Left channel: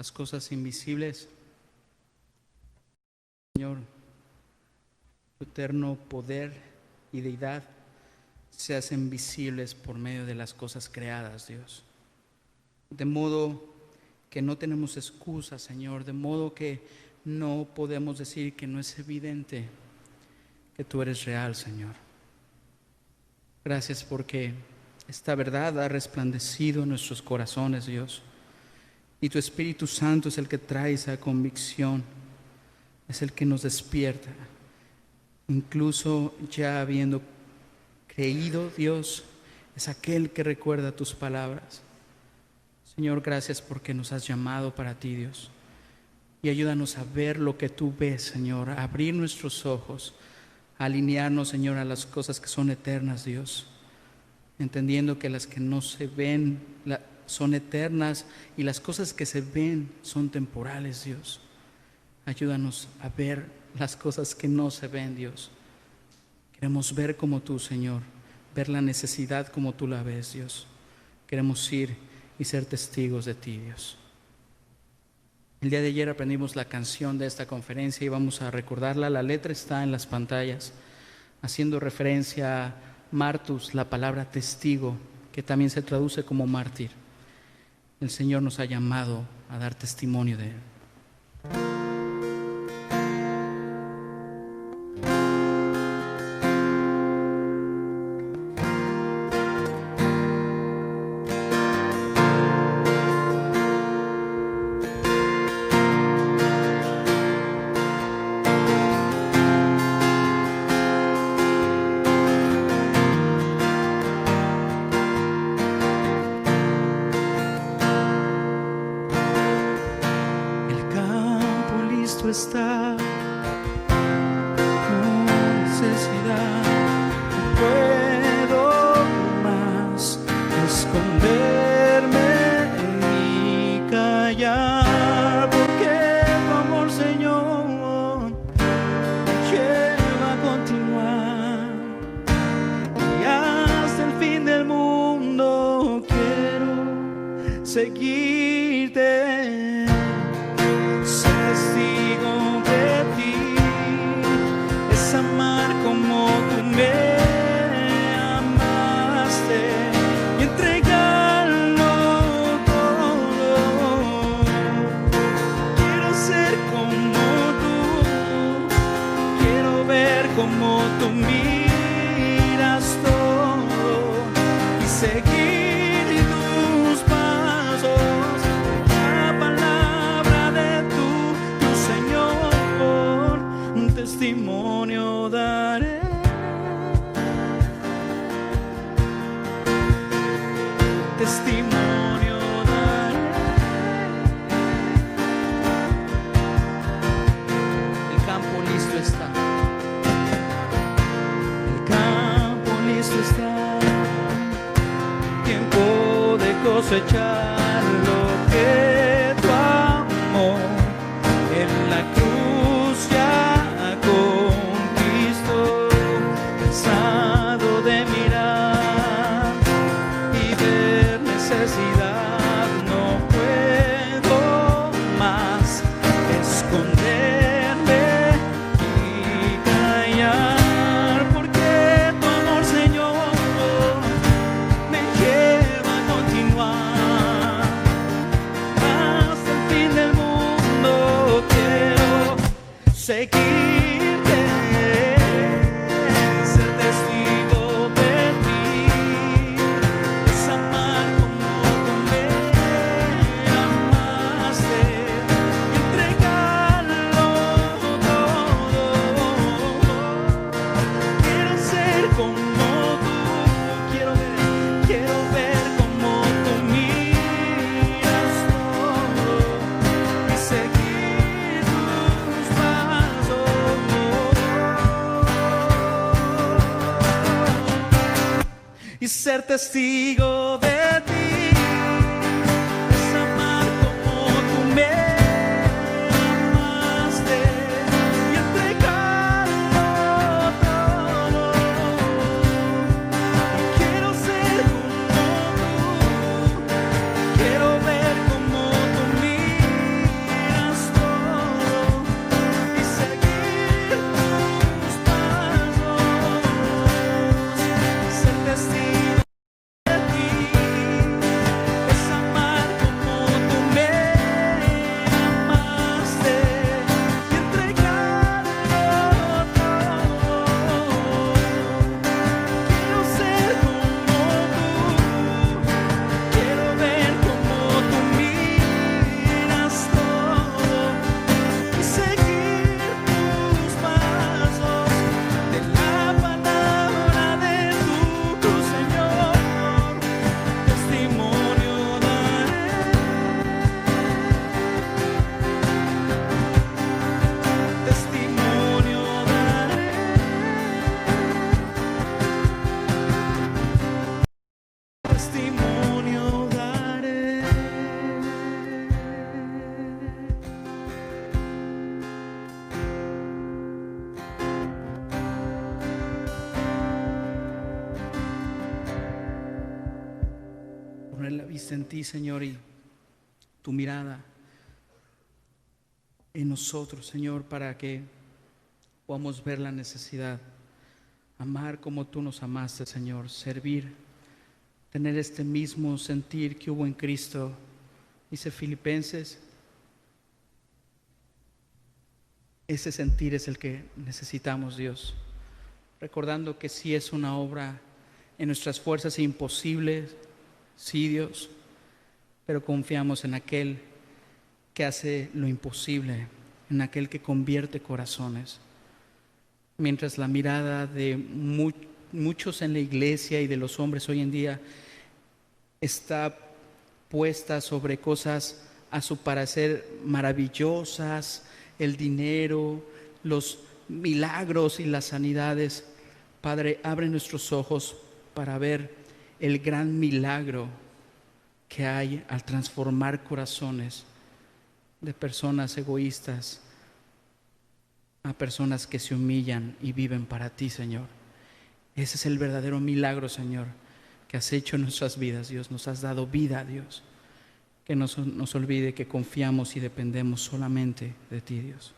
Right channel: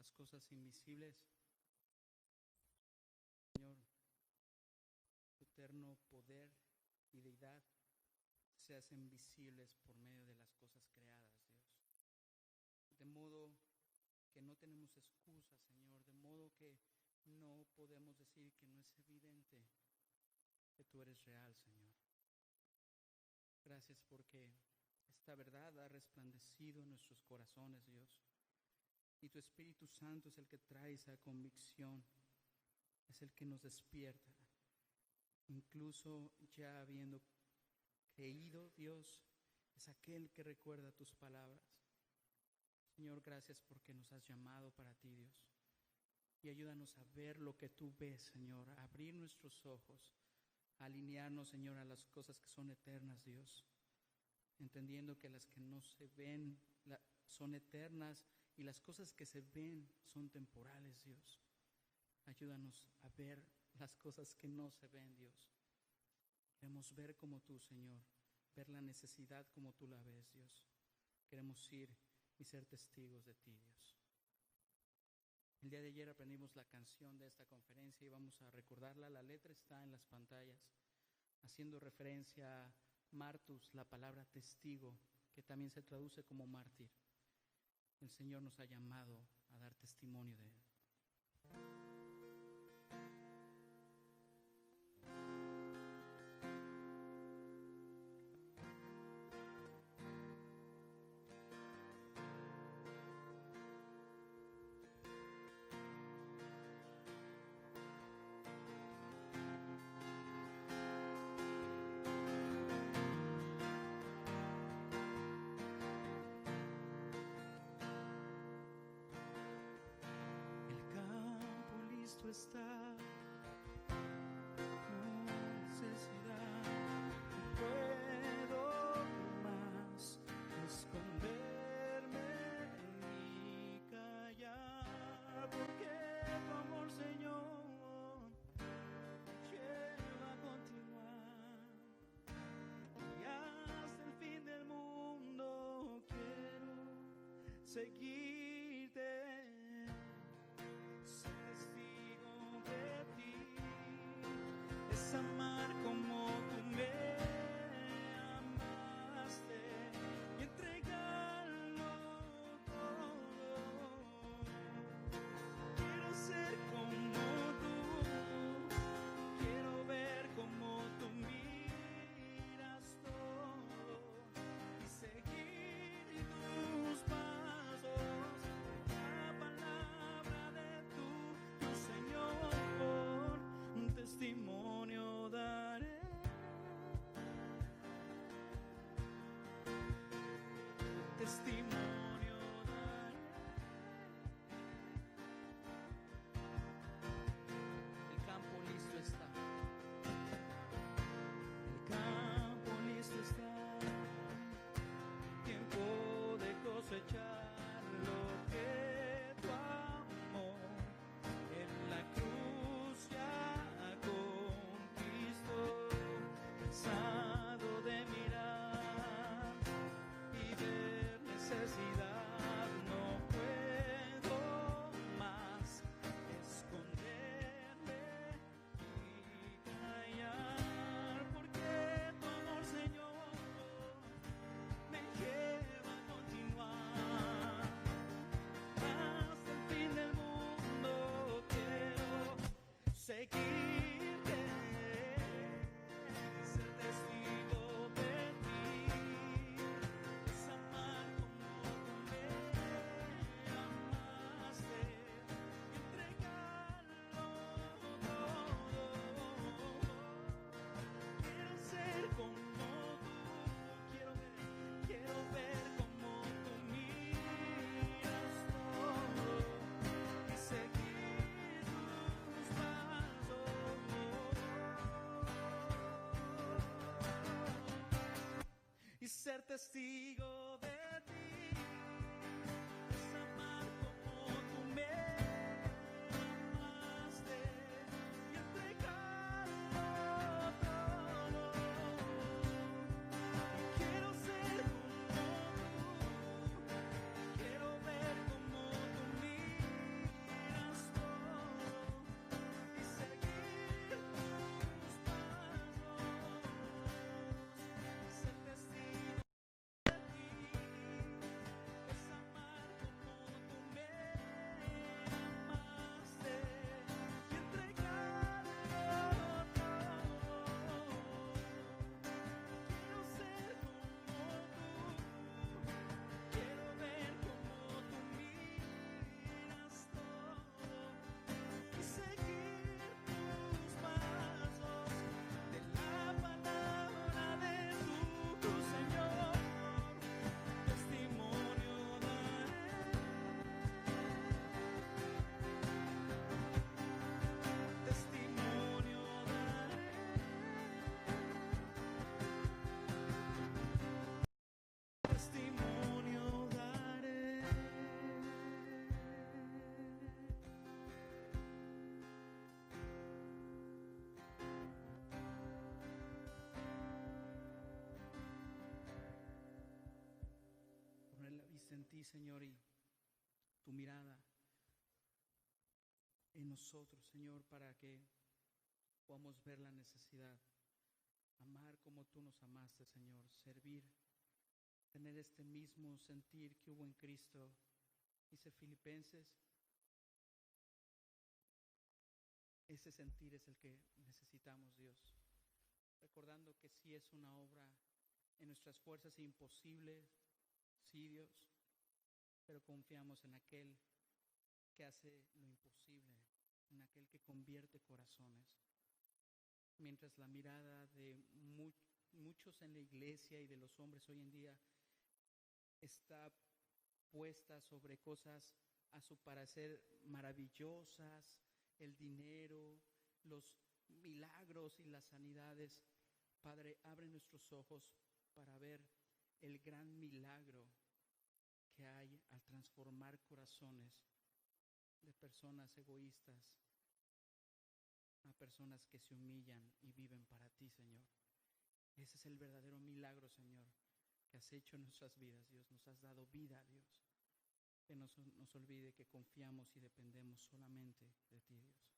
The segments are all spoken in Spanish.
las cosas invisibles. Señor, tu eterno poder y deidad se hacen visibles por medio de las cosas creadas, Dios. De modo que no tenemos excusa, Señor, de modo que no podemos decir que no es evidente que tú eres real, Señor. Gracias porque esta verdad ha resplandecido en nuestros corazones, Dios. Y tu Espíritu Santo es el que trae esa convicción, es el que nos despierta. Incluso ya habiendo creído, Dios, es aquel que recuerda tus palabras. Señor, gracias porque nos has llamado para ti, Dios. Y ayúdanos a ver lo que tú ves, Señor, a abrir nuestros ojos, a alinearnos, Señor, a las cosas que son eternas, Dios. Entendiendo que las que no se ven son eternas y las cosas que se ven son temporales, Dios. Ayúdanos a ver las cosas que no se ven, Dios. Queremos ver como tú, Señor, ver la necesidad como tú la ves, Dios. Queremos ir y ser testigos de ti, Dios. El día de ayer aprendimos la canción de esta conferencia y vamos a recordarla. La letra está en las pantallas, haciendo referencia a martus, la palabra testigo, que también se traduce como mártir. El Señor nos ha llamado a dar testimonio de Él. Está con necesidad, no puedo más esconderme y callar, porque tu amor, Señor, lleva a continuar y hasta el fin del mundo quiero seguirte. Amar como tú me amaste y entregarlo todo. Quiero ser como tú, quiero ver como tú miras todo y seguir tus pasos. La palabra de tu Señor, un testimonio daré. Testimonio daré. El campo listo está. El campo listo está. Tiempo de cosechar lo que tu amor en la cruz ya conquistó. Cansado de mirar y ver necesidad, no puedo más esconderme y callar, porque tu amor, Señor, me lleva a continuar hasta el fin del mundo. Quiero seguirte, ser testigo de ti, es amar como tú me amaste y entregarlo todo. Quiero ser como tú, quiero ver como tú miras todo y seguir tus pasos y ser testigo de ti, es amar como tú me amaste y entregarlo todo. Y quiero ser como tú, quiero ver como tú miras poner la vista en ti, Señor, y tu mirada en nosotros, Señor, para que podamos ver la necesidad, amar como tú nos amaste, Señor, servir, tener este mismo sentir que hubo en Cristo. Dice Filipenses, ese sentir es el que necesitamos, Dios, recordando que sí es una obra en nuestras fuerzas imposible, sí, Dios, pero confiamos en aquel que hace lo imposible, en aquel que convierte corazones. Mientras la mirada de muchos en la iglesia y de los hombres hoy en día está puesta sobre cosas a su parecer maravillosas, el dinero, los milagros y las sanidades, Padre, abre nuestros ojos para ver el gran milagro que hay al transformar corazones de personas egoístas a personas que se humillan y viven para ti, Señor. Ese es el verdadero milagro, Señor, que has hecho en nuestras vidas, Dios. Nos has dado vida, Dios. Que no nos olvide que confiamos y dependemos solamente de ti, Dios.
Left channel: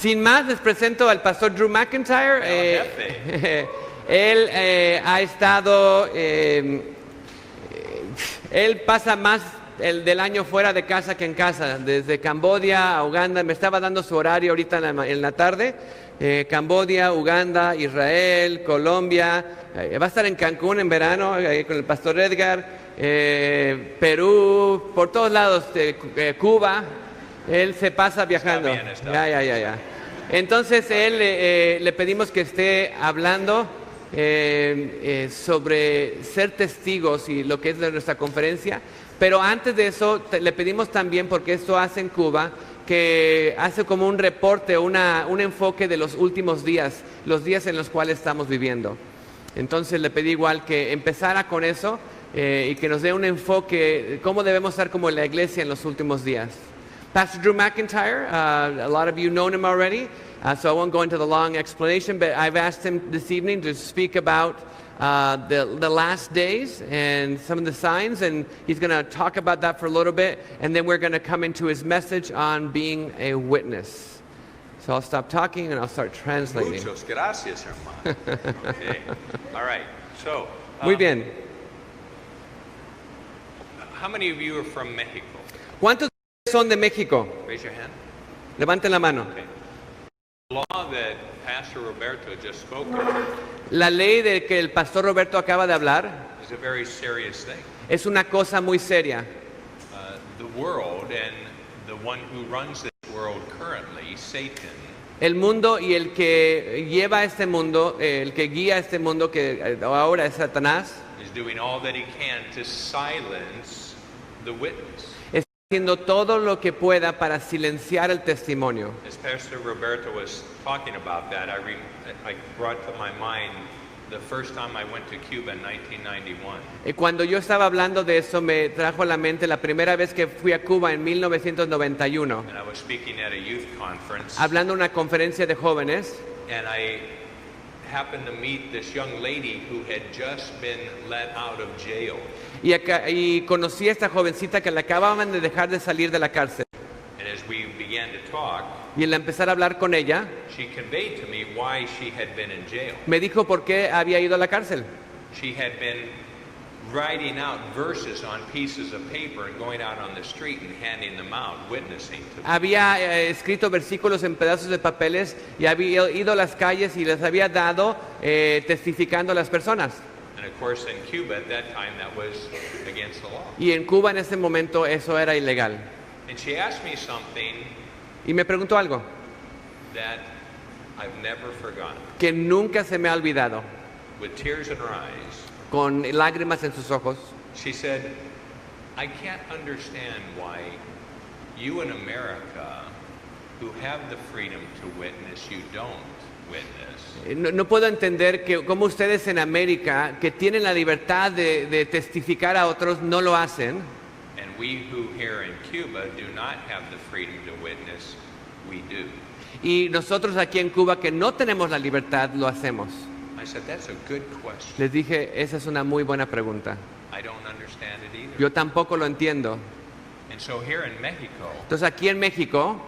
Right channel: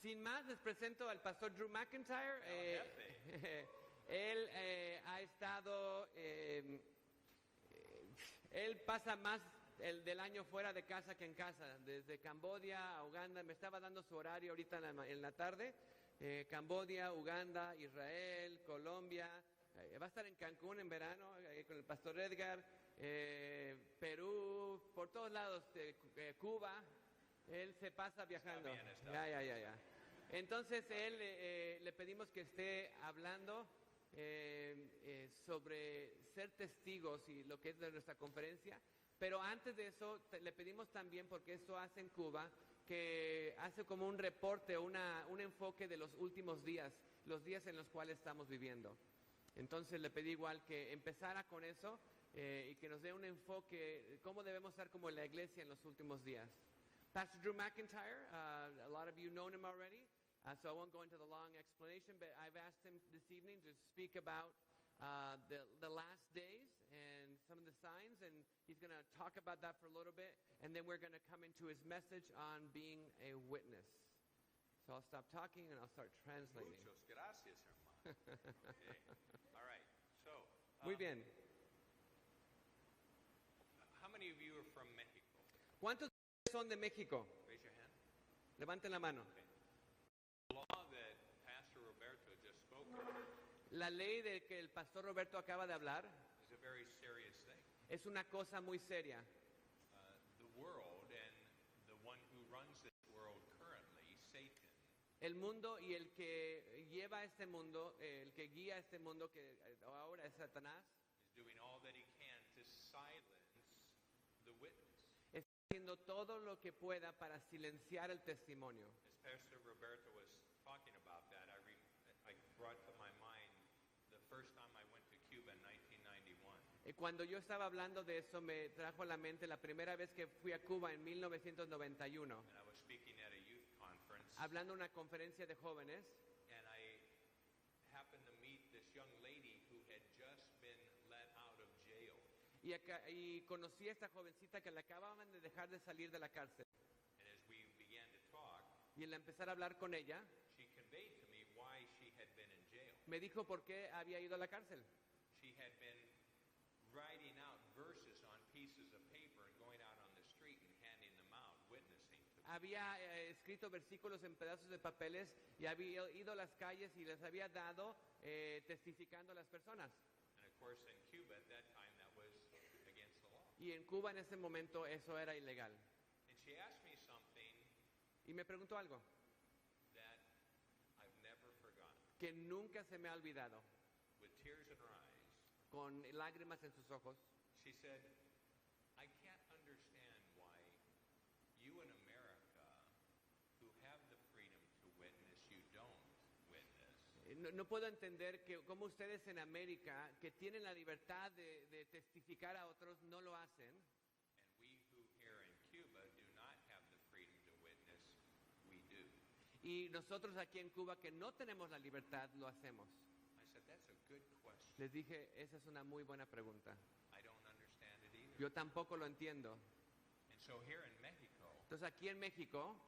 Sin más, les presento al pastor Drew McIntyre. Él ha estado, él pasa más del año fuera de casa que en casa, desde Camboya a Uganda. Me estaba dando su horario ahorita en la tarde. Camboya, Uganda, Israel, Colombia. Va a estar en Cancún en verano con el pastor Edgar. Perú, por todos lados, Cuba. Él se pasa viajando. Ya. Entonces le pedimos que esté hablando sobre ser testigos y lo que es de nuestra conferencia. Pero antes de eso le pedimos también, porque esto hace en Cuba, que hace como un reporte, un enfoque de los últimos días, los días en los cuales estamos viviendo. Entonces le pedí igual que empezara con eso y que nos dé un enfoque, cómo debemos estar como la iglesia en los últimos días. Pastor Drew McIntyre, a lot of you know him already, so I won't go into the long explanation, but I've asked him this evening to speak about the last days and some of the signs, and he's going to talk about that for a little bit, and then we're going to come into his message on being a witness. So I'll stop talking and I'll start translating. Muchas gracias, hermano. Okay. All right. So, Muy bien. how many of you are from Mexico? ¿Cuántos son de México? Raise your hand. Levanten la mano. Okay. The law that Pastor Roberto just spoke of La ley de que el pastor Roberto acaba de hablar is a very serious thing. es una cosa muy seria. The world and the one who runs this world currently, Satan, El mundo y el que lleva este mundo, el que guía este mundo, que ahora es Satanás, is doing all that he can to silence the witness. está haciendo todo lo que pueda para silenciar el testimonio. As Pastor Roberto was talking about that, I brought to my mind the first time I went to Cuba in 1991. Cuando yo estaba hablando de eso, me trajo a la mente la primera vez que fui a Cuba en 1991, And I was speaking at a youth conference, hablando en una conferencia de jóvenes, and I happened to meet this young lady who had just been let out of jail. y conocí a esta jovencita que la acababan de dejar de salir de la cárcel. And as we began to talk, Y al empezar a hablar con ella, she conveyed to me why she had been in jail. me dijo por qué había ido a la cárcel. She had been writing out verses on pieces of paper and going out on the street and handing them out, witnessing to them. Había escrito versículos en pedazos de papeles y había ido a las calles y les había dado testificando a las personas. And of course in Cuba at that time that was against the law. Y en Cuba en ese momento eso era ilegal. And she asked me something Y me preguntó algo that I've never forgotten. que nunca se me ha olvidado, With tears in her eyes, con lágrimas en sus ojos. she said, I can't understand why you in America, who have the freedom to witness, you don't witness. No puedo entender que como ustedes en América, que tienen la libertad de testificar a otros, no lo hacen. And we who here in Cuba do not have the freedom to witness, we do. Y nosotros aquí en Cuba, que no tenemos la libertad, lo hacemos. I said, that's a good question. Les dije, esa es una muy buena pregunta. I don't understand it either. Yo tampoco lo entiendo. And so here in Mexico, Entonces aquí en México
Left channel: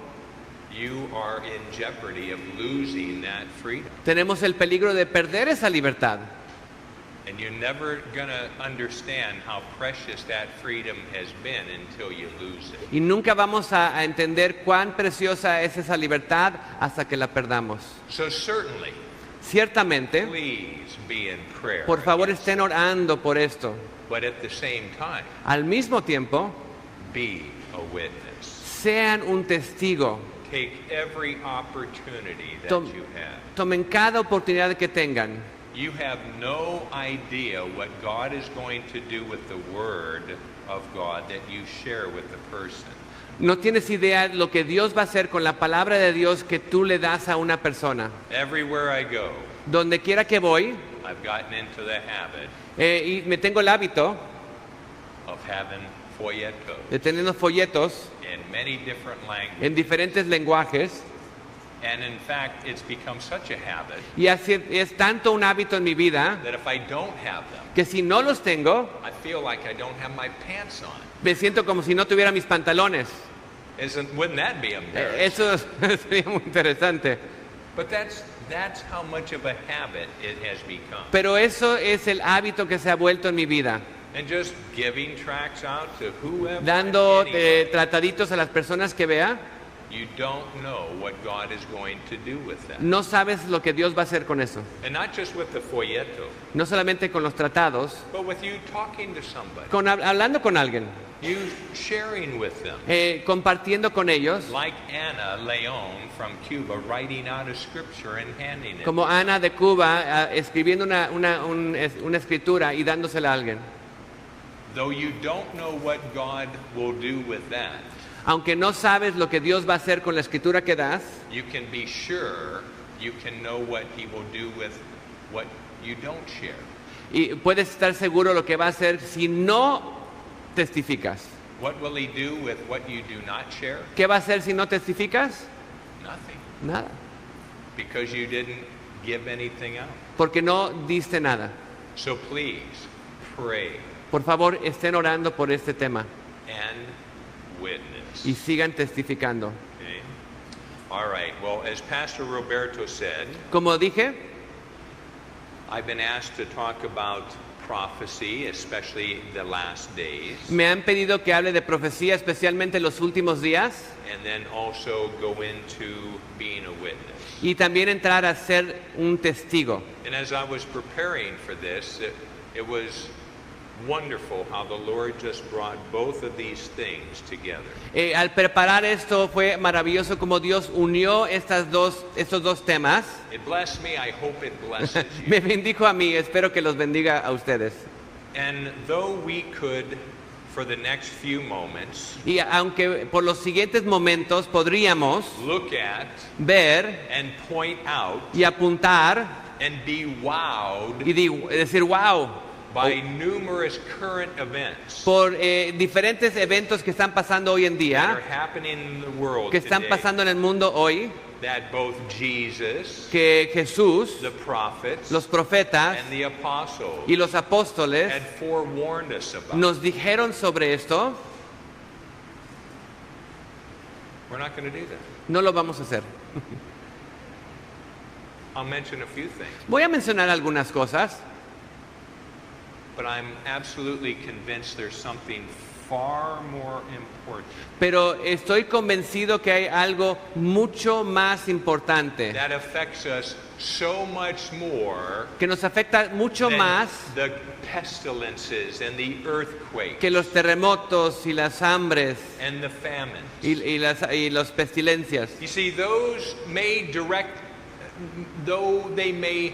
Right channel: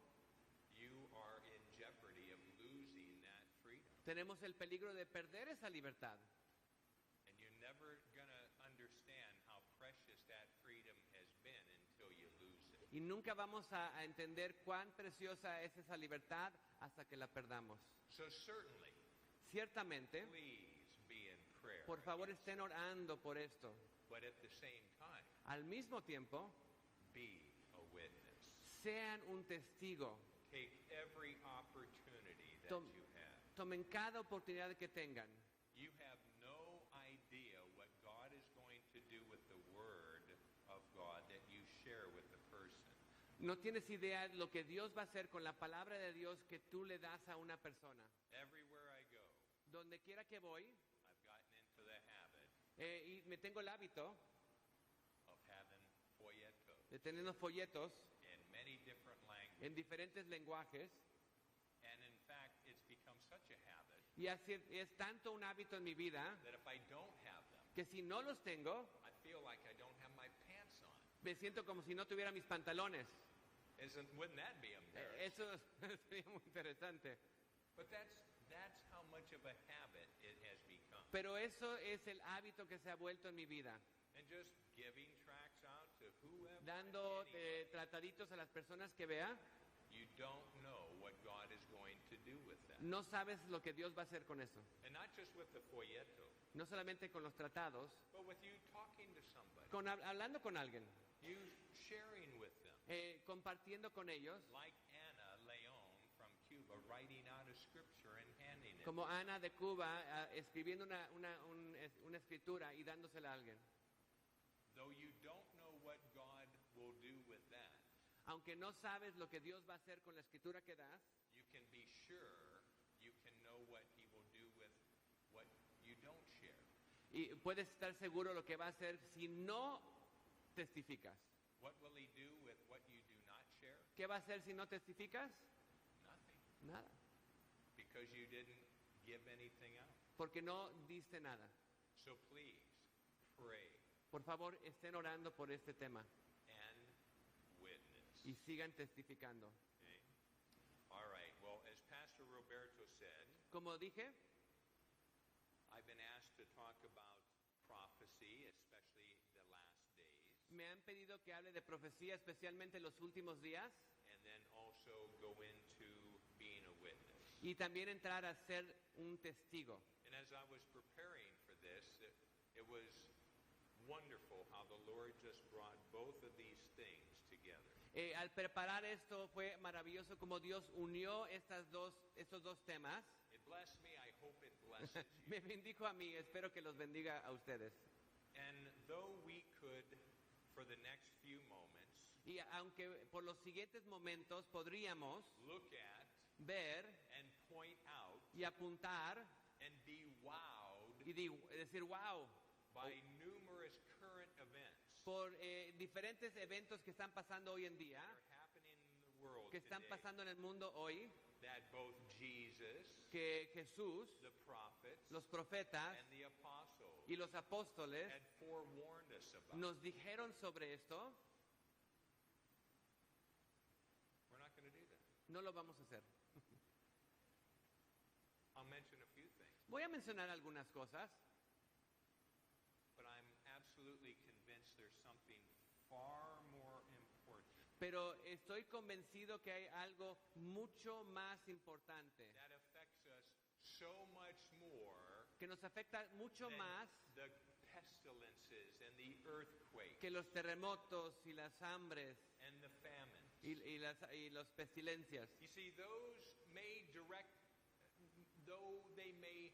you are in jeopardy of losing that freedom. tenemos el peligro de perder esa libertad. And you're never going to understand how precious that freedom has been until you lose it. Y nunca vamos a entender cuán preciosa es esa libertad hasta que la perdamos. So certainly, Ciertamente, please be in prayer. por favor against estén orando por esto. it. But at the same time, Al mismo tiempo, be a witness. sean un testigo. Take every opportunity that Tom- you have. Tomen cada oportunidad que tengan. You have no idea what God is going to do with the Word of God that you share with the person. No tienes idea lo que Dios va a hacer con la palabra de Dios que tú le das a una persona. Everywhere I go, Donde quiera que voy, I've gotten into the habit y me tengo el hábito of having folletos de tener unos folletos in many different languages. en diferentes lenguajes. And in fact, it's become such a habit Y así es tanto un hábito en mi vida that if I don't have them, que si no los tengo, I feel like I don't have my pants on. me siento como si no tuviera mis pantalones. Wouldn't that be embarrassing? Eso sería muy interesante. But that's how much of a habit it has become. Pero eso es el hábito que se ha vuelto en mi vida. And just giving tracts out to whoever, Dando anybody, trataditos a las personas que vea, you don't know what God is going to do with that. no sabes lo que Dios va a hacer con eso. And not just with the folleto, No solamente con los tratados, but with you talking to somebody, hablando con alguien, you sharing with them. compartiendo con ellos, Like Anna Leon from Cuba, writing out a scripture and handing it. como Ana de Cuba, escribiendo una escritura y dándosela a alguien. Though you don't know what God will do with that, Aunque no sabes lo que Dios va a hacer con la escritura que das, you can be sure you can know what He will do with what you don't share. y puedes estar seguro lo que va a hacer si no testificas. What will He do with what you do not share? ¿Qué va a hacer si no testificas? Nothing. Nada, Because you didn't give anything out. porque no diste nada. So please pray Por favor, estén orando por este tema and witness. y sigan testificando. Okay? All right. Well, as Pastor Roberto said, Como dije, I've been asked to talk about prophecy, especially the last days, me han pedido que hable de profecía, especialmente en los últimos días, and then also go into being a witness. y también entrar a ser un testigo. And as I was preparing for this, it was wonderful how the Lord just brought both of these things together. Al preparar esto fue maravilloso como Dios unió estos dos temas. It blessed me. I hope it blesses you. Me bendijo a mí, espero que los bendiga a ustedes. And though we could, for the next few moments, Y aunque por los siguientes momentos podríamos look at ver and point out y apuntar and be wowed y decir wow by numerous current events por diferentes eventos que están pasando hoy en that are día, happening in the world que están today, pasando en el mundo hoy, that both Jesus, que Jesús, the prophets, los profetas and the apostles y los apóstoles had forewarned us about. nos dijeron sobre esto. We're not going to do that. No lo vamos a hacer. I'll mention a few things, Voy a mencionar algunas cosas, but I'm absolutely convinced there's something far more important pero estoy convencido que hay algo mucho más importante that affects us so much more que nos afecta mucho than más the pestilences and the earthquakes que los terremotos y las hambres and the famines. y las pestilencias. You see, those though they may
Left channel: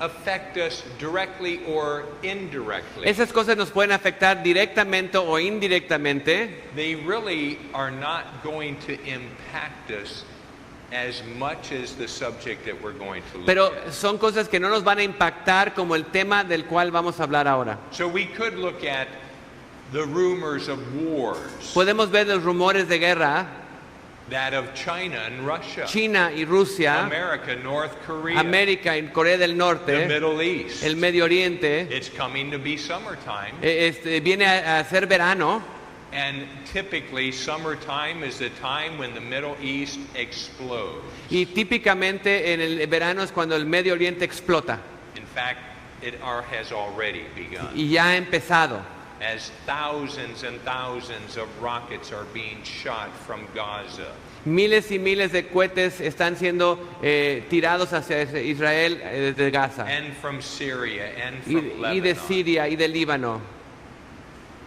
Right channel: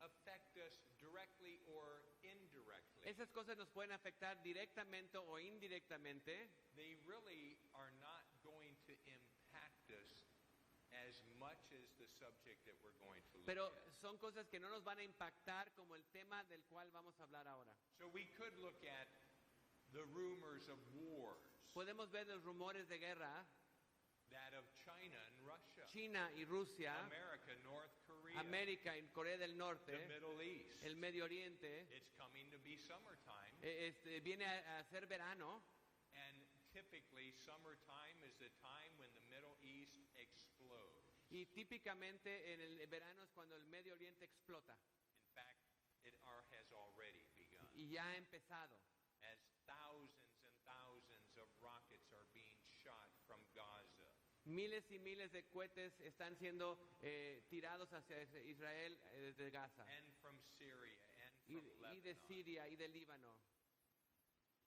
affect us directly or indirectly, Esas cosas nos pueden afectar directamente o indirectamente, they really are not going to impact us as much as the subject that we're going to look pero at. son cosas que no nos van a impactar como el tema del cual vamos a hablar ahora. So we could look at the rumors of wars, Podemos ver los rumores de guerra, that of China and Russia, China y Rusia, America, North Korea, América y Corea del the Norte, Middle East. el Medio Oriente. It's coming to be summertime, Viene a ser verano and typically summertime is the time when the Middle East explodes. y típicamente en el verano es cuando el Medio Oriente explota In fact, it has already begun, y ya ha empezado. as thousands and thousands of rockets are being shot from Gaza. Miles y miles de cohetes están siendo tirados hacia Israel desde Gaza And from Syria and y from y de Lebanon. Siria y de Líbano.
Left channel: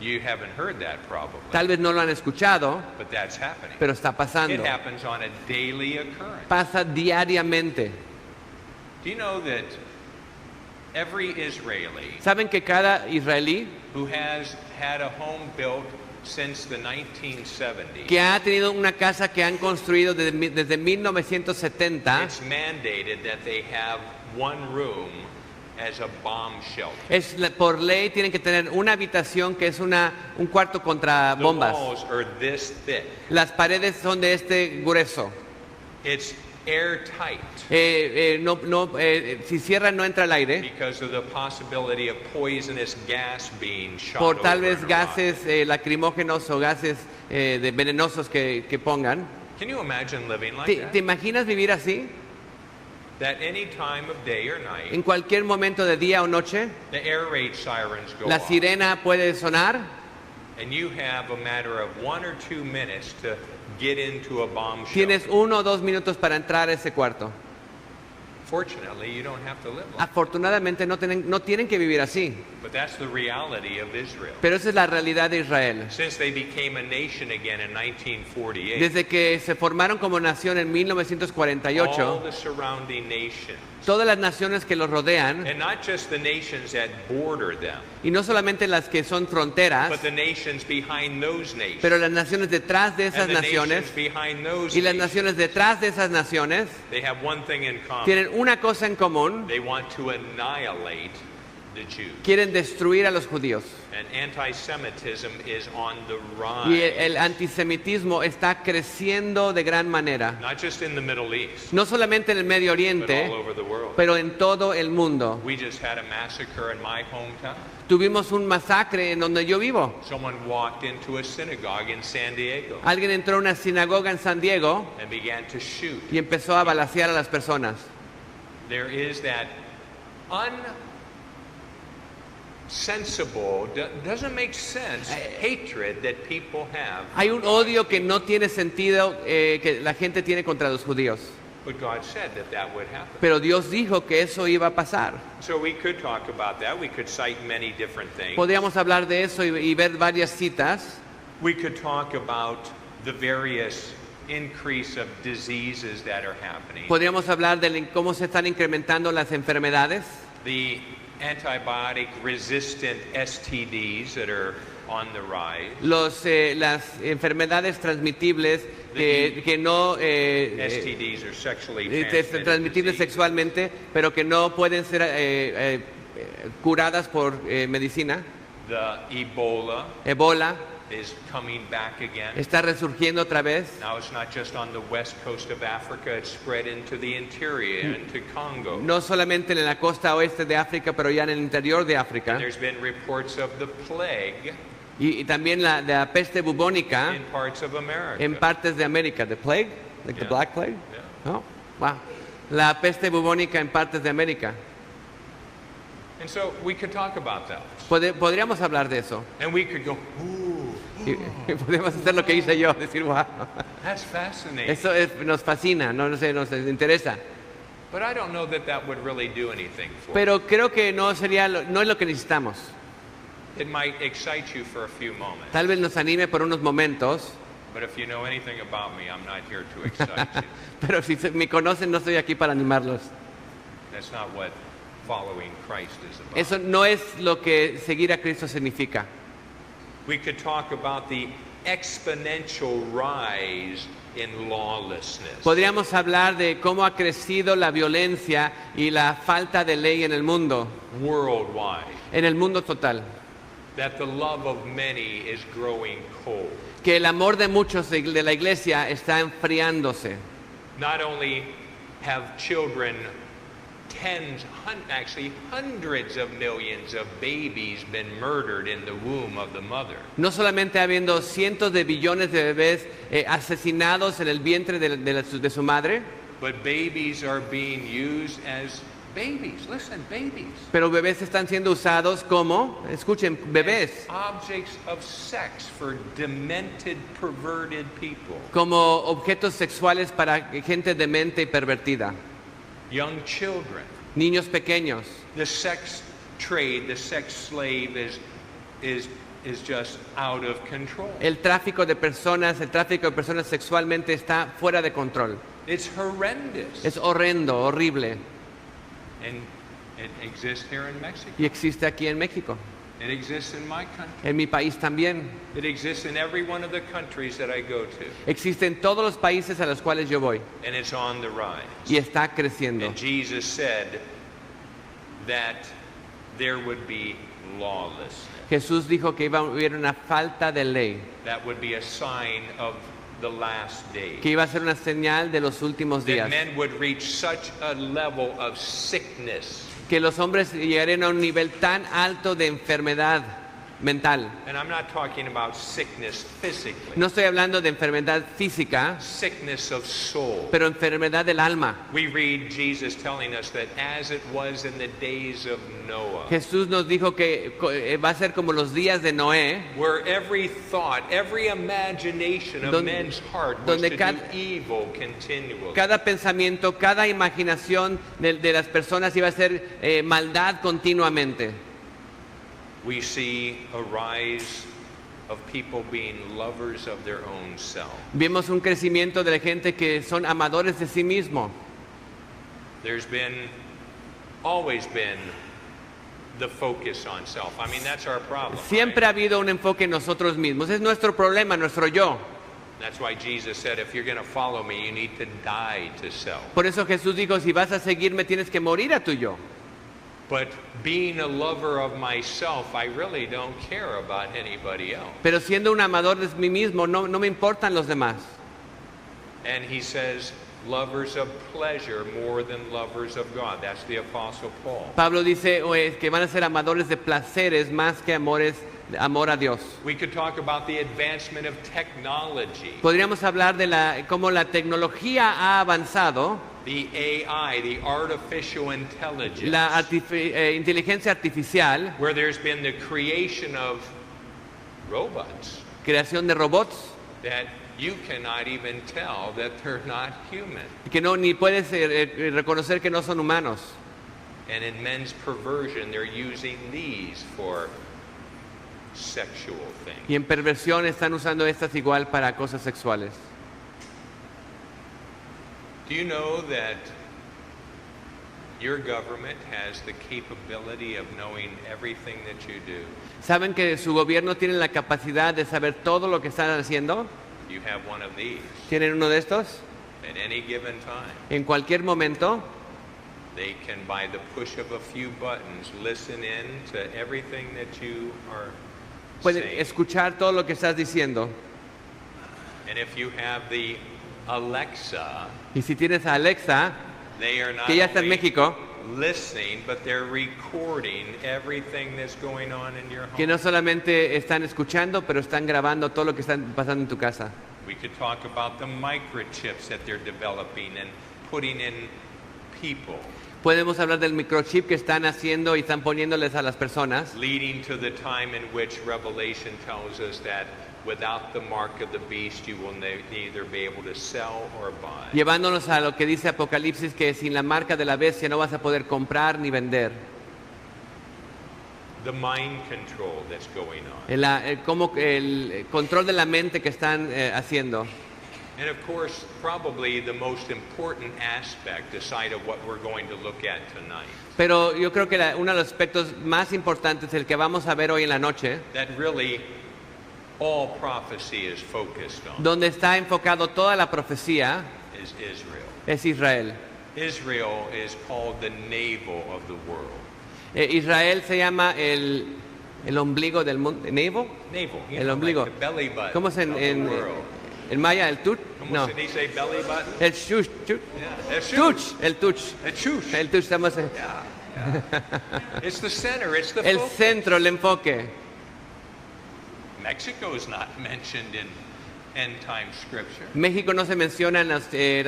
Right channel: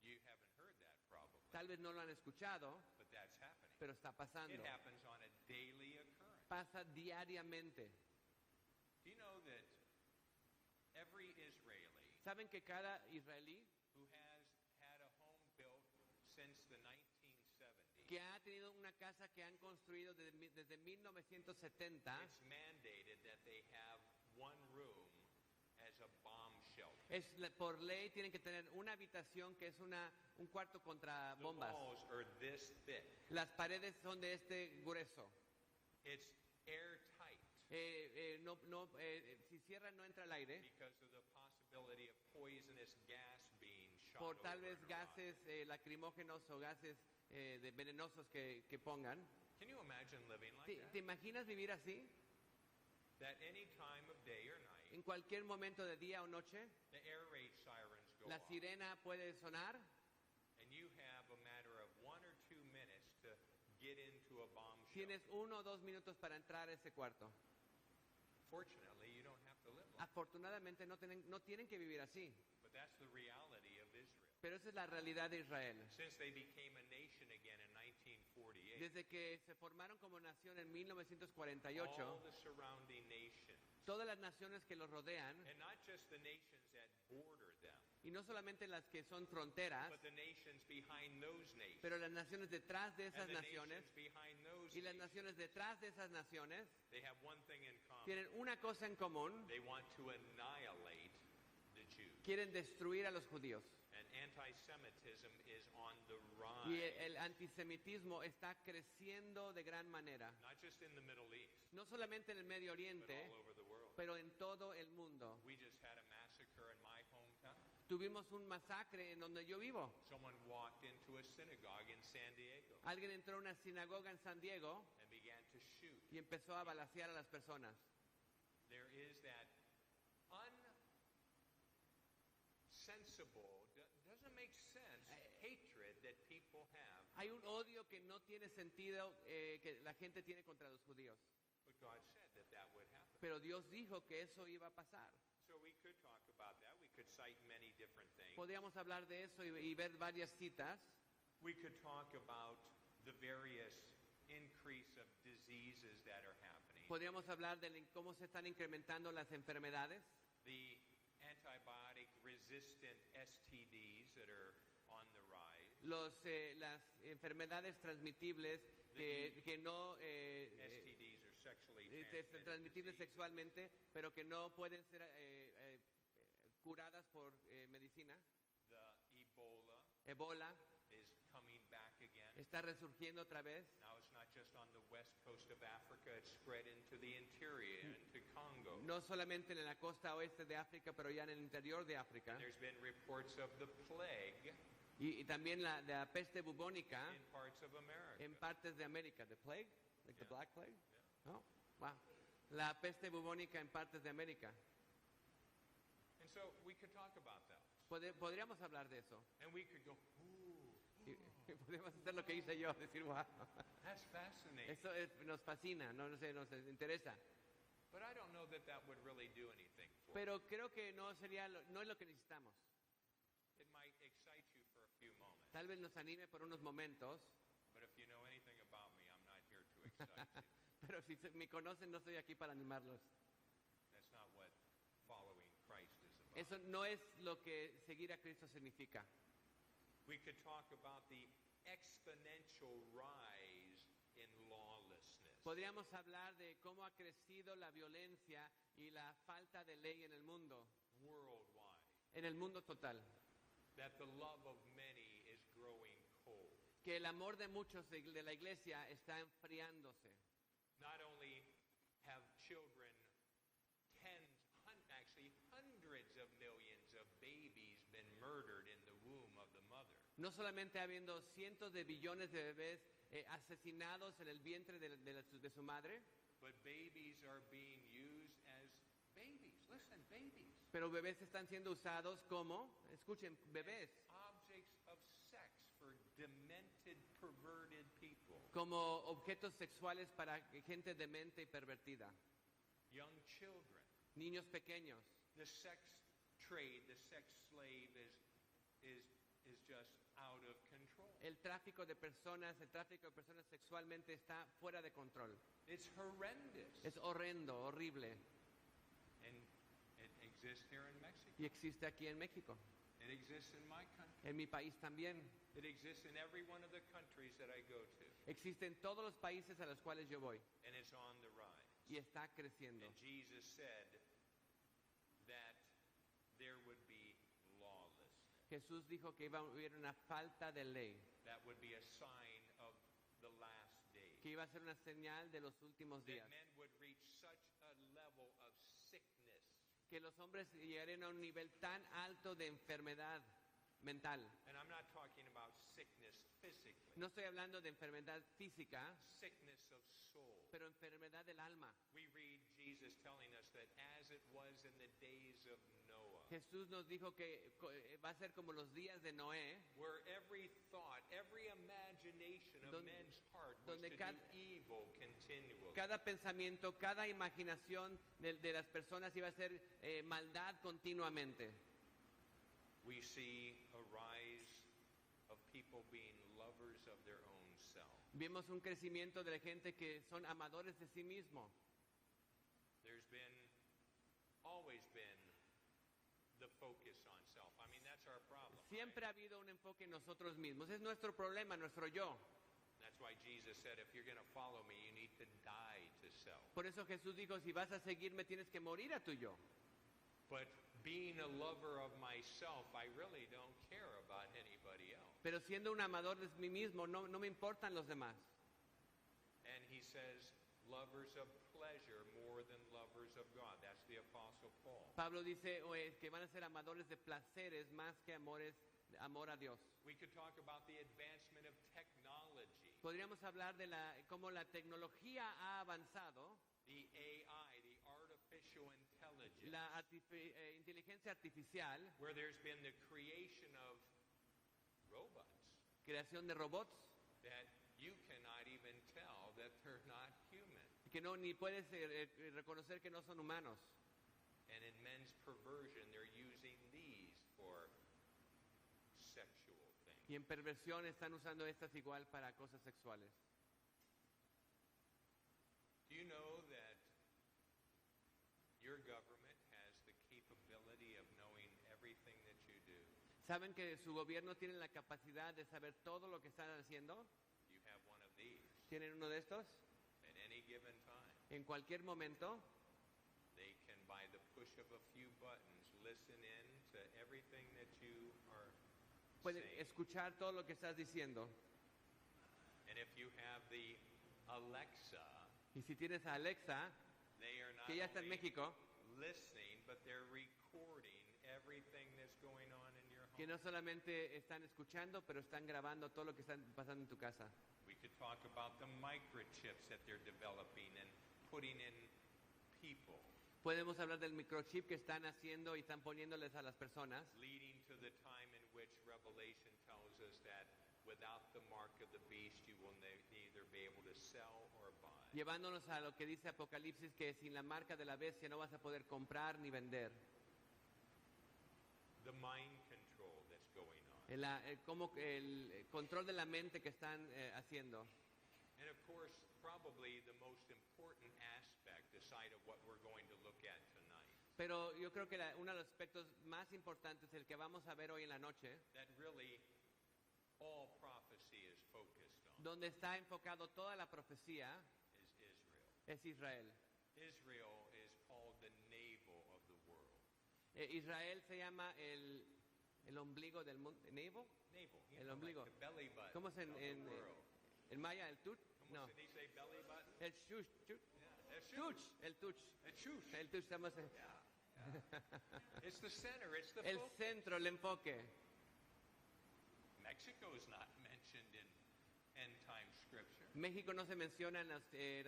You haven't heard that probably, Tal vez no lo han escuchado, but that's happening. pero está It pasando. happens on a daily occurrence. Pasa diariamente. Do you know that every Israeli ¿Saben que cada israelí who has had a home built since the 1970s, que ha tenido una casa que han construido desde 1970, it's mandated that they have one room as a bomb shelter. por ley tienen que tener una habitación que es un cuarto contra The bombas? walls are this thick. Las paredes son de este grueso. It's airtight Si cierran no entra el aire because of the possibility of poisonous gas being shot por tal over vez and around. gases lacrimógenos o gases venenosos que pongan. Can you imagine living like ¿Te that? imaginas vivir así? That any time of day or night, En cualquier momento de día o noche, the air raid sirens go la off, sirena puede sonar and you have a matter of 1 or 2 minutes to get into a bomb tienes shelter. 1 o 2 minutos para entrar a ese cuarto. Fortunately, you don't have to live like that. Afortunadamente no tienen que vivir así, But that's the reality of Israel. pero esa es la realidad de Israel. Since they became a nation again in 1948, Desde que se formaron como nación en all 1948, the surrounding nations, todas las naciones que los rodean, and not just the nations that border them, y no solamente las que son fronteras, but the nations behind those nations, pero las naciones detrás de esas and the naciones nations behind those y las nations, naciones detrás de esas naciones they have one thing in common. tienen una cosa en común: They want to annihilate the Jews. quieren destruir a los judíos. And anti-Semitism is on the Y rise, el antisemitismo está creciendo de gran manera, not just in the Middle East, no solamente en el Medio but Oriente, all over the world. pero en todo el mundo. We just had a massacre in my hometown. Tuvimos un masacre en donde yo vivo. Someone walked into a synagogue in San Diego Alguien entró a una sinagoga en San Diego and began to shoot. y empezó a balacear a las personas. There is that unsensible, doesn't make sense, hatred that people have. Hay un odio que no tiene sentido que la gente tiene contra los judíos. But God said that that would happen. Pero Dios dijo que eso iba a pasar. So we could talk about that. We could cite many different things. Podríamos hablar de eso y ver varias citas. We could talk about the various increase of diseases that are happening. Podríamos hablar de cómo se están incrementando las enfermedades, The antibiotic resistant STDs that are on the rise. las enfermedades transmitibles que no STDs are sexually transmitted transmitibles disease. sexualmente, pero que no pueden ser curadas por medicina. The Ebola Ebola is coming back again. está resurgiendo otra vez. Now it's not just on the west coast of Africa, it's spread into the interior, into Congo. No solamente en la costa oeste de África, pero ya en el interior de África. There's been reports of the plague Y también la peste bubónica in parts of America. en partes de América. The plague? Like the Yeah. black plague? Yeah. Oh, wow. La peste bubónica en partes de América. And so we could talk about that. Podríamos hablar de eso. And we could go, ooh, Y podríamos hacer lo que hice yo, decir, wow. that's fascinating. Eso nos fascina, no sé, nos interesa. But I don't know that that would really do anything for Pero creo que no es lo que necesitamos. you. It might excite you for a few moments. Tal vez nos anime por unos momentos, But if you know anything about me, I'm not here to excite you. pero si me conocen no estoy aquí para animarlos. That's not what following Christ is about. Eso no es lo que seguir a Cristo significa. We could talk about the exponential rise in lawlessness. Podríamos hablar de cómo ha crecido la violencia y la falta de ley en el mundo total. That the love of many is growing cold. Que el amor de muchos de la iglesia está enfriándose. Not only have children, actually hundreds of millions of babies been murdered in the womb of the mother. No solamente habiendo cientos de billones de bebés asesinados en el vientre de su madre, But babies are being used as babies. Listen, babies. pero bebés están siendo usados como, escuchen, bebés, Objects of sex for demented, perverted people. como objetos sexuales para gente demente y pervertida. Young children. Niños pequeños. The sex trade, the sex slave is just out of control. El tráfico de personas sexualmente está fuera de control. It's horrendous. Es horrendo, horrible. And it exists here in Mexico. Y existe aquí en México. It exists in my country. En mi país también. It exists in every one of the countries that I go to. Existe en todos los países a los cuales yo voy. And it's on the rise. Y está creciendo. And Jesus said that there would be lawlessness. Jesús dijo que iba a haber una falta de ley. That would be a sign of the last days. Que iba a ser una señal de los últimos That días. men would reach such a level of sickness. Que los hombres llegarían a un nivel tan alto de enfermedad mental. And I'm not talking about sickness physically. No estoy hablando de enfermedad física, Sickness of soul. pero enfermedad del alma. We read Jesus telling us that as it was in the days of Noah, Jesús nos dijo que va a ser como los días de Noé, where every thought, every imagination of men's heart was donde to cada- do evil continually. cada pensamiento, cada imaginación de las personas iba a ser maldad continuamente. We see a rise of people being lovers of their own self. Vemos un crecimiento de la gente que son amadores de sí mismo. There's always been the focus on self. I mean, that's our problem. Siempre right? ha habido un enfoque en nosotros mismos. Es nuestro problema, nuestro yo. That's why Jesus said, if you're going to follow me, you need to die to self. Por eso Jesús dijo, si vas a seguirme tienes que morir a tu yo. But being a lover of myself, I really don't care about anybody else. Pero siendo un amador de mí mismo, no me importan los demás. And he says, lovers of pleasure more than lovers of God. That's the Apostle Paul. Pablo dice que van a ser amadores de placeres más que amor a Dios. We could talk about the advancement of technology, Podríamos hablar de cómo la tecnología ha avanzado, the AI, the artificial intelligence, la inteligencia artificial, where there's been the creation of robots creación de robots that you cannot even tell that they're not human. Y que no, ni puedes reconocer que no son humanos. And in men's perversion, they're using these for sexual things. Y en perversión están usando estas igual para cosas sexuales. Do you know that your government has the capability of knowing everything that you do? ¿Saben que su gobierno tiene la capacidad de saber todo lo que están haciendo? You have one of these. ¿Tienen uno de estos? At any given time, En cualquier momento they can, by the push of a few buttons, listen in to everything that you are pueden saying. escuchar todo lo que estás diciendo. And if you have the Alexa, Y si tienes a Alexa, they are not que ya está en only México, listening, but they're recording everything that's going on in your home. que no solamente están escuchando, pero están grabando todo lo que está pasando en tu casa. We could talk about the microchips that they're developing and putting in people, Podemos hablar del microchip que están haciendo y están poniéndoles a las personas, leading to the time in which Revelation tells us that without the mark of the beast you will neither be able to sell or buy. llevándonos a lo que dice Apocalipsis, que sin la marca de la bestia no vas a poder comprar ni vender. The mind control that's going on. El control de la mente que están haciendo. And of course, probably the most important aspect aside of what we're going to look at tonight, Pero yo creo que uno de los aspectos más importantes, el que vamos a ver hoy en la noche, that really all prophecy is focused on, donde está enfocado toda la profecía, is Israel. es Israel. Israel is called the navel of the world. Israel se llama el ombligo del mundo. ¿Navel? Navel, you El know, ombligo. like the belly button ¿Cómo se of the world. en maya el tut? ¿Cómo No. se dice belly button? El shush, Yeah, that's tuch, el tuch. The chush. El tuch estamos It's the center, it's the el focus. centro, el enfoque. Mexico is not mentioned in end time scripture. México no se menciona en la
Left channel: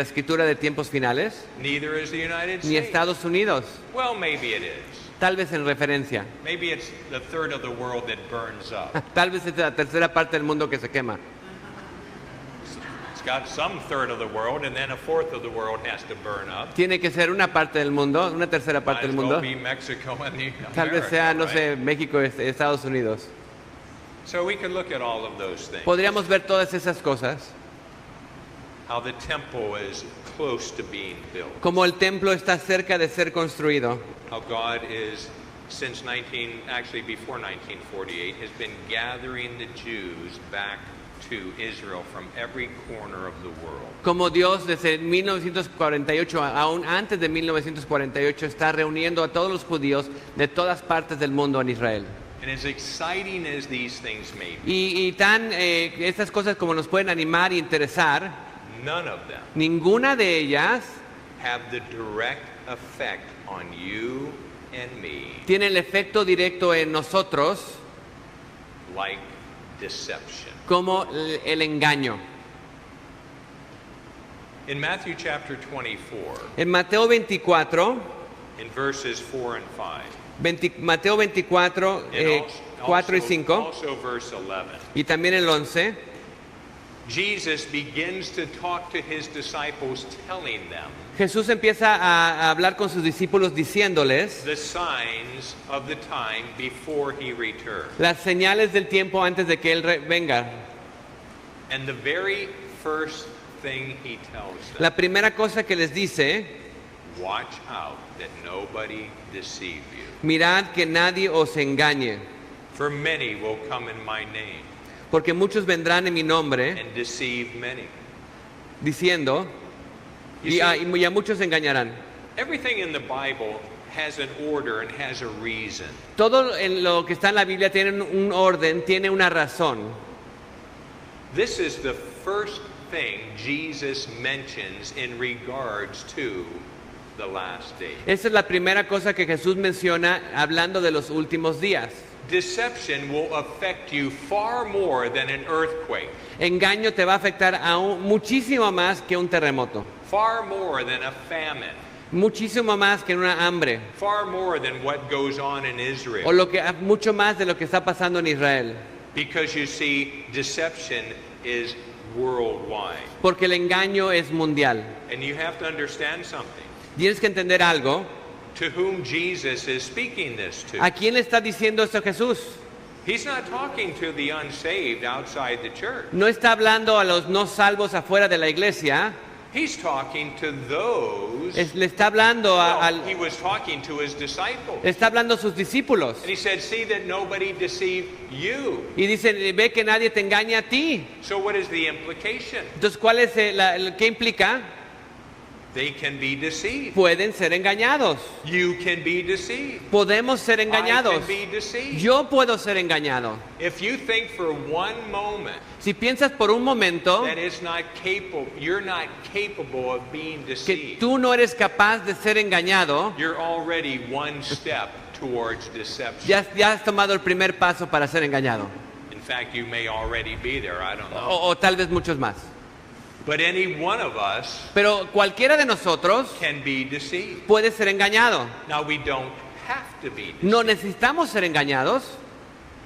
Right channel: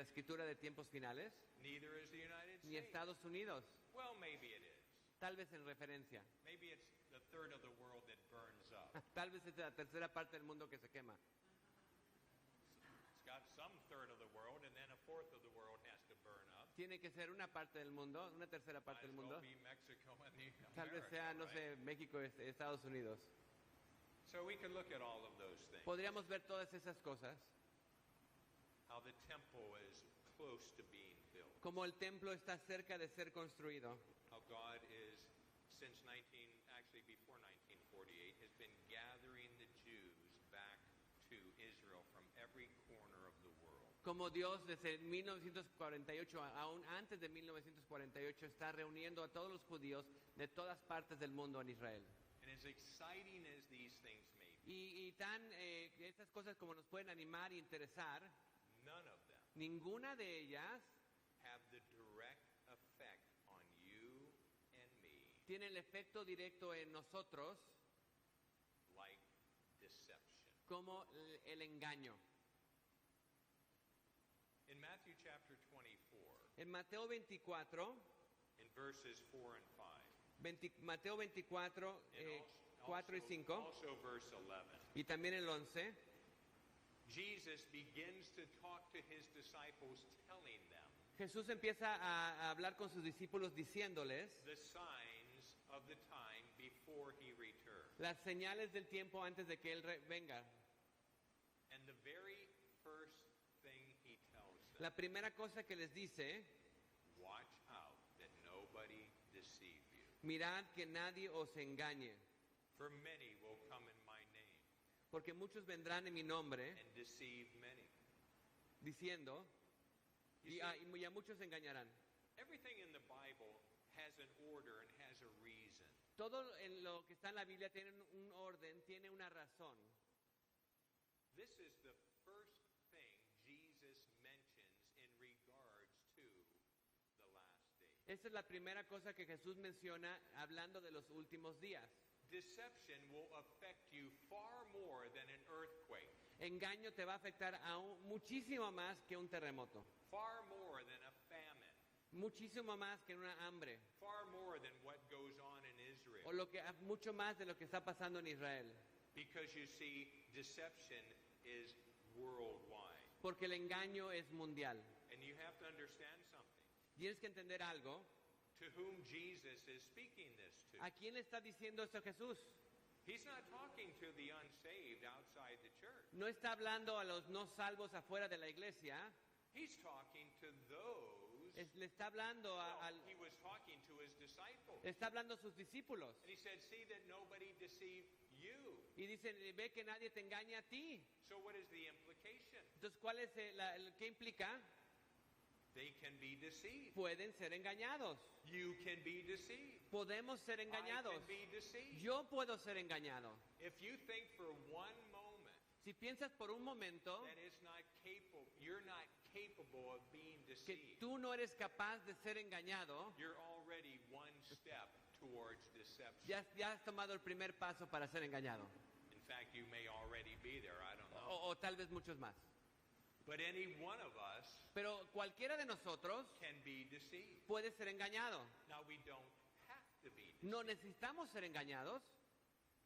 escritura de tiempos finales, Neither is the United ni States. Estados Unidos. Well, maybe it is. Tal vez en referencia. Maybe it's the third of the world that burns up. Tal vez es la tercera parte del mundo que se quema. It's got some third of the world, and then a fourth of the world has to burn up. Tiene que ser una parte del mundo, una tercera Might parte as del well mundo. be Mexico and the Tal vez sea, America, no right? sé, México, Estados Unidos. So we can look at all of those things. Podríamos ver todas esas cosas, How the temple is close to being built. como el templo está cerca de ser construido, How God is, since actually before 1948, has been gathering the Jews back to Israel from every corner of the world. como Dios desde 1948, aún antes de 1948, está reuniendo a todos los judíos de todas partes del mundo en Israel. And as exciting as these things may be, Y estas cosas como nos pueden animar y interesar, none of them ninguna de ellas have the direct effect on you and me tiene el efecto directo en nosotros like deception. como el engaño. In Matthew chapter 24, En Mateo 24, in verses 4 and 5, Mateo 24, and 4 y 5, also verse 11, y también el 11, Jesus begins to talk to his disciples, telling them Jesús empieza a hablar con sus discípulos diciéndoles the signs of the time before he returns. las señales del tiempo antes de que Él venga. And the very first thing he tells them, La primera cosa que les dice, watch out that nobody deceive you. mirad que nadie os engañe, For many will come in my name porque muchos vendrán en mi nombre and deceive many. diciendo, y a muchos engañarán. Everything in the Bible has an order and has a reason. Todo en lo que está en la Biblia tiene un orden, tiene una razón. This is the first thing Jesus mentions in regards to the last days. Esa es la primera cosa que Jesús menciona hablando de los últimos días. Deception will affect you far more than an earthquake, Engaño te va a afectar aún muchísimo más que un terremoto, far more than a famine, muchísimo más que una hambre, far more than what goes on in o Israel. mucho más de lo que está pasando en Israel. Because you see, deception is worldwide. porque el engaño es mundial. And you have to understand something. Tienes que entender algo. To whom Jesus is speaking this to. ¿A quién le está diciendo esto Jesús? He's not talking to the unsaved outside the church. No está hablando a los no salvos afuera de la iglesia. He's talking to those. Le está hablando He was talking to his disciples. le está hablando a sus discípulos. And he said, see that nobody deceive you. Y dice, ve que nadie te engañe a ti. So what is the implication? Entonces, ¿cuál es qué implica? They can be deceived. Pueden ser engañados. You can be deceived. Podemos ser I engañados. can be deceived. Yo puedo ser engañado. If you think for one moment Si piensas por un momento that it's not capable, you're not capable of being que deceived. tú no eres capaz de ser engañado, You're already one step towards deception. ya has tomado el primer paso para ser engañado. In fact, you may already be there. I don't know. O tal vez muchos más. But any one of us Pero cualquiera de nosotros can be deceived. puede ser engañado. Now, we don't have to be deceived No necesitamos ser engañados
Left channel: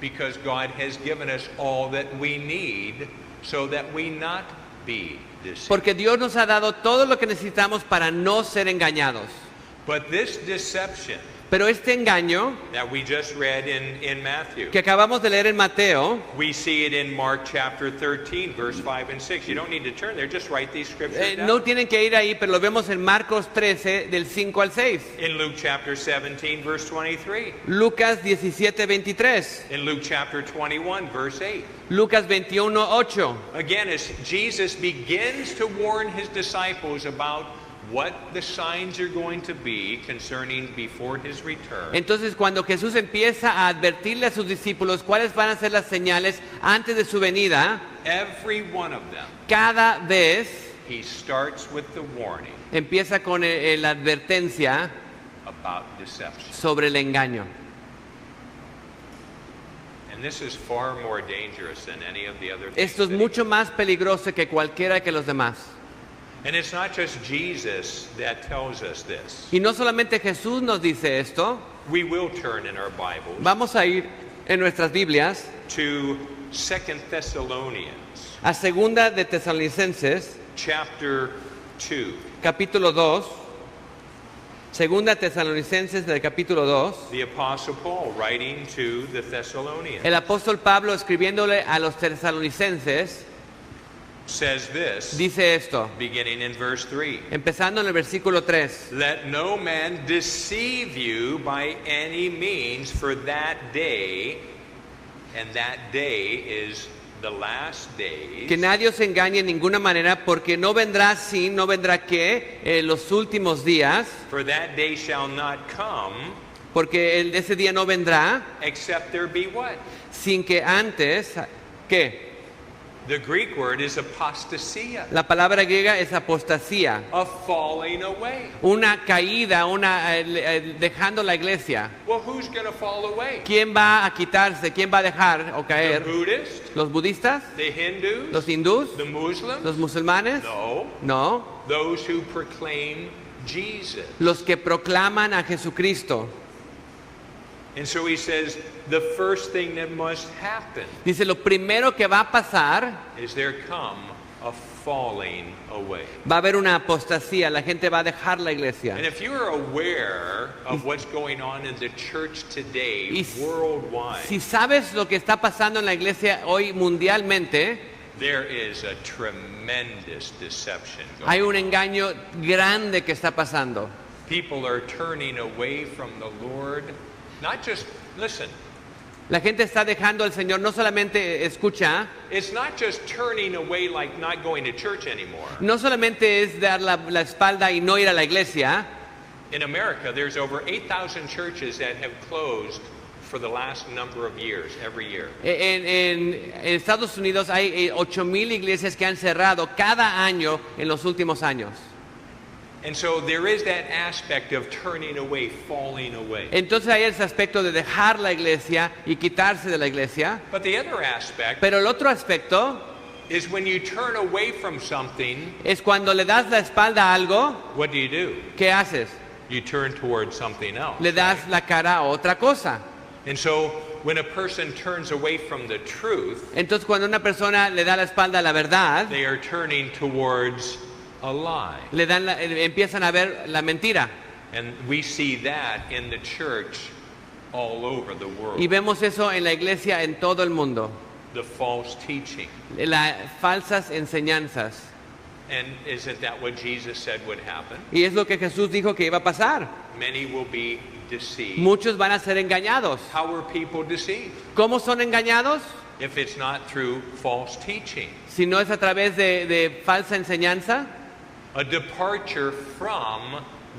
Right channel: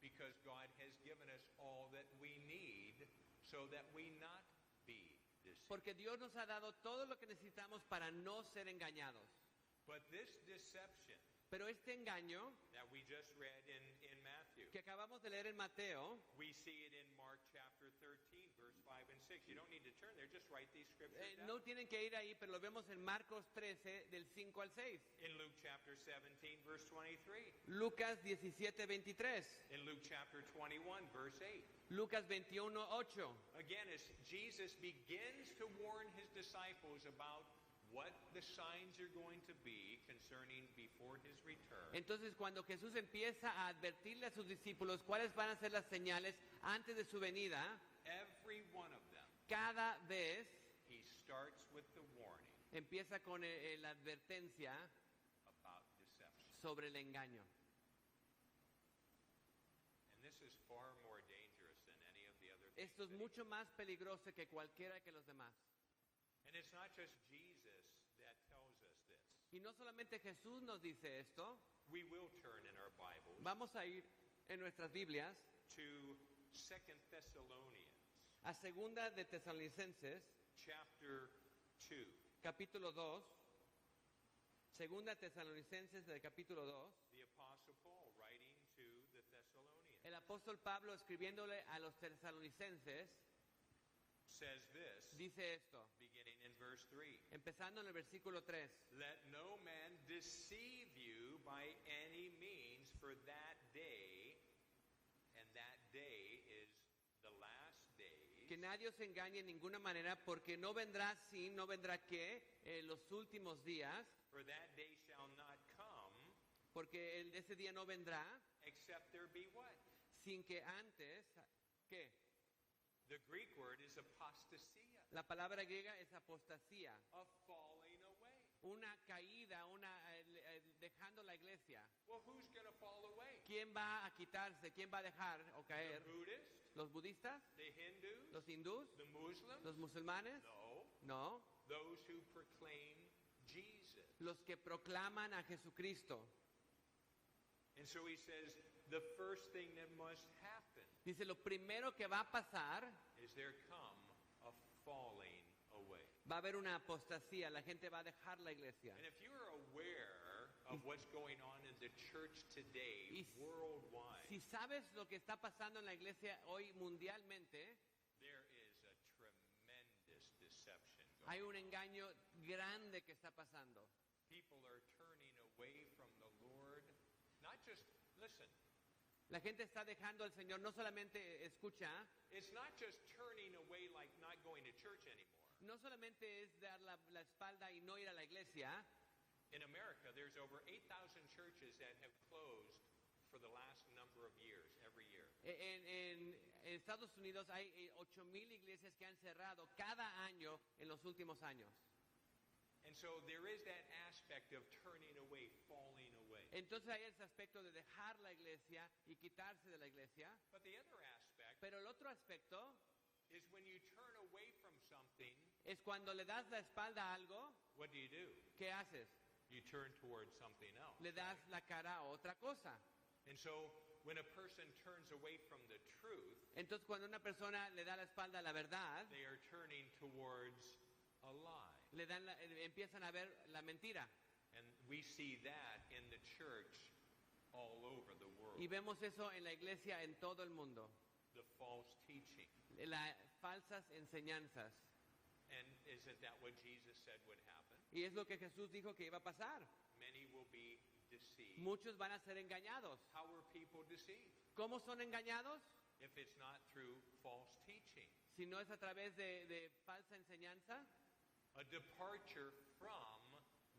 because God has given us all that we need so that we not be deceived. porque Dios nos ha dado todo lo que necesitamos para no ser engañados. But this deception Pero este engaño that we just read in Matthew, que acabamos de leer en Mateo, we see it in Mark chapter 13, verse 5 and 6. You don't need to turn there, just write these scriptures down. no tienen que ir ahí, pero lo vemos en Marcos 13, del 5 al 6. In Luke chapter 17, verse 23. Lucas 17, 23. In Luke chapter 21, verse 8. Lucas 21, 8. Again, as Jesus begins to warn his disciples about what the signs are going to be concerning before his return, Entonces, cuando Jesús empieza a advertirle a sus discípulos cuáles van a ser las señales antes de su venida, every one of them, cada vez he starts with the warning empieza con la advertencia about deception. sobre el engaño. And this is far more dangerous than any of the other things. Esto es that he- mucho más peligroso que cualquiera que los demás. And it's not just Jesus that tells us this. Y no solamente Jesús nos dice esto, We will turn in our Bibles vamos a ir en nuestras Biblias to 2 Thessalonians a Segunda de Tesalonicenses, chapter 2. capítulo 2. Segunda Tesalonicenses del capítulo 2. The Apostle Paul writing to the Thessalonians El apóstol Pablo escribiéndole a los tesalonicenses says this, dice esto, beginning in verse 3. empezando en el versículo 3. Let no man deceive you by any means, for that day, and that day is the last days, Que nadie os engañe en ninguna manera, porque no vendrá sin, no vendrá que, los últimos días, for that day shall not come, porque ese día no vendrá except there be what? sin que antes, ¿qué? The Greek word is apostasia, La palabra griega es apostasía, a falling away. una caída, dejando la iglesia. Well, who's going to fall away? ¿Quién va a quitarse? ¿Quién va a dejar o The caer? Buddhists, ¿Los budistas? the Hindus, ¿Los hindús? the Muslims? ¿Los musulmanes? No, No, those who proclaim Jesus. los que proclaman a Jesucristo. And so he says, the first thing that must happen Dice, lo primero que va a pasar, is there come a falling away. va a haber una apostasía, la gente va a dejar la iglesia. And if you are aware of what's going on in the church today Y si worldwide, sabes lo que está pasando en la iglesia hoy mundialmente, there is a tremendous deception going hay un engaño grande que está pasando. on. People are turning away from the Lord. Not just, listen, La gente está dejando al Señor, no solamente escucha, it's not just turning away like not going to church anymore. no solamente es dar la espalda y no ir a la iglesia. In America, there's over 8,000 churches that have closed for the last number of years, every year. En Estados Unidos hay 8,000 iglesias que han cerrado cada año en los últimos años. And so there is that aspect of turning away, falling away. Entonces hay ese aspecto de dejar la iglesia y quitarse de la iglesia. But the other aspect Pero el otro aspecto is when you turn away from something, es cuando le das la espalda a algo, what do? ¿qué haces? You turn towards something else. Le das la cara a otra cosa. And so When a person turns away from the truth, Entonces cuando una persona le da la espalda a la verdad, they are turning towards a lie. empiezan a ver la mentira. And we see that in the church all over the world. Y vemos eso en la iglesia en todo el mundo. The false teaching. Las falsas enseñanzas. And isn't that what Jesus said would happen? Y es lo que Jesús dijo que iba a pasar. Many will be deceived. Muchos van a ser engañados. How are people deceived? ¿Cómo son engañados? If it's not through false teaching. Si no es a través de falsa enseñanza, A departure from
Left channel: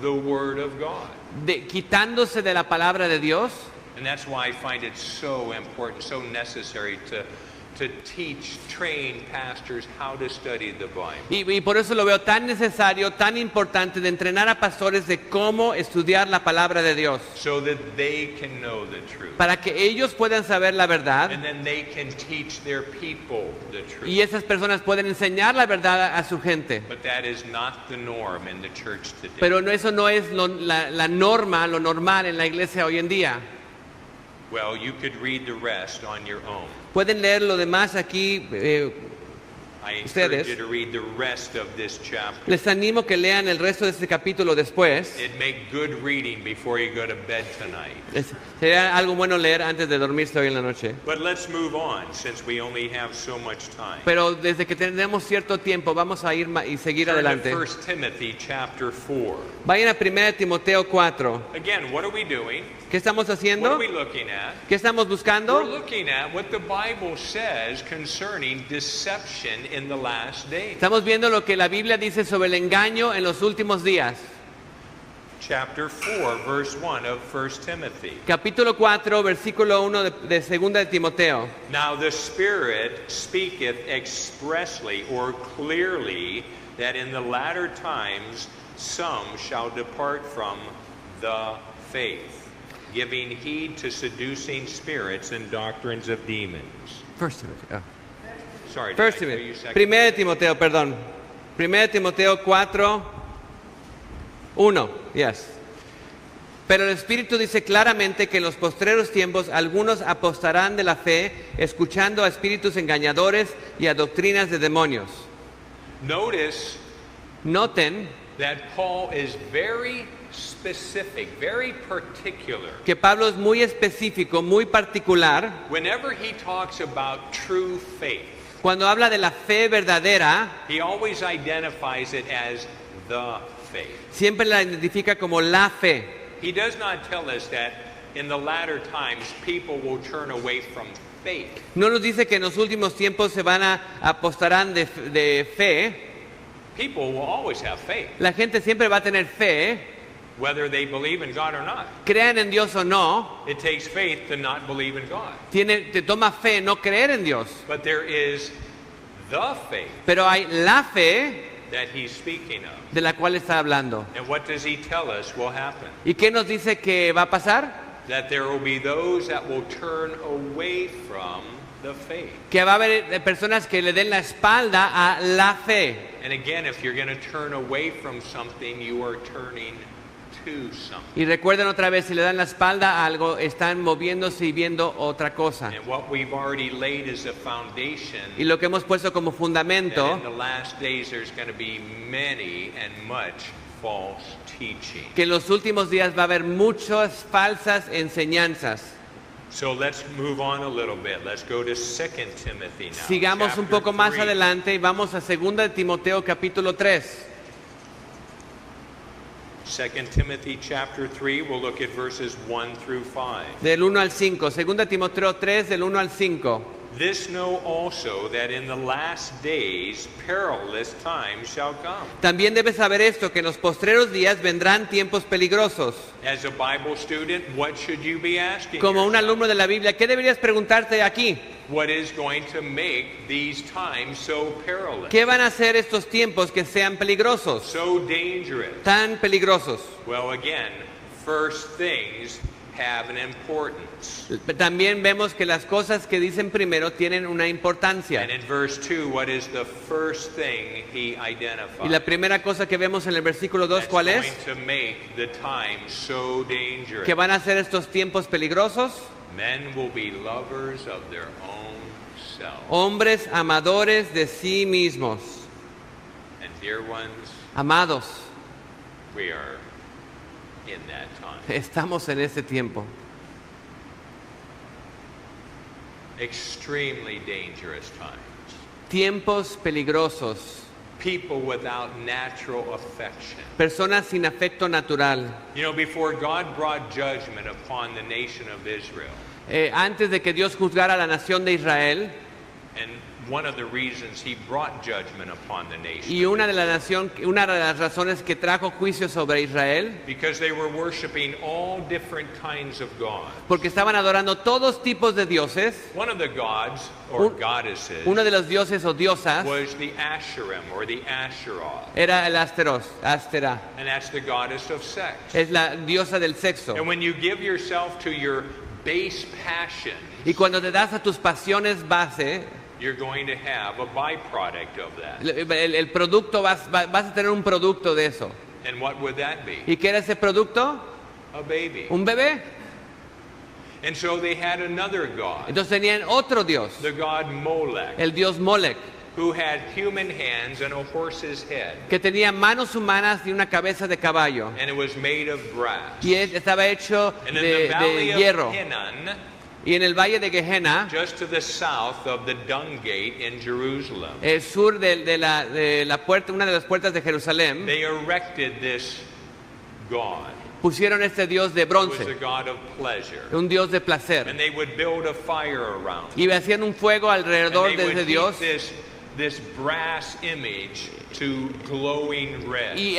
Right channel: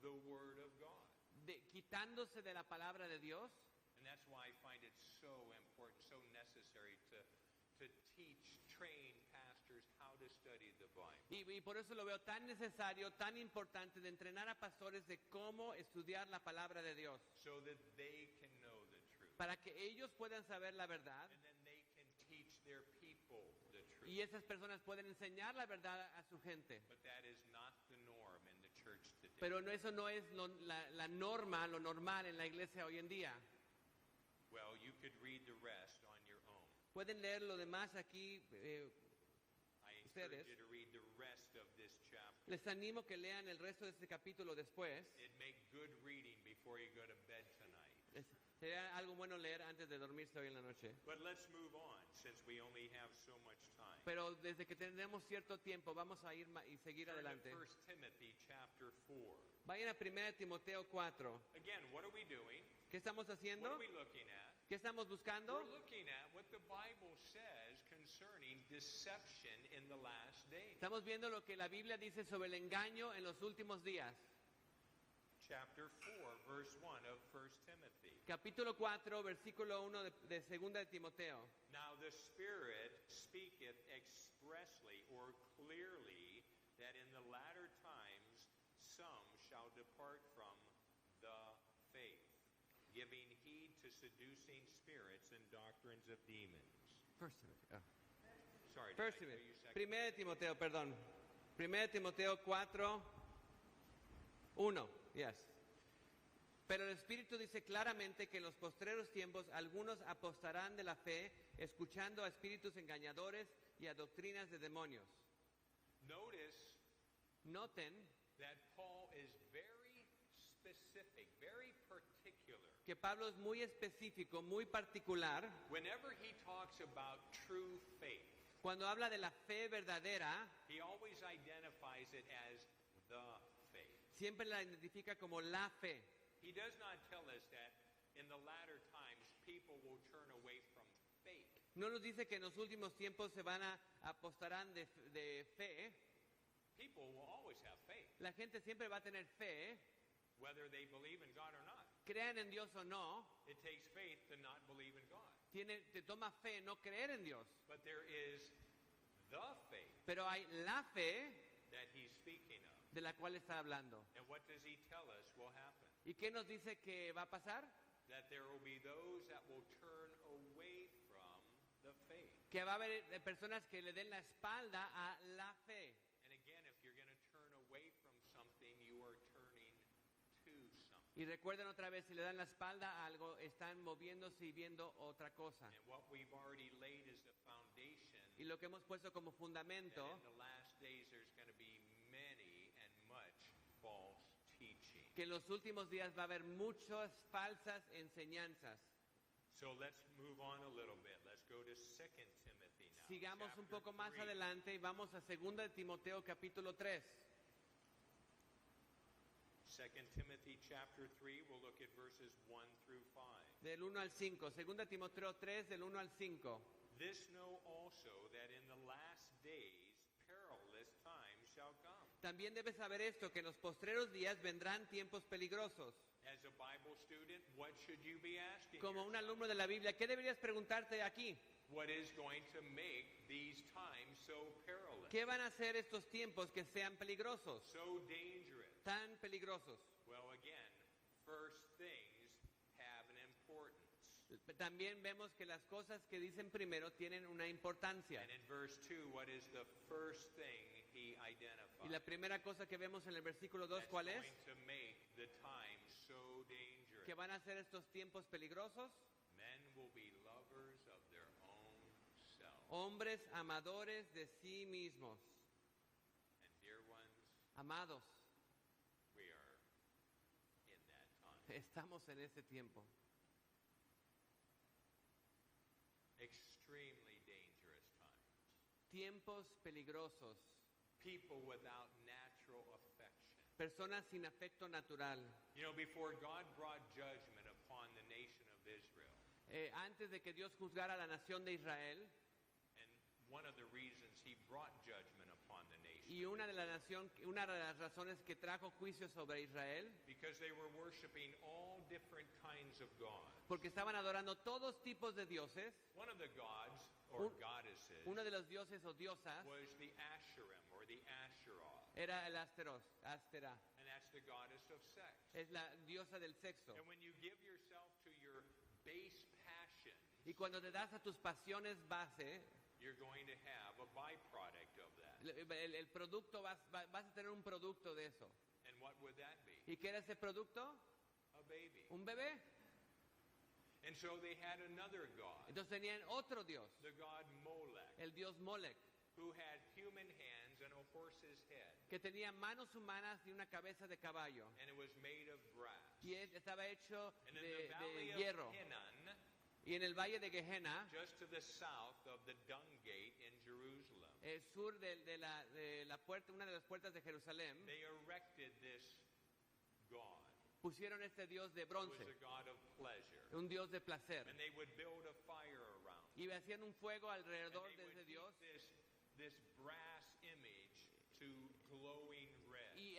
the Word of God. quitándose de la palabra de Dios. And that's why I find it so important, so necessary to teach, train pastors how to study the Bible. Y por eso lo veo tan necesario, tan importante de entrenar a pastores de cómo estudiar la palabra de Dios. So that they can know the truth. Para que ellos puedan saber la verdad And then they can teach their people the truth. y esas personas pueden enseñar la verdad a su gente. But that is not the norm in the church today. Pero eso no es la norma, lo normal en la iglesia hoy en día. Well, you could read the rest on your own. Pueden leer lo demás aquí. I Ustedes. encourage you to read the rest of this chapter. Les animo que lean el resto de este capítulo después. It'd make good reading before you go to bed tonight. Sería algo bueno leer antes de dormirse hoy en la noche. But let's move on since we only have so much time. Pero desde que tenemos cierto tiempo vamos a ir y seguir Turn adelante. to 1 Timothy chapter 4. Vayan a 1 Timoteo 4. Again, what are we doing? ¿Qué estamos What haciendo? are we looking at? ¿Qué estamos We're buscando? looking at what the Bible says concerning deception in the last days. Estamos viendo lo que la Biblia dice sobre el engaño en los últimos días. Chapter 4, verse 1 of 1 Timothy. Capítulo 4, versículo 1 de 2 de Timoteo. Now the Spirit speaketh expressly or clearly that in the latter times some shall depart from the faith, giving heed to seducing spirits and doctrines of demons. First Timothy. Oh. Sorry, did First I tell Timothy. you second? 1 de Timoteo, perdón. 1 de Timoteo 4, 1. Yes. Pero el Espíritu dice claramente que en los postreros tiempos algunos apostarán de la fe, escuchando a espíritus engañadores y a doctrinas de demonios. Notice Noten that Paul is very specific, very particular. que Pablo es muy específico, muy particular. Whenever he talks about true faith, Cuando habla de la fe verdadera, he always identifies it as the faith. siempre la identifica como la fe. He does not tell us that in the latter times people will turn away from faith. No nos dice que en los últimos tiempos se van a apostarán de fe. People will always have faith, La gente siempre va a tener fe, whether they believe in God or not. crean en Dios o no. It takes faith to not believe in God. Te toma fe no creer en Dios. But there is the faith Pero hay la fe that he's speaking of. de la cual está hablando. And what does he tell us will happen? ¿Y qué nos dice que va a pasar? That there will be those that will turn away from the faith. Que va a haber personas que le den la espalda a la fe. And again, if you're going to turn away from something, you are turning to something. Y recuerden otra vez, si le dan la espalda a algo, están moviéndose y viendo otra cosa. And what we've already laid as a foundation, Y lo que hemos puesto como that fundamento, in the last days there's going to be many and much false teaching. que en los últimos días va a haber muchas falsas enseñanzas. So let's move on a little bit. Let's go to 2 Timothy now. Sigamos un chapter poco más 3. adelante y vamos a 2 de Timoteo capítulo 3. 2 Timothy chapter 3, we'll look at verses 1 through 5. Del 1 al 5. 2 de Timoteo 3, del 1 al 5. This know also that in the last days perilous times shall come. También debes saber esto, que en los postreros días vendrán tiempos peligrosos. As a Bible student, what should you be asking Como un yourself? alumno de la Biblia, ¿qué deberías preguntarte aquí? What is going to make these times so perilous, ¿Qué van a hacer estos tiempos que sean peligrosos? so dangerous? Tan peligrosos. Well, again, first things have an importance. También vemos que las cosas que dicen primero tienen una importancia. And in verse 2, what is the first thing he identifies? Y la primera cosa que vemos en el versículo 2, That's ¿cuál es? going to make the time so dangerous. Que van a ser estos tiempos peligrosos. Men will be lovers of their own self. Hombres amadores de sí mismos. And dear ones, Amados, we are in that time. estamos en ese tiempo. Extremely dangerous times. Tiempos peligrosos. People without natural affection. Personas sin afecto natural. You know, before God brought judgment upon the nation of Israel, Antes de que Dios juzgara a la nación de Israel, and one of the reasons he brought judgment upon the nation, y una de las razones que trajo juicio sobre Israel, because they were worshiping all different kinds of gods. porque estaban adorando todos tipos de dioses. One of the gods or Un- goddesses Uno de los dioses o diosas was the Asherim or the Asherah, era el Astera, and that's the goddess of sex. es la diosa del sexo. And when you give yourself to your base passion, Y cuando te das a tus pasiones base, you're going to have a byproduct of that. el producto vas a tener un producto de eso. And what would that be? ¿Y qué era ese producto? A baby. Un bebé. And so they had another god, Entonces tenían otro dios, the god Molech, el dios Molech, who had human hands and a horse's head, que tenía manos humanas y una cabeza de caballo. and it was made of brass. Y estaba hecho And in the valley de of hierro. Hinnon, Y en el valle de Gehenna, just to the south of the Dung Gate in Jerusalem, el sur de la puerta, una de las puertas de Jerusalén, they erected this god. pusieron este dios de It was bronce, a god of pleasure. un dios de placer. And they would build a fire around it. Y hacían un fuego And alrededor they de would ese dios heat this brass image to glowing red. y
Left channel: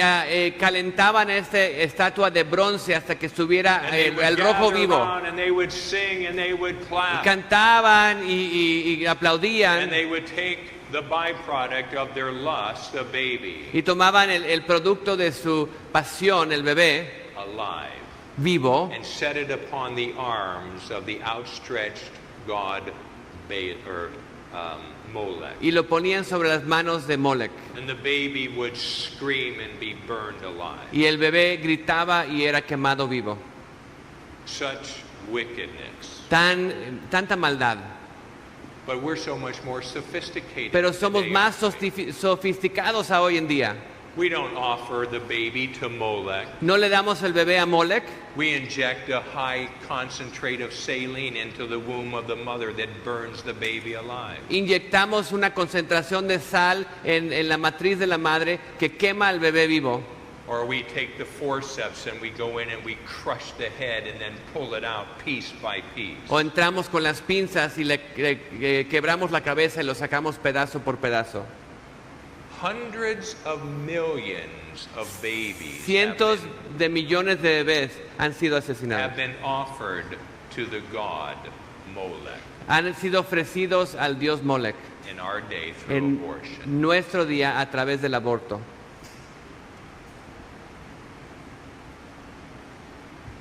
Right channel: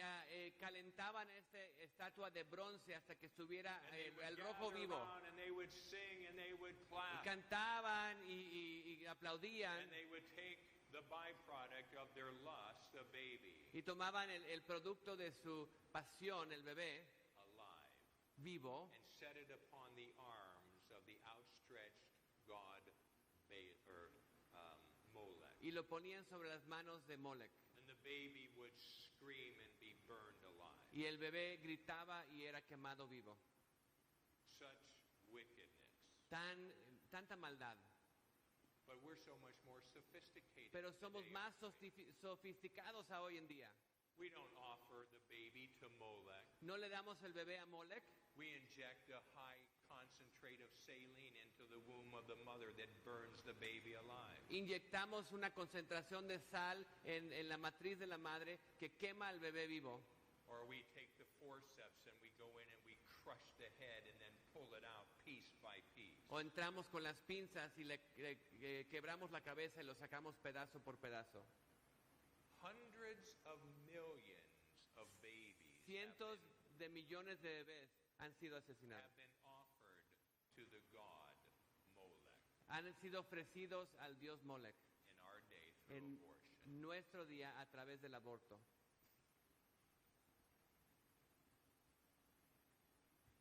calentaban esta estatua de bronce hasta que estuviera And they would el rojo gather vivo. around and they would sing and they would Y clap. cantaban y And aplaudían they would take the byproduct of their lust, a baby, y tomaban el producto de su pasión, el bebé alive, vivo, and set it upon the arms of the outstretched god Molech. y lo ponían sobre las manos de Molech. And the baby would scream and be burned alive. Y el bebé gritaba y era quemado vivo. Such wickedness. Tanta maldad. But we're so much more sophisticated. Pero somos today, más aren't we? sofisticados a hoy en día. We don't offer the baby to Molech. No le damos el bebé a Molech, We inject a high concentrate of saline into the womb of the mother that burns the baby alive. inyectamos una concentración de sal en la matriz de la madre que quema al bebé vivo. Or we take the forceps and we go in and we crush the head and then pull it out piece by piece. O entramos con las pinzas y le quebramos la cabeza y lo sacamos pedazo por pedazo. Hundreds of millions of babies Cientos de millones de bebés han sido asesinados. have been offered to the god Molech Han sido ofrecidos al dios Molech in our day through en abortion. nuestro día a través del aborto.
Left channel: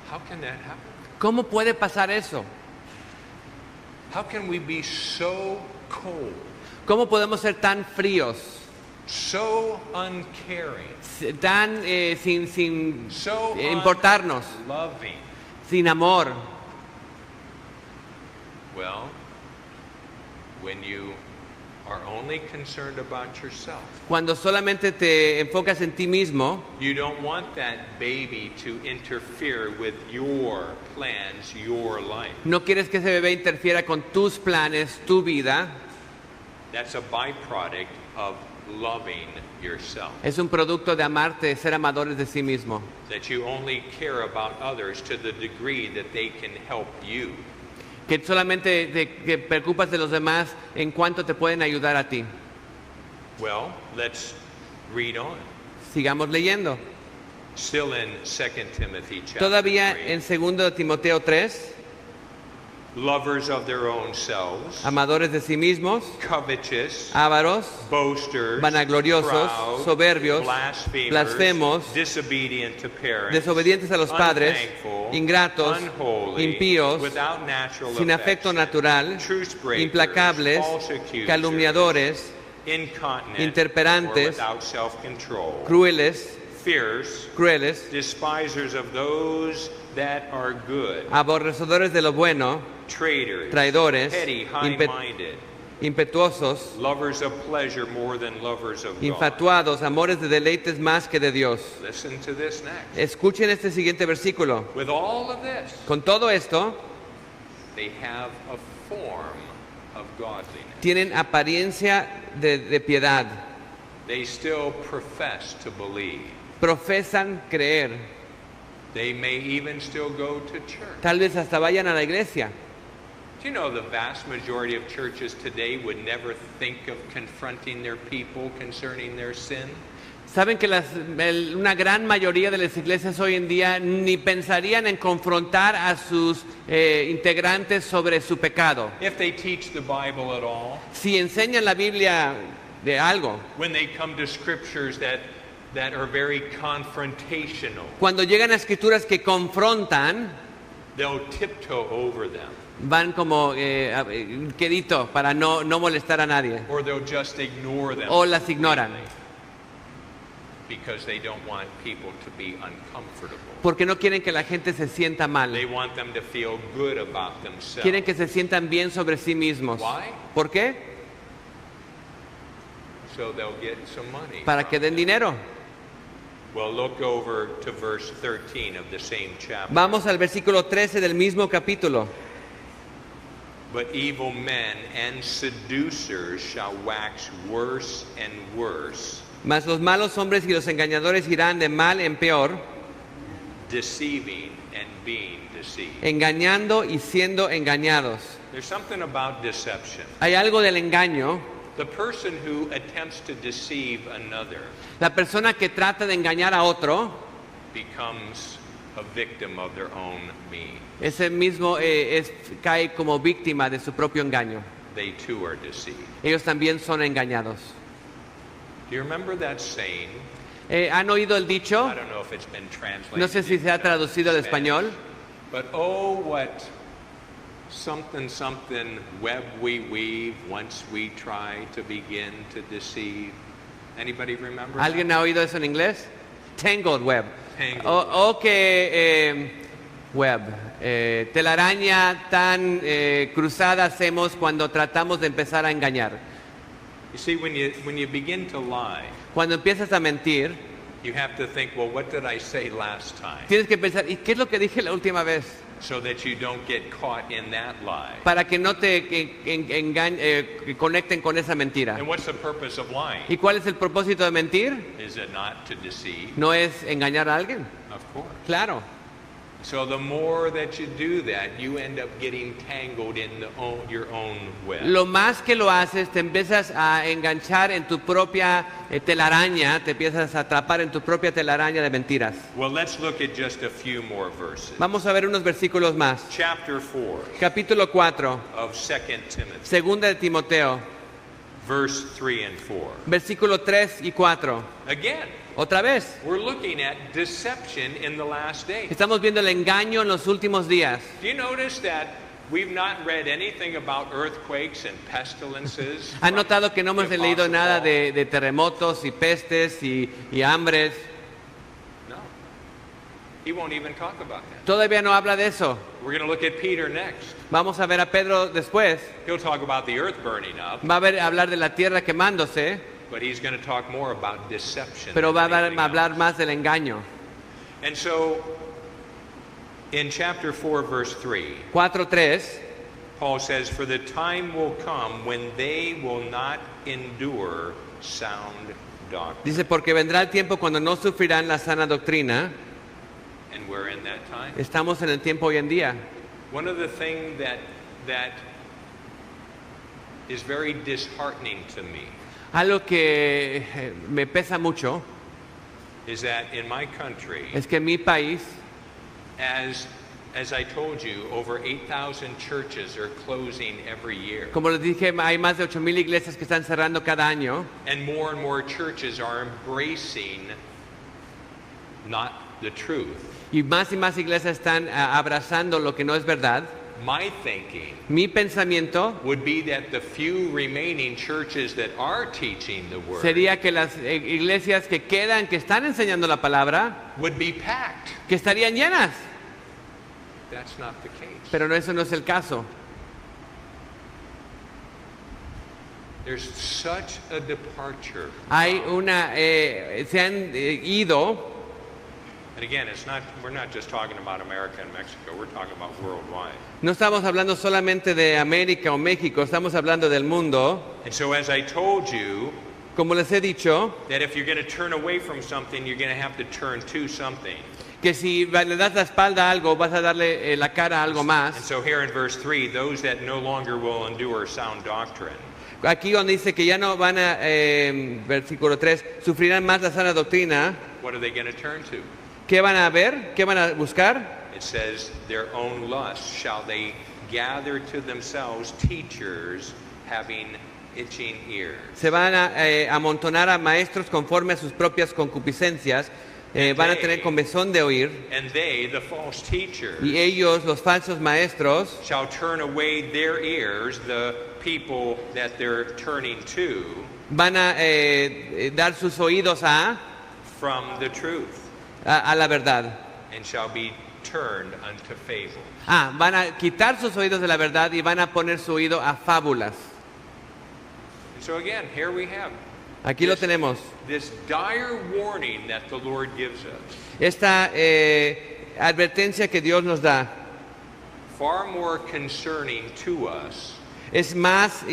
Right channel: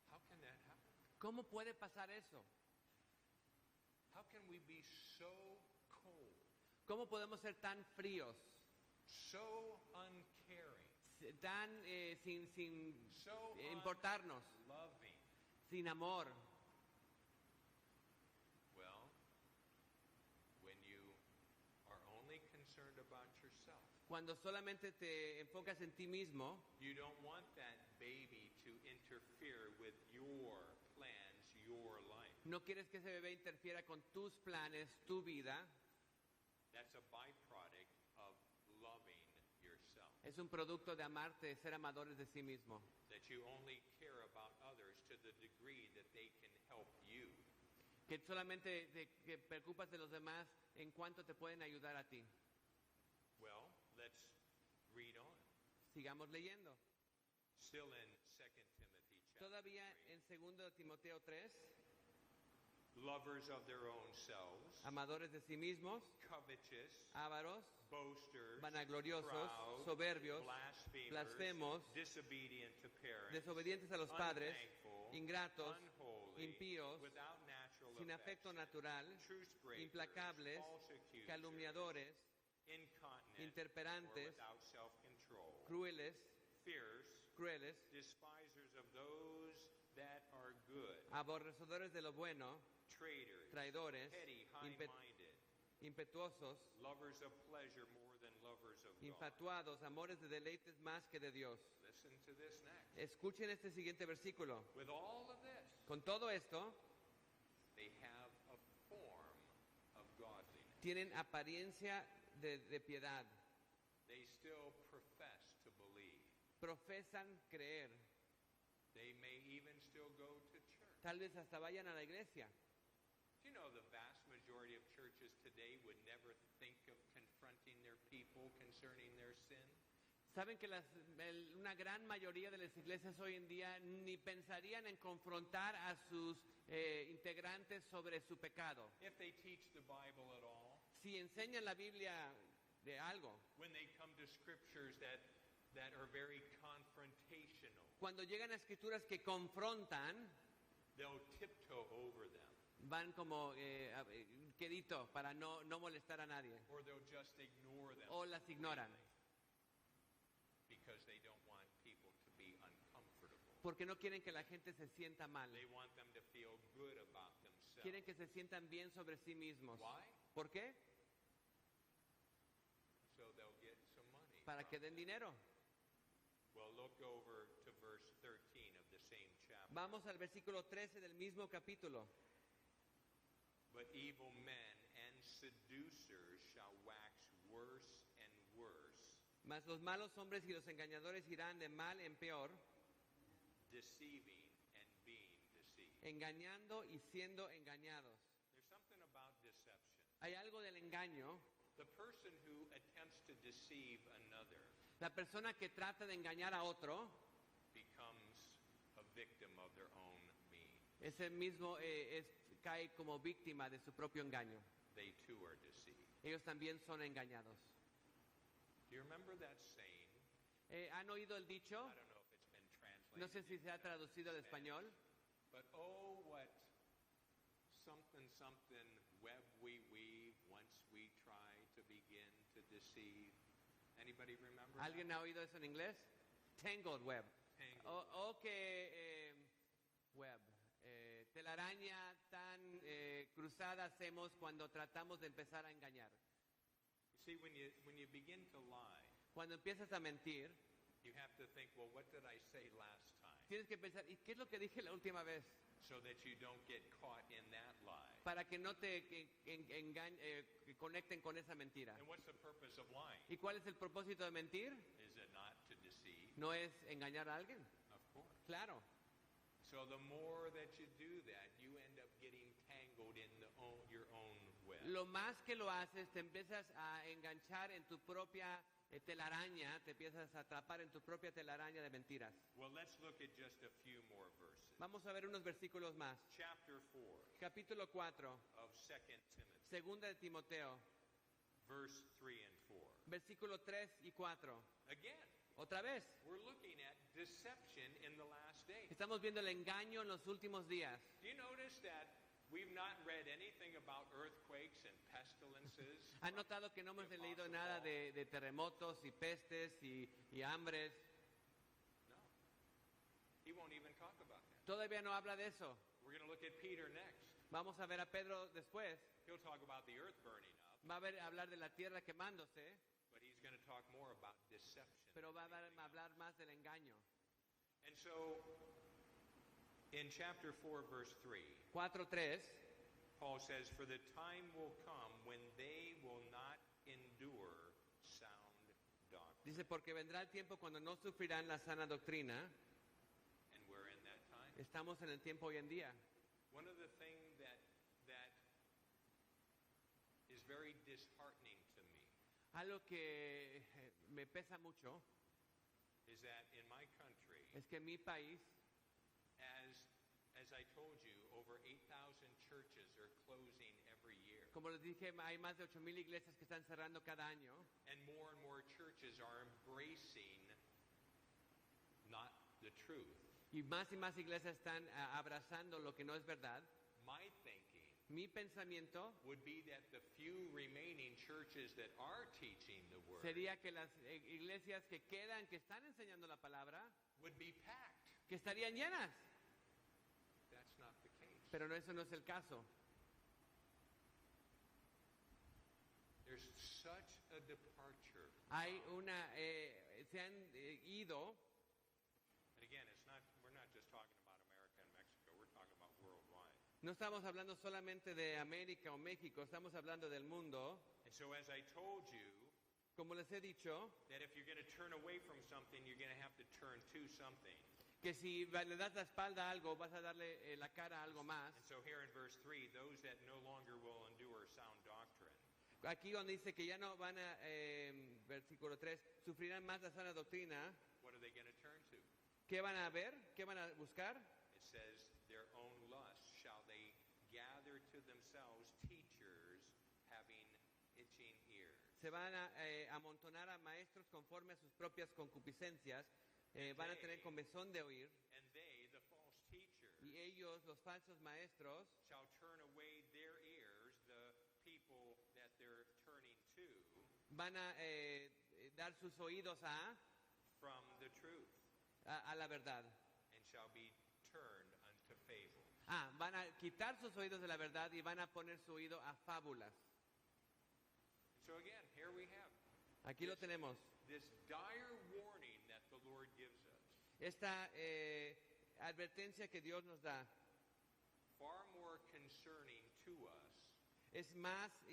How can that happen? ¿Cómo puede pasar eso? How can we be so cold, ¿Cómo podemos ser tan fríos, so uncaring, tan sin so importarnos, unloving? sin amor? Well, when you are only concerned about yourself, Cuando solamente te enfocas en ti mismo, you don't want that baby to interfere with your plans, your life. no quieres que ese bebé interfiera con tus planes, tu vida. That's a byproduct of loving yourself. Es un producto de amarte, de ser amadores de sí mismo. That you only care about others to the degree that they can help you. Que solamente te preocupas de los demás en cuanto te pueden ayudar a ti. Well, let's read on. Sigamos leyendo. Still in 2 Timothy chapter Todavía 3. en 2 Timoteo 3, Lovers of their own selves, amadores de sí mismos, covetous, ávaros, boasters, vanagloriosos, proud, soberbios, blasphemers, blasfemos, disobedient to parents, desobedientes a los padres, unthankful, ingratos, unholy, impíos, without natural sin afecto affection, natural, truce breakers, implacables, false accusers, calumniadores, incontinent, interperantes, or without self-control, crueles, fierce, despisers of those that are good, aborrecedores de lo bueno, traitors, traidores, petty, impe- high-minded, impetuosos, lovers of pleasure more than lovers of God. infatuados, amores de deleites más que de Dios. Listen to this next. Escuchen este siguiente versículo. With all of this, Con todo esto, they have a form of godliness. tienen apariencia de piedad. They still profess to believe. Profesan creer. They may even still go to church. Tal vez hasta vayan a la iglesia. Do you know the vast majority of churches today would never think of confronting their people concerning their sin? Saben que una gran mayoría de las iglesias hoy en día ni pensarían en confrontar a sus integrantes sobre su pecado. If they teach the Bible at all, Si enseñan la Biblia de algo, when they come to scriptures that are very confrontational, cuando llegan a escrituras que confrontan, they'll tiptoe over them, van como quedito para no molestar a nadie, or they'll just ignore them o las ignoran, because they don't want people to be uncomfortable. porque no quieren que la gente se sienta mal. They want them to feel good about themselves. Quieren que se sientan bien sobre sí mismos. Why? ¿Por qué? So they'll get some money. Para que den dinero. Well, look over to verse 13 of the same chapter. Vamos al versículo 13 del mismo capítulo. But evil men and seducers shall wax worse and worse, Mas los malos hombres y los engañadores irán de mal en peor, deceiving and being deceived. engañando y siendo engañados. There's something about deception. Hay algo del engaño. The person who attempts to deceive another La persona que trata de engañar a otro, becomes a victim of their own means. ese mismo cae como víctima de su propio engaño. They too are deceived. Ellos también son engañados. Do you remember that saying? ¿Han oído el dicho? I don't know if it's been translated. No sé si se ha into traducido al Spanish, español. But oh, what something web we weave once we try to begin to deceive. Anybody remember? ¿Alguien ha oído eso en inglés? Tangled web. Tangled O que web. Telaraña tan cruzada hacemos cuando tratamos de empezar a engañar. You see, when you begin to lie, Cuando empiezas a mentir, you have to think, well, what did I say last time? tienes que pensar, ¿y qué es lo que dije la última vez? So that you don't get caught in that lie. Para que no te conecten con esa mentira. And what's the purpose of lying? ¿Y cuál es el propósito de mentir? Is it not to deceive? ¿No es engañar a alguien? Of course. Claro. So the more that you do that, you end up getting tangled in your own web. Lo más que lo haces, te empiezas a enganchar en tu propia telaraña, te empiezas a atrapar en tu propia telaraña de mentiras. Well, let's look at just a few more verses. Vamos a ver unos versículos más. Chapter 4 Capítulo 4, of 2 Timothy, segunda de Timoteo, verse 3 and 4. versículo 3 y 4. Again, Otra vez, we're looking at deception in the last days. estamos viendo el engaño en los últimos días. Do you notice that we've not read anything about earthquakes and pestilences? ¿Han from notado que no hemos the leído Apostle nada Paul? de terremotos y pestes y hambres? No. He won't even talk about that. Todavía no habla de eso. We're going to look at Peter next. Vamos a ver a Pedro después. He'll talk about the earth burning up, Va a hablar de la tierra quemándose, but he's going to talk more about deception. pero va than a anything hablar else. más del engaño. And so, in chapter 4, verse 3, 4:3, Paul says, "For the time will come when they will not endure sound doctrine." dice, porque vendrá el tiempo cuando no sufrirán la sana doctrina. And we're in that time. Estamos en el tiempo hoy en día. One of the things that is very disheartening to me Algo que me pesa mucho is that in my country, es que en mi país, as I told you, over 8,000 churches are closing every year. como les dije, hay más de 8,000 iglesias que están cerrando cada año And more churches are embracing not the truth. y más iglesias están abrazando lo que no es verdad. My thinking Mi pensamiento would be that the few remaining churches that are teaching the word sería que las iglesias que quedan, que están enseñando la palabra, would be packed. que estarían llenas. That's not the case. Pero no, eso no es el caso. There's such a departure. Hay una, se han ido, And again, we're not just talking about America and Mexico, we're talking about worldwide. no estamos hablando solamente de América o México, estamos hablando del mundo. And so as I told you, Como les he dicho, that if you're going to turn away from something, you're going to have to turn to something. que si le das la espalda a algo, vas a darle la cara a algo And más. so here in verse 3, those that no longer will endure sound doctrine. Aquí donde dice que ya no van a, versículo 3, sufrirán más la sana doctrina. What are they going to turn to? ¿Qué van a ver? ¿Qué van a buscar? It says, their own lust shall they gather to themselves teachers having itching ears. Se van a amontonar a maestros conforme a sus propias concupiscencias. Van a tener comezón de oír. And they, the false teachers, Y ellos, los falsos maestros, shall turn away their ears, the people that they're turning to, van a dar sus oídos from the truth, a la verdad. and shall be turned unto fable. Van a quitar sus oídos de la verdad y van a poner su oído a fábulas. And so again, here we have Aquí lo tenemos. this dire warning that the Lord gives us. Esta advertencia que Dios nos da Far more concerning to us es más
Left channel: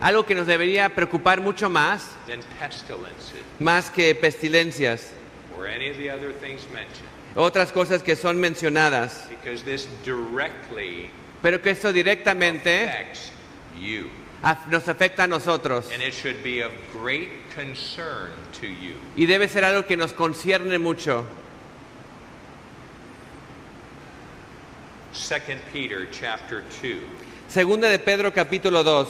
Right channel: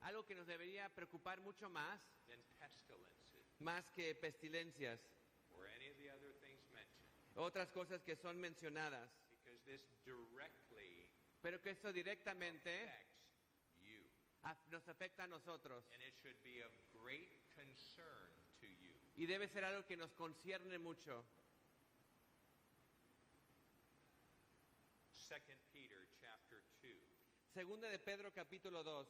algo que nos debería preocupar mucho más, than pestilences más que pestilencias, or any of the other things mentioned. otras cosas que son mencionadas, Because this directly pero que esto directamente affects you. nos afecta a nosotros And it should be of great concern to you. y debe ser algo que nos concierne mucho. 2 Peter chapter 2. Segunda de Pedro capítulo 2.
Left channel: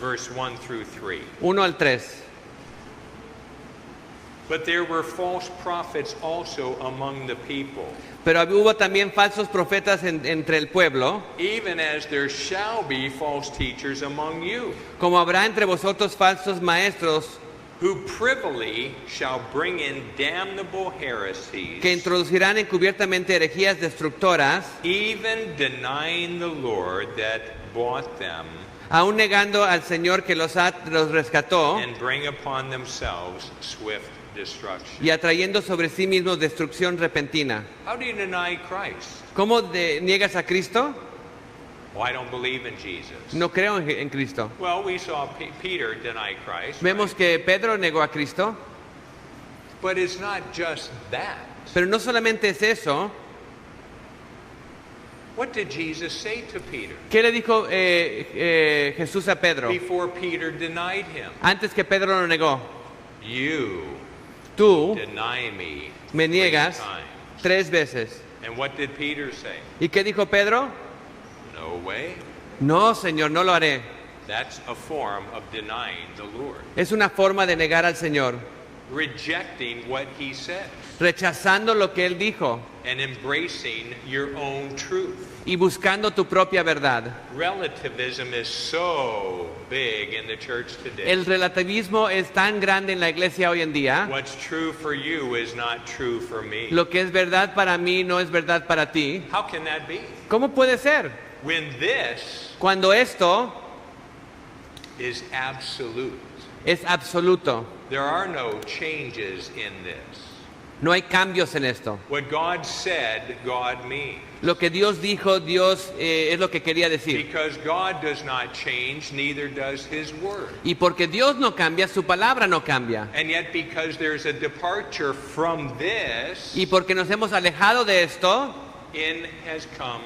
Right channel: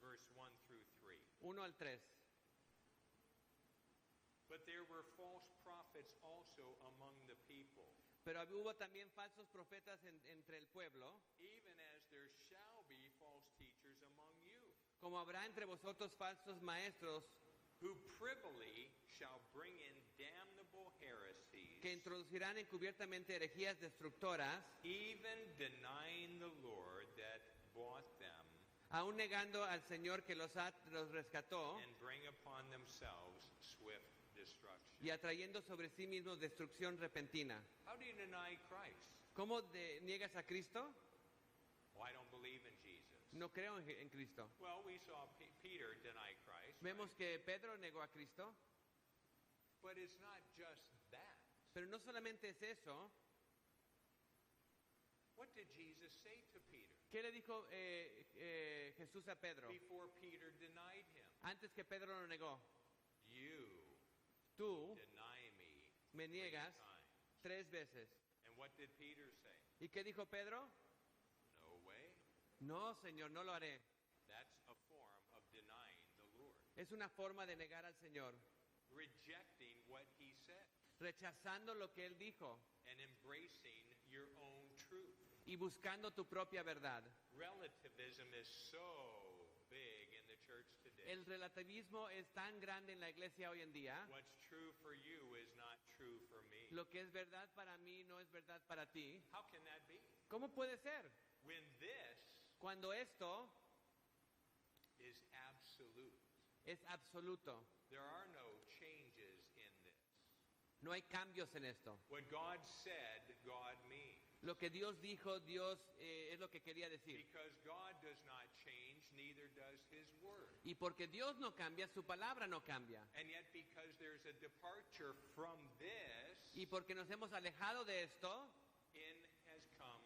Verse 1 through 3. 1 al 3. But there were false prophets also among the people, Pero hubo también falsos profetas entre el pueblo, even as there shall be false teachers among you, como habrá entre vosotros falsos maestros who privily shall bring in damnable heresies, que introducirán encubiertamente herejías destructoras, even denying the Lord that bought them, aún negando al Señor que los rescató and bring upon themselves swift destruction. y atrayendo sobre sí mismos destrucción repentina. How do you deny Christ? ¿Cómo niegas a Cristo? Well, I don't believe in Jesus. No creo en Cristo. Well, we saw Peter deny Christ, Vemos que Pedro negó a Cristo, but it's not just that. pero no solamente es eso. What did Jesus say to Peter ¿Qué le dijo Jesús a Pedro before Peter denied him? antes que Pedro lo negó? You Tú deny me me 3 niegas times. 3 veces. And what did Peter say? ¿Y qué dijo Pedro? No way. No, Señor, no lo haré. That's a form of denying the Lord. Es una forma de negar al Señor, Rejecting what he said rechazando lo que Él dijo and embracing your own truth. y buscando tu propia verdad. Relativism is so big in the church today. El relativismo es tan grande en la iglesia hoy en día. What's true for you is not true for me. Lo que es verdad para mí no es verdad para ti. How can that be? ¿Cómo puede ser? When this Cuando esto is absolute. es absoluto. There are no changes in this. No hay cambios en esto. What God said, God means. Lo que Dios dijo, Dios es lo que quería decir. Because God does not change, neither does his word. Y porque Dios no cambia, su palabra no cambia. And yet because there's a departure from this, Y porque nos hemos alejado de esto, in has come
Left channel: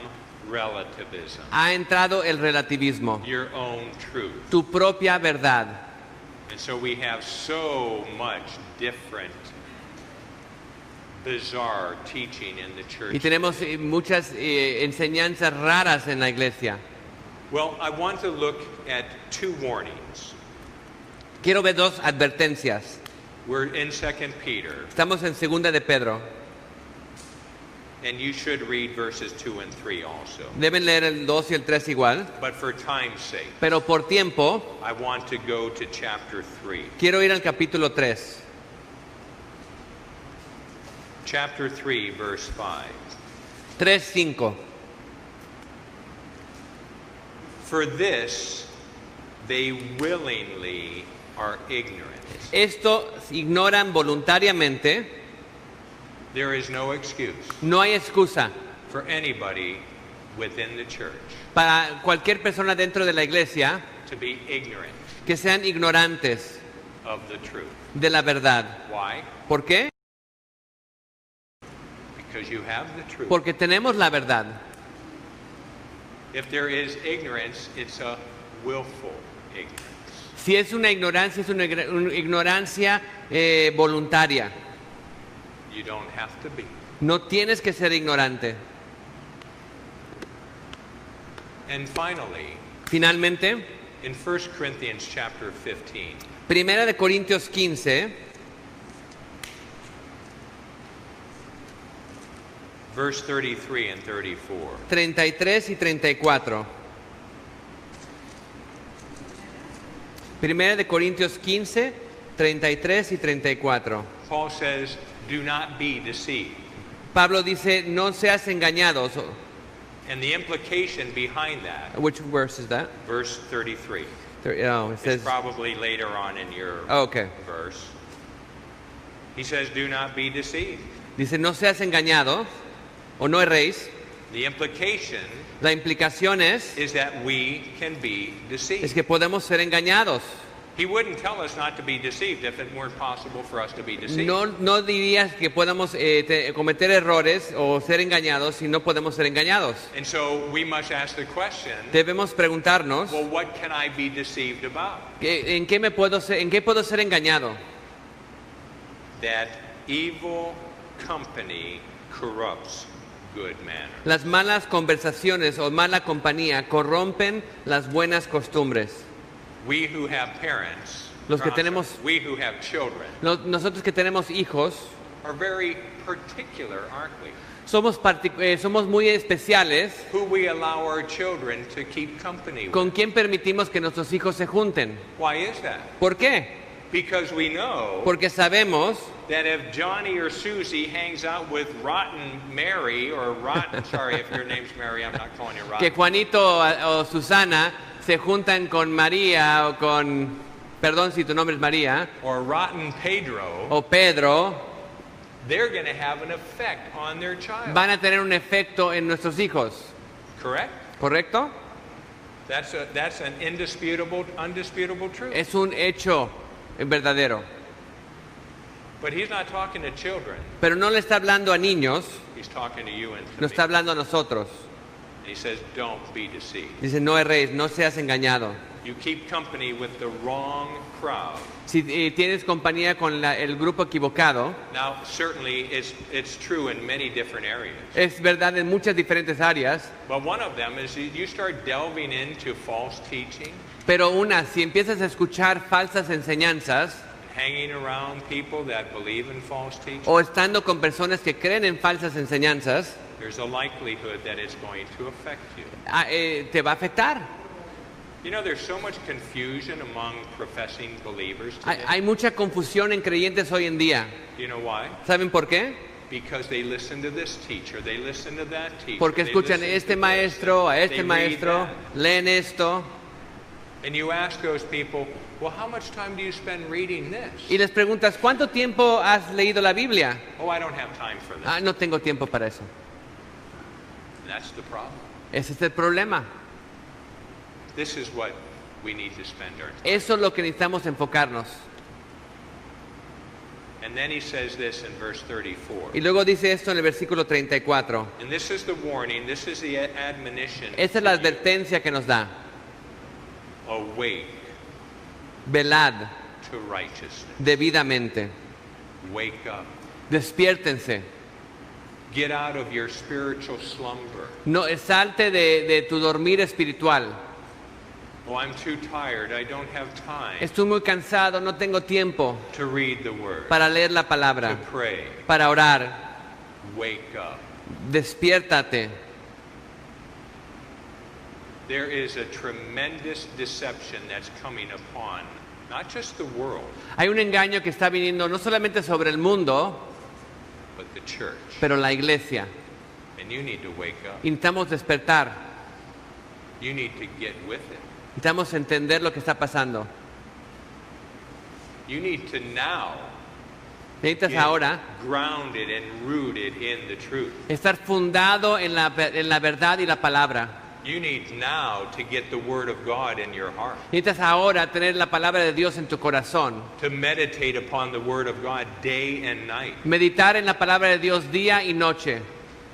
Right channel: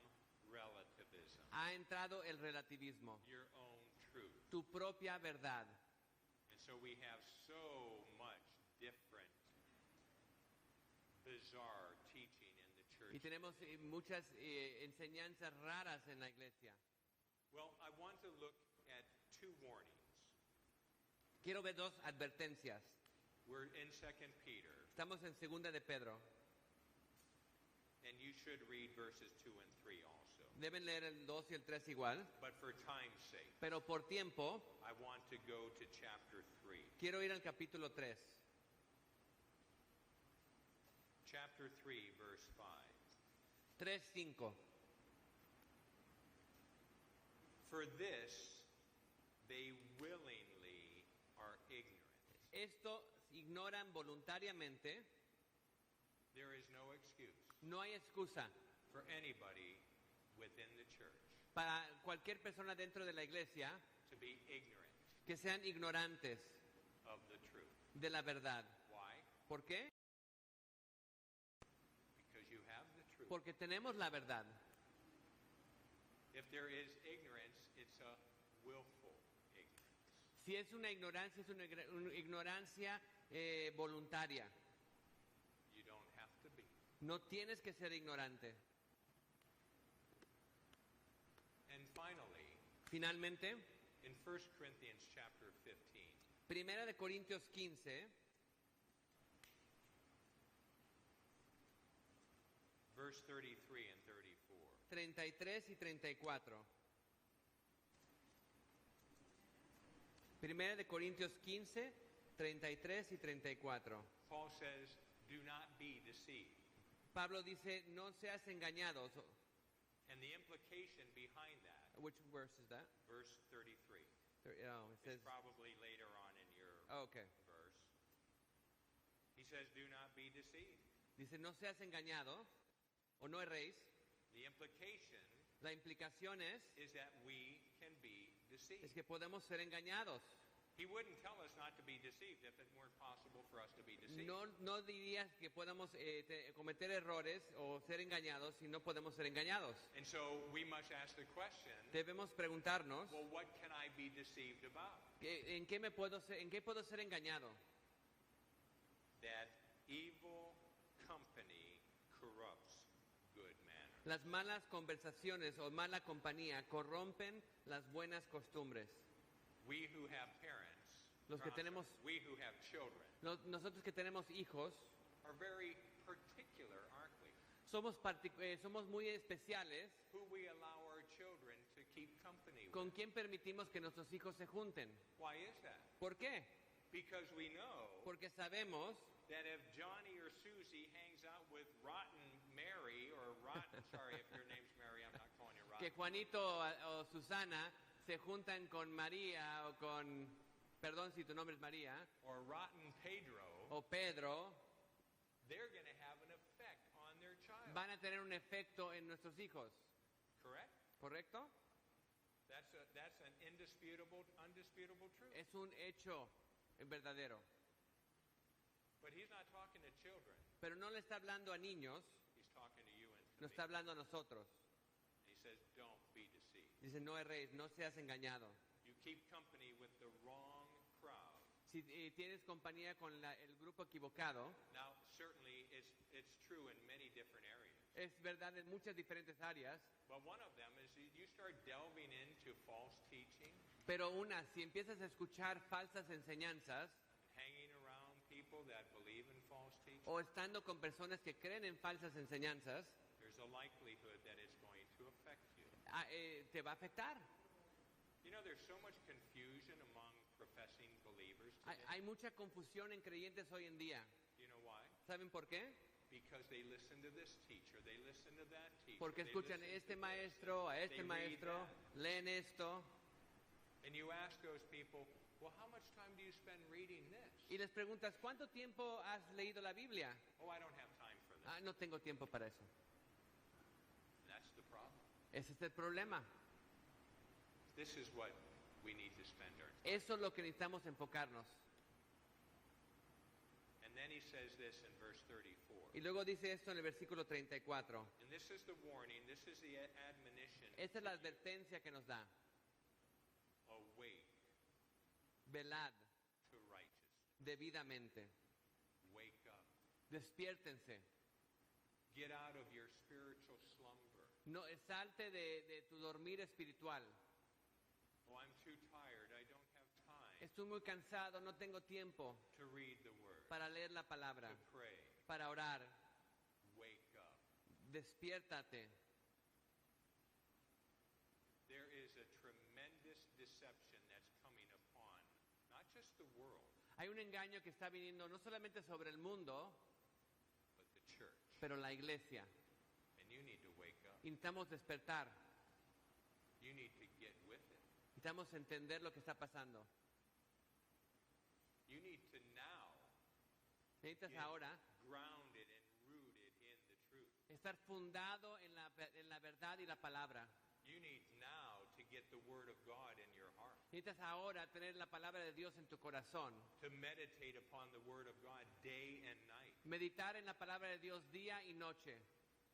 relativism. ha entrado el relativismo, Your own truth. tu propia verdad. And so we have so much different, bizarre teaching in the church. Y tenemos muchas enseñanzas raras en la iglesia. Well, I want to look at 2 warnings. Quiero ver 2 advertencias. We're in 2 Peter, Estamos en segunda de Pedro. and you should read verses 2 and 3 also. Deben leer el 2 y el 3 igual. But for time's sake, Pero por tiempo, I want to go to chapter 3. quiero ir al capítulo 3. chapter 3, verse 5. 3:5. For this they willingly are ignorant. Esto ignoran voluntariamente. There is no excuse No hay excusa for anybody within the church para cualquier persona dentro de la iglesia to be ignorant que sean ignorantes of the truth. de la verdad. Why? ¿Por qué? Because you have the truth. Porque tenemos la verdad. If there is ignorance, it's a willful ignorance. Si es una ignorancia, es una ignorancia voluntaria. You don't have to be. No tienes que ser ignorante. And finally, Finalmente, in 1 Corinthians chapter 15, Primera de Corintios 15, verse 33 and 34. 33 y 34. Primera de Corintios 15, 33 y 34. Paul says, do not be deceived. Pablo dice, no seas engañados. And the implication behind that, Which verse is that? verse 33, Oh, it says, is probably later on in your oh, okay. verse. He says, do not be deceived. Dice, no seas engañados o no erréis. The implication La implicación is that we can be es deceived. que podemos ser engañados. He wouldn't tell us not to be deceived if it weren't possible for us to be deceived. No dirías que podamos cometer errores o ser engañados si no podemos ser engañados. And so we must ask the question, Debemos preguntarnos, well, what can I be deceived about? ¿en qué puedo ser engañado? That evil company corrupts good manners. Las malas conversaciones o mala compañía corrompen las buenas costumbres. We who have parents, Los que or, I'm tenemos- sorry, we who have children Nosotros que tenemos hijos are very particular, aren't we? somos muy especiales Who we allow our children to keep company with. con quién permitimos que nuestros hijos se junten. Why is that? ¿Por qué? Because we know Porque sabemos that if Johnny or Susie hangs out with rotten Mary or rotten, sorry if your name's Mary, I'm not calling you que rotten. Juanito o Susana se juntan con María o con, perdón si tu nombre es María, Or rotten Pedro, o Pedro, they're going to have an effect on their child. van a tener un efecto en nuestros hijos. Correct? ¿Correcto? That's an undisputable truth. Es un hecho verdadero. But he's not talking to children. Pero no le está hablando a niños, He's talking to you and to nos me. está hablando a nosotros. He says, don't be deceived. Dice, no erréis, no seas engañado. You keep company with the wrong crowd. Si tienes compañía con el grupo equivocado, Now, certainly it's true in many different areas. es verdad en muchas diferentes áreas, But one of them is you start delving into false teaching, pero si empiezas a escuchar falsas enseñanzas, hanging around people that believe in false teaching, o estando con personas que creen en falsas enseñanzas, there's a likelihood that it's going to affect you. te va a afectar. You know, there's so much confusion among professing believers today. Hay mucha confusión en creyentes hoy en día. You know why? ¿Saben por qué? Because they listen to this teacher, they listen to that teacher. Porque they escuchan listen a este to this, maestro, a they este read maestro, that. leen esto, And you ask those people, well, how much time do you spend reading this? y les preguntas, ¿cuánto tiempo has leído la Biblia? Oh, I don't have time for that. No tengo tiempo para eso. That's the problem. Ese es el problema. This is what we need to spend our time. Eso es lo que necesitamos enfocarnos. And then he says this in verse 34. Y luego dice esto en el versículo 34. And this is the warning, this is the admonition. Esa es la advertencia que nos da. Awake Velad to righteousness. debidamente. Wake up. Despiértense. Get out of your spiritual slumber. No, salte de tu dormir espiritual. Oh, I'm too tired. I don't have time Estoy muy cansado, no tengo tiempo to read the word, para leer la to palabra, pray. para orar. Wake up. Despiértate. There is a tremendous deception that's coming upon not just the world, Hay un engaño que está viniendo no solamente sobre el mundo, but the church. pero la iglesia. And you need to wake up. Y necesitamos despertar, You need to get with it. necesitamos entender lo que está pasando. You need to now Necesitas get ahora grounded and rooted in the truth. estar fundado en la verdad y la palabra. You need now to get the Word of God in your heart. Necesitas ahora tener la palabra de Dios en tu corazón. To meditate upon the Word of God day and night. Meditar en la palabra de Dios día y noche.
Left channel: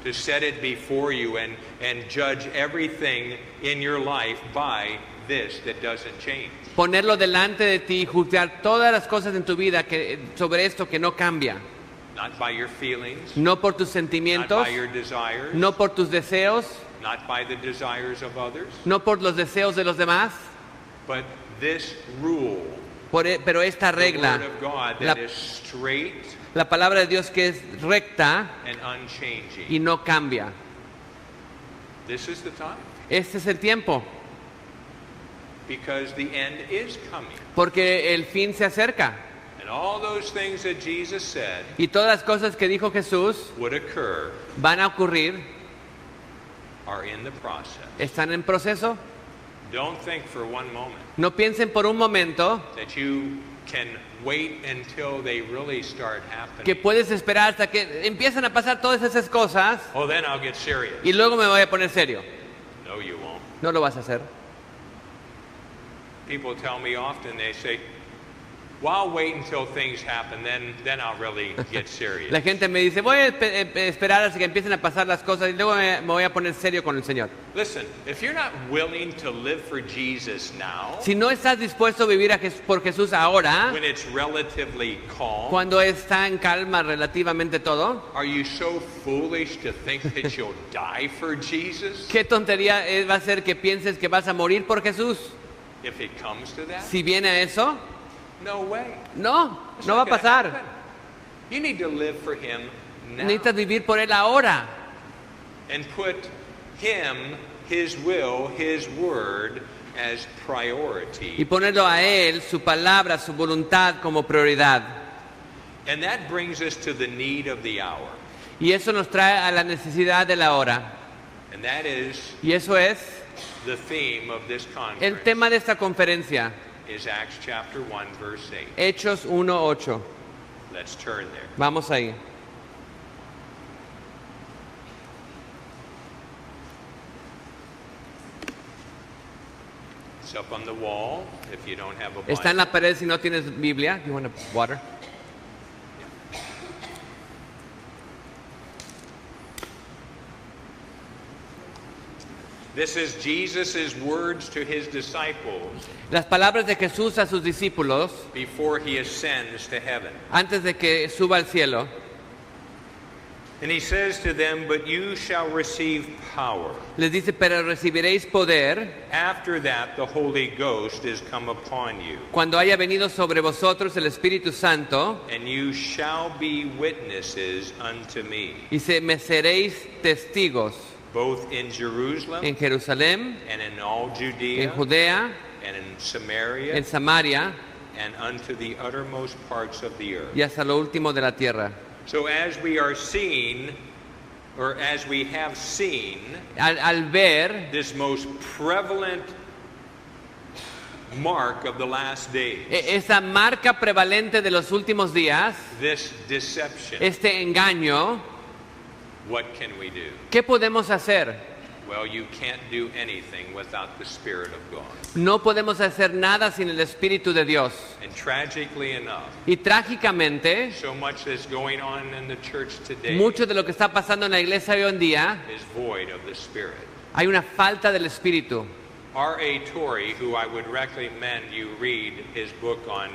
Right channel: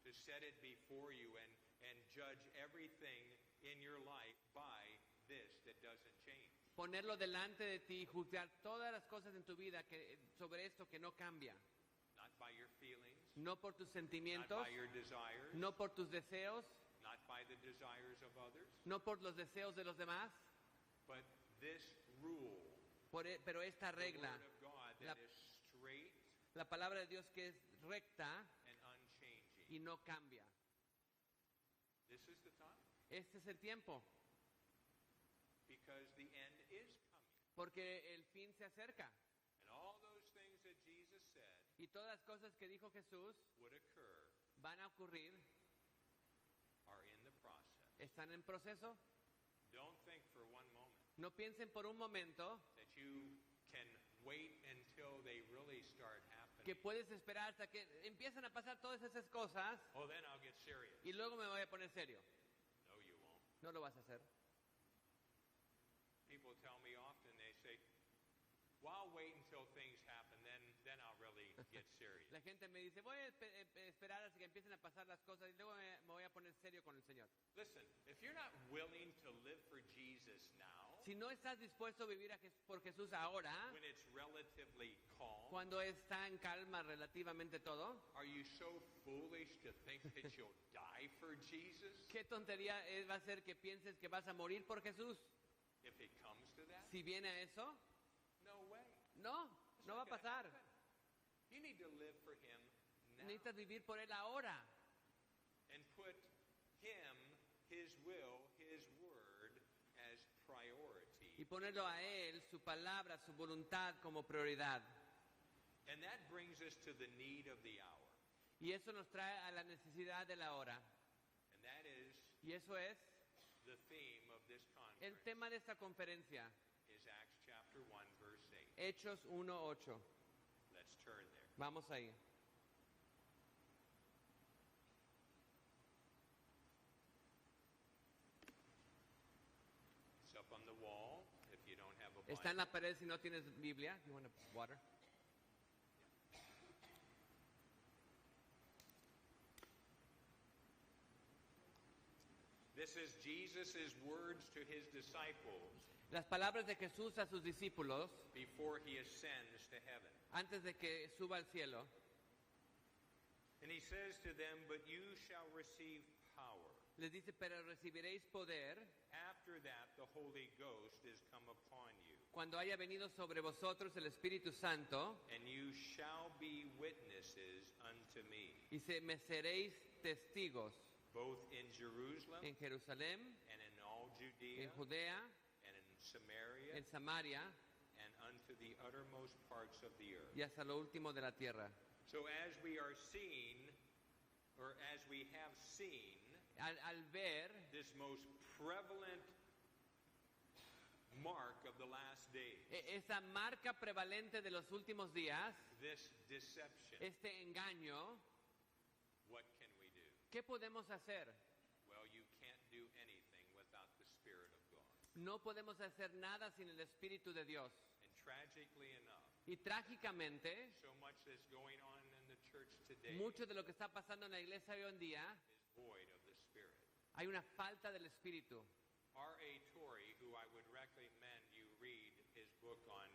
To set it before you and judge everything in your life by this that doesn't change. Ponerlo delante de ti y juzgar todas las cosas en tu vida sobre esto que no cambia. Not by your feelings, No por tus not sentimientos, by your desires, no por tus deseos, not by the desires of others, no por los deseos de los demás, but this rule, pero esta the regla, Word of God la, that is straight la palabra de Dios que es recta and unchanging. y no cambia. This is the time, Este es el tiempo, because the end is coming. porque el fin se acerca. And all those things that Jesus said Y todas las cosas que dijo Jesús would occur van a ocurrir, are in the process. están en proceso. Don't think for one moment No piensen por un momento that you can wait until they really start que happening. puedes esperar hasta que empiezan a pasar todas esas cosas Oh, then I'll get serious. y luego me voy a poner serio. No, you won't. No lo vas a hacer. People tell me often, they say, well, I'll wait until things happen, then I'll really get serious. La gente me dice, voy a esperar hasta que empiecen a pasar las cosas y luego me voy a poner serio con el Señor. Listen, if you're not willing to live for Jesus now, Si no estás dispuesto a vivir por Jesús ahora, when it's relatively calm, cuando está en calma relativamente todo, are you so foolish to think that you'll die for Jesus? ¿qué tontería va a ser que pienses que vas a morir por Jesús? If it comes to that, Si viene a eso, no way. no, It's no va a not gonna pasar. happen. You need to live for Him now Necesitas vivir por Él ahora and put Him, His will, His word as y priority. ponerlo a Él, su palabra, su voluntad como prioridad. And that brings us to the need of the hour. Y eso nos trae a la necesidad de la hora. And that is Y eso es the theme of this el conference. tema de esta conferencia, Is Acts chapter 1 verse 8. Hechos 1:8. Let's turn there. Vamos ahí. It's up on the wall if you don't have a Está en Bible. la pared si no tienes Biblia. You want water? This is Jesus' words to his disciples Las palabras de Jesús a sus discípulos before he ascends to heaven. antes de que suba al cielo. And he says to them, "But you shall receive power. Les dice, pero recibiréis poder After that, the Holy Ghost is come upon you, cuando haya venido sobre vosotros el Espíritu Santo and you shall be witnesses unto me, y me seréis testigos both in Jerusalem en Jerusalén, and in all Judea en Judea, and in Samaria en Samaria and unto the uttermost parts of the earth." y hasta lo último de la tierra. So as we are seeing, or as we have seen, Al ver this most prevalent mark of the last days, esa marca prevalente de los últimos días, this deception, este engaño, what can we do? ¿qué podemos hacer? Well, you can't do anything without the Spirit of God. No podemos hacer nada sin el Espíritu de Dios. And tragically enough, Y trágicamente, so much that's going on in the church today mucho de lo que está pasando en la iglesia hoy en día, is void of the Spirit. hay una falta del Espíritu. R.A. Torrey, who I would recommend you read his book on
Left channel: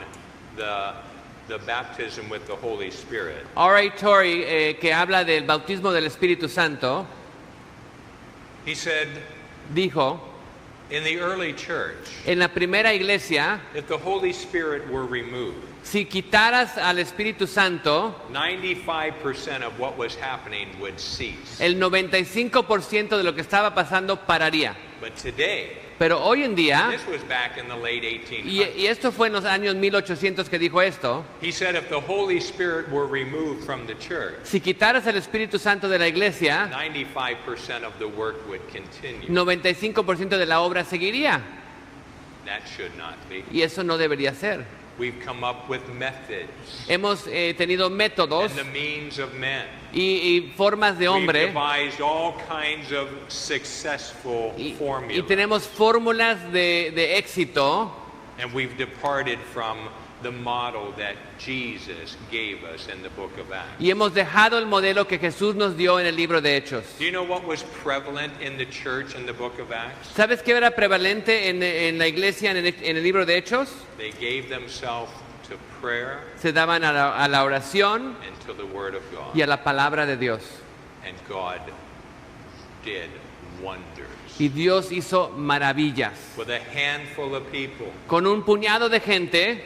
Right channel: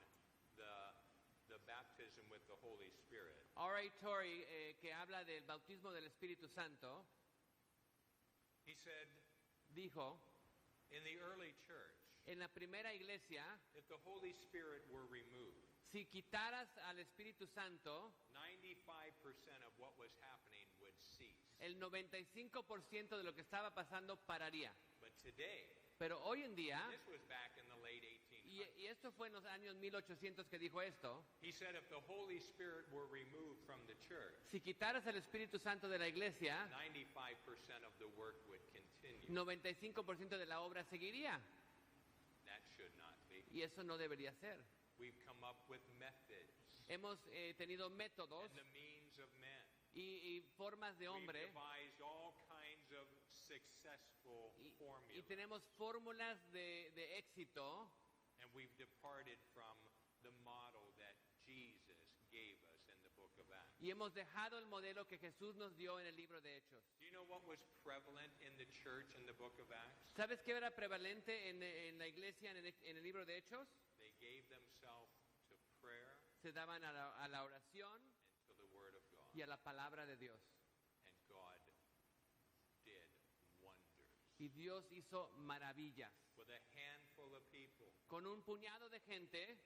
the baptism with the Holy Spirit. R.A. Torrey, que habla del bautismo del Espíritu Santo, He said, dijo, in the early church, en la primera iglesia, if the Holy Spirit were removed, si quitaras al Espíritu Santo, 95% of what was happening would cease. el 95% de lo que estaba pasando pararía. But today, Pero hoy en día, this was back in the late y 1800s. esto fue en los años 1800 que dijo esto, He said if the Holy Spirit were removed from the church, si quitaras el Espíritu Santo de la iglesia, 95% of the work would continue. 95% de la obra seguiría. That should not be. Y eso no debería ser. We've come up with methods Hemos tenido métodos and the means of men. y formas de We've hombre devised all kinds of successful y formulas. tenemos fórmulas de éxito And we've departed from the model that Jesus gave us in the book of Acts. y hemos dejado el modelo que Jesús nos dio en el libro de Hechos. Do you know what was prevalent in the church in the book of Acts? ¿Sabes qué era prevalente en la iglesia en el libro de Hechos? They gave themselves to prayer Se daban a la oración and to the word of God. y a la palabra de Dios. And God did wonders. Y Dios hizo maravillas. With a handful of people, Con un puñado de gente,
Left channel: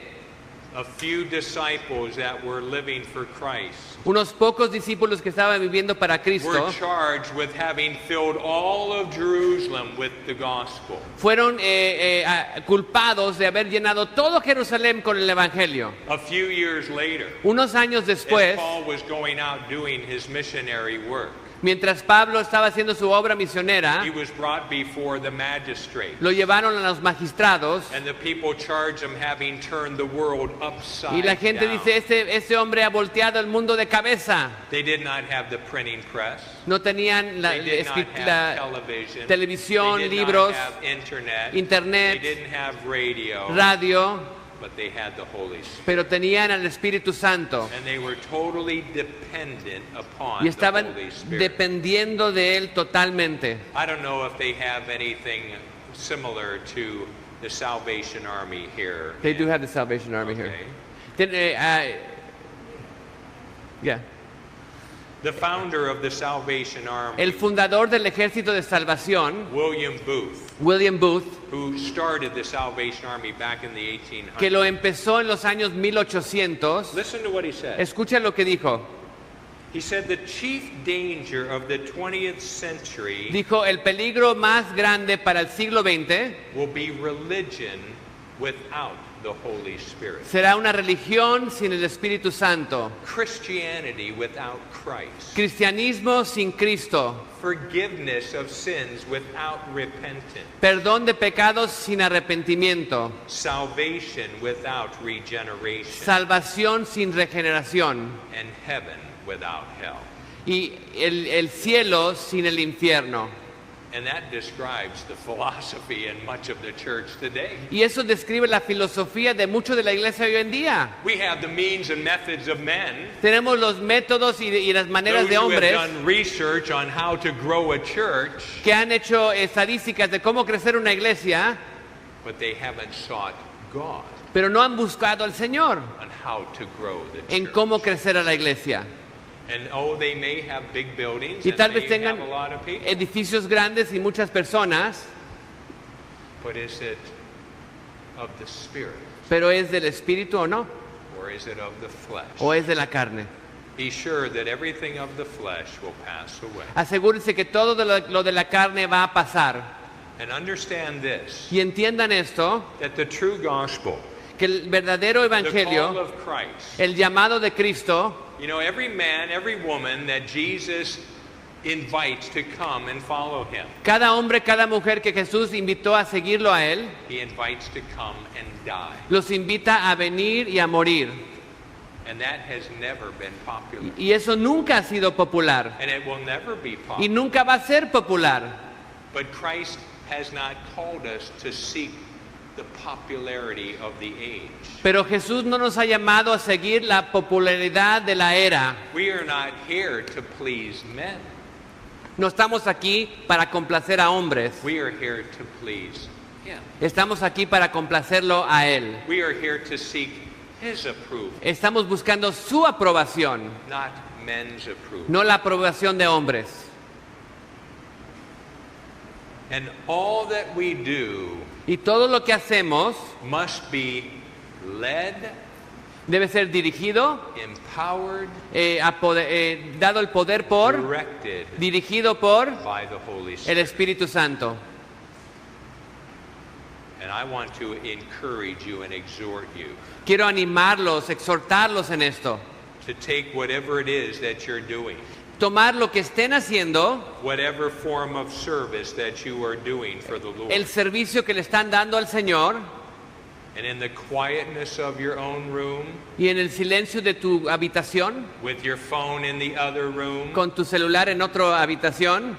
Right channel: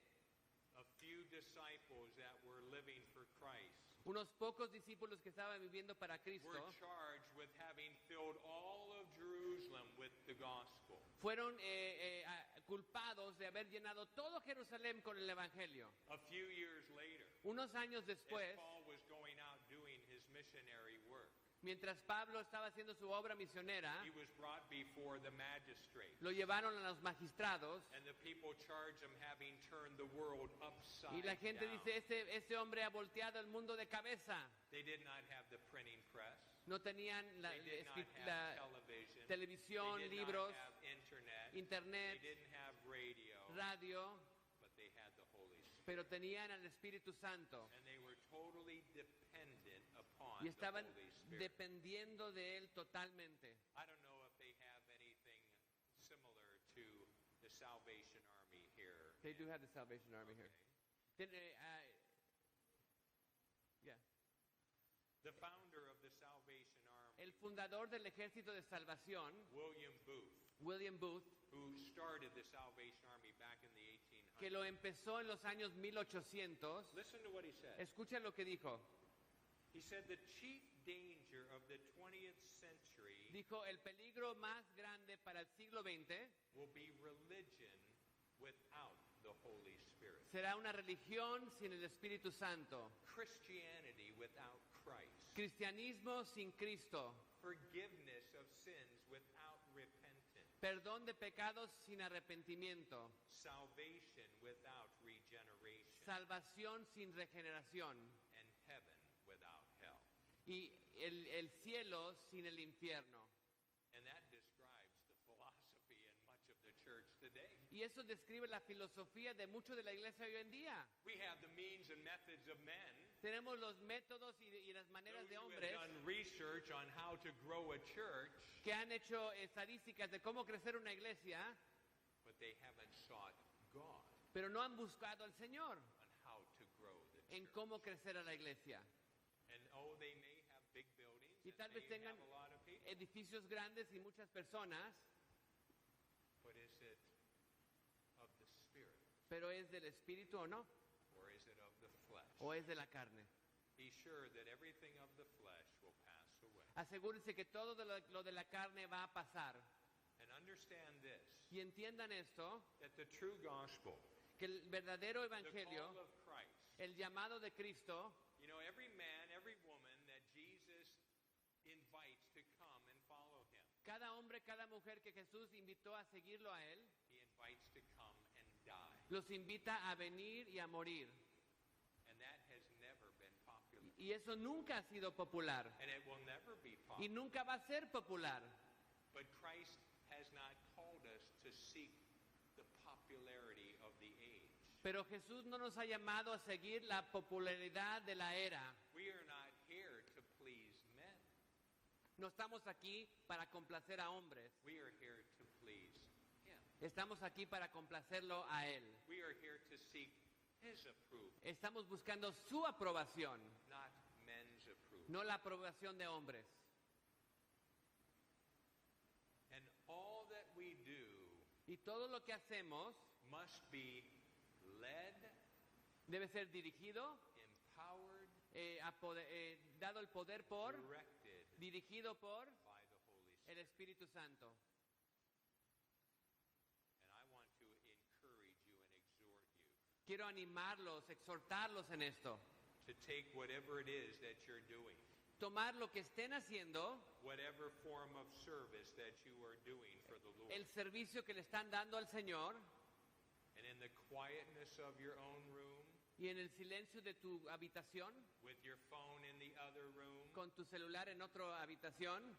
a few disciples that were living for Christ, unos pocos discípulos que estaban viviendo para were Cristo, charged with having filled all of Jerusalem with the gospel. fueron culpados de haber llenado todo Jerusalén con el Evangelio. A few years later, Unos años as después, Paul was going out doing his missionary work, mientras Pablo estaba haciendo su obra misionera, he was brought before the magistrate. lo llevaron a los magistrados And the people charged him having turned the world upside y la gente down. dice, este hombre ha volteado el mundo de cabeza. They did not have the printing press. No tenían They did not have la television. televisión, They did libros, not have internet. internet, They didn't have radio. radio, But they had the Holy Spirit. pero tenían al Espíritu Santo And they were totally dependent upon y the estaban Holy Spirit. dependiendo de Él totalmente. I don't know if they have anything similar to the Salvation Army here. They do have the Salvation Army here. Yeah. The founder of the Salvation Army, El fundador del Ejército de Salvación, William Booth, William Booth, who started the Salvation Army back in the 1800s. que lo empezó en los años 1800, Listen to what he said. escucha lo que dijo. He said the chief danger of the 20th century Dijo, el peligro más grande para el siglo XX will be religion without the Holy Spirit. será una religión sin el Espíritu Santo, Christianity without Christ. cristianismo sin Cristo, Forgiveness of sins without repentance. perdón de pecados sin arrepentimiento, Salvation without regeneration. salvación sin regeneración And heaven without hell. y el cielo sin el infierno. And that describes the philosophy in much of the church today. Y eso describe la filosofía de mucho de la iglesia hoy en día. We have the means and methods of men. Tenemos los métodos y las maneras Those de who have hombres done research on how to grow a church, que han hecho estadísticas de cómo crecer una iglesia, but they haven't sought God pero no han buscado al Señor on how to grow the en church. cómo crecer a la iglesia. And oh, they may have big buildings Y and tal vez may tengan have a lot of people, edificios grandes y muchas personas, but is it of the Spirit pero ¿es del Espíritu o no? or is it of the flesh? ¿O es de la carne? Be sure that everything of the flesh will pass away. Asegúrense que todo lo de la carne va a pasar. And understand this, Y entiendan esto, that the true gospel, que el verdadero the call evangelio, of Christ, el llamado de Cristo, you know, every man, every woman that Jesus invites to come and follow him, cada hombre, cada mujer que Jesús invitó a seguirlo a Él, he invites to come and die. los invita a venir y a morir. And that has never been popular. Y eso nunca ha sido popular. And it will never be Y popular. nunca va a ser popular. But Christ has not called us to seek the popularity of the age. Pero Jesús no nos ha llamado a seguir la popularidad de la era. We are not here to please men. No estamos aquí para complacer a hombres. We are here to please him. Estamos aquí para complacerlo a Él. We are here to seek his approval, Estamos buscando su aprobación, not men's approval. no la aprobación de hombres. And all that we do Y todo lo que hacemos must be led, debe ser dirigido, empowered, dado el poder por, directed dirigido por by the Holy el Spirit. Espíritu Santo. And I want to encourage you and exhort you Quiero animarlos, exhortarlos en esto. to take whatever it is that you're doing, Tomar lo que estén haciendo, whatever form of service that you are doing for the Lord, el servicio que le están dando al Señor, and in the quietness of your own room, y en el silencio de tu habitación, with your phone in the other room, con tu celular en otra habitación,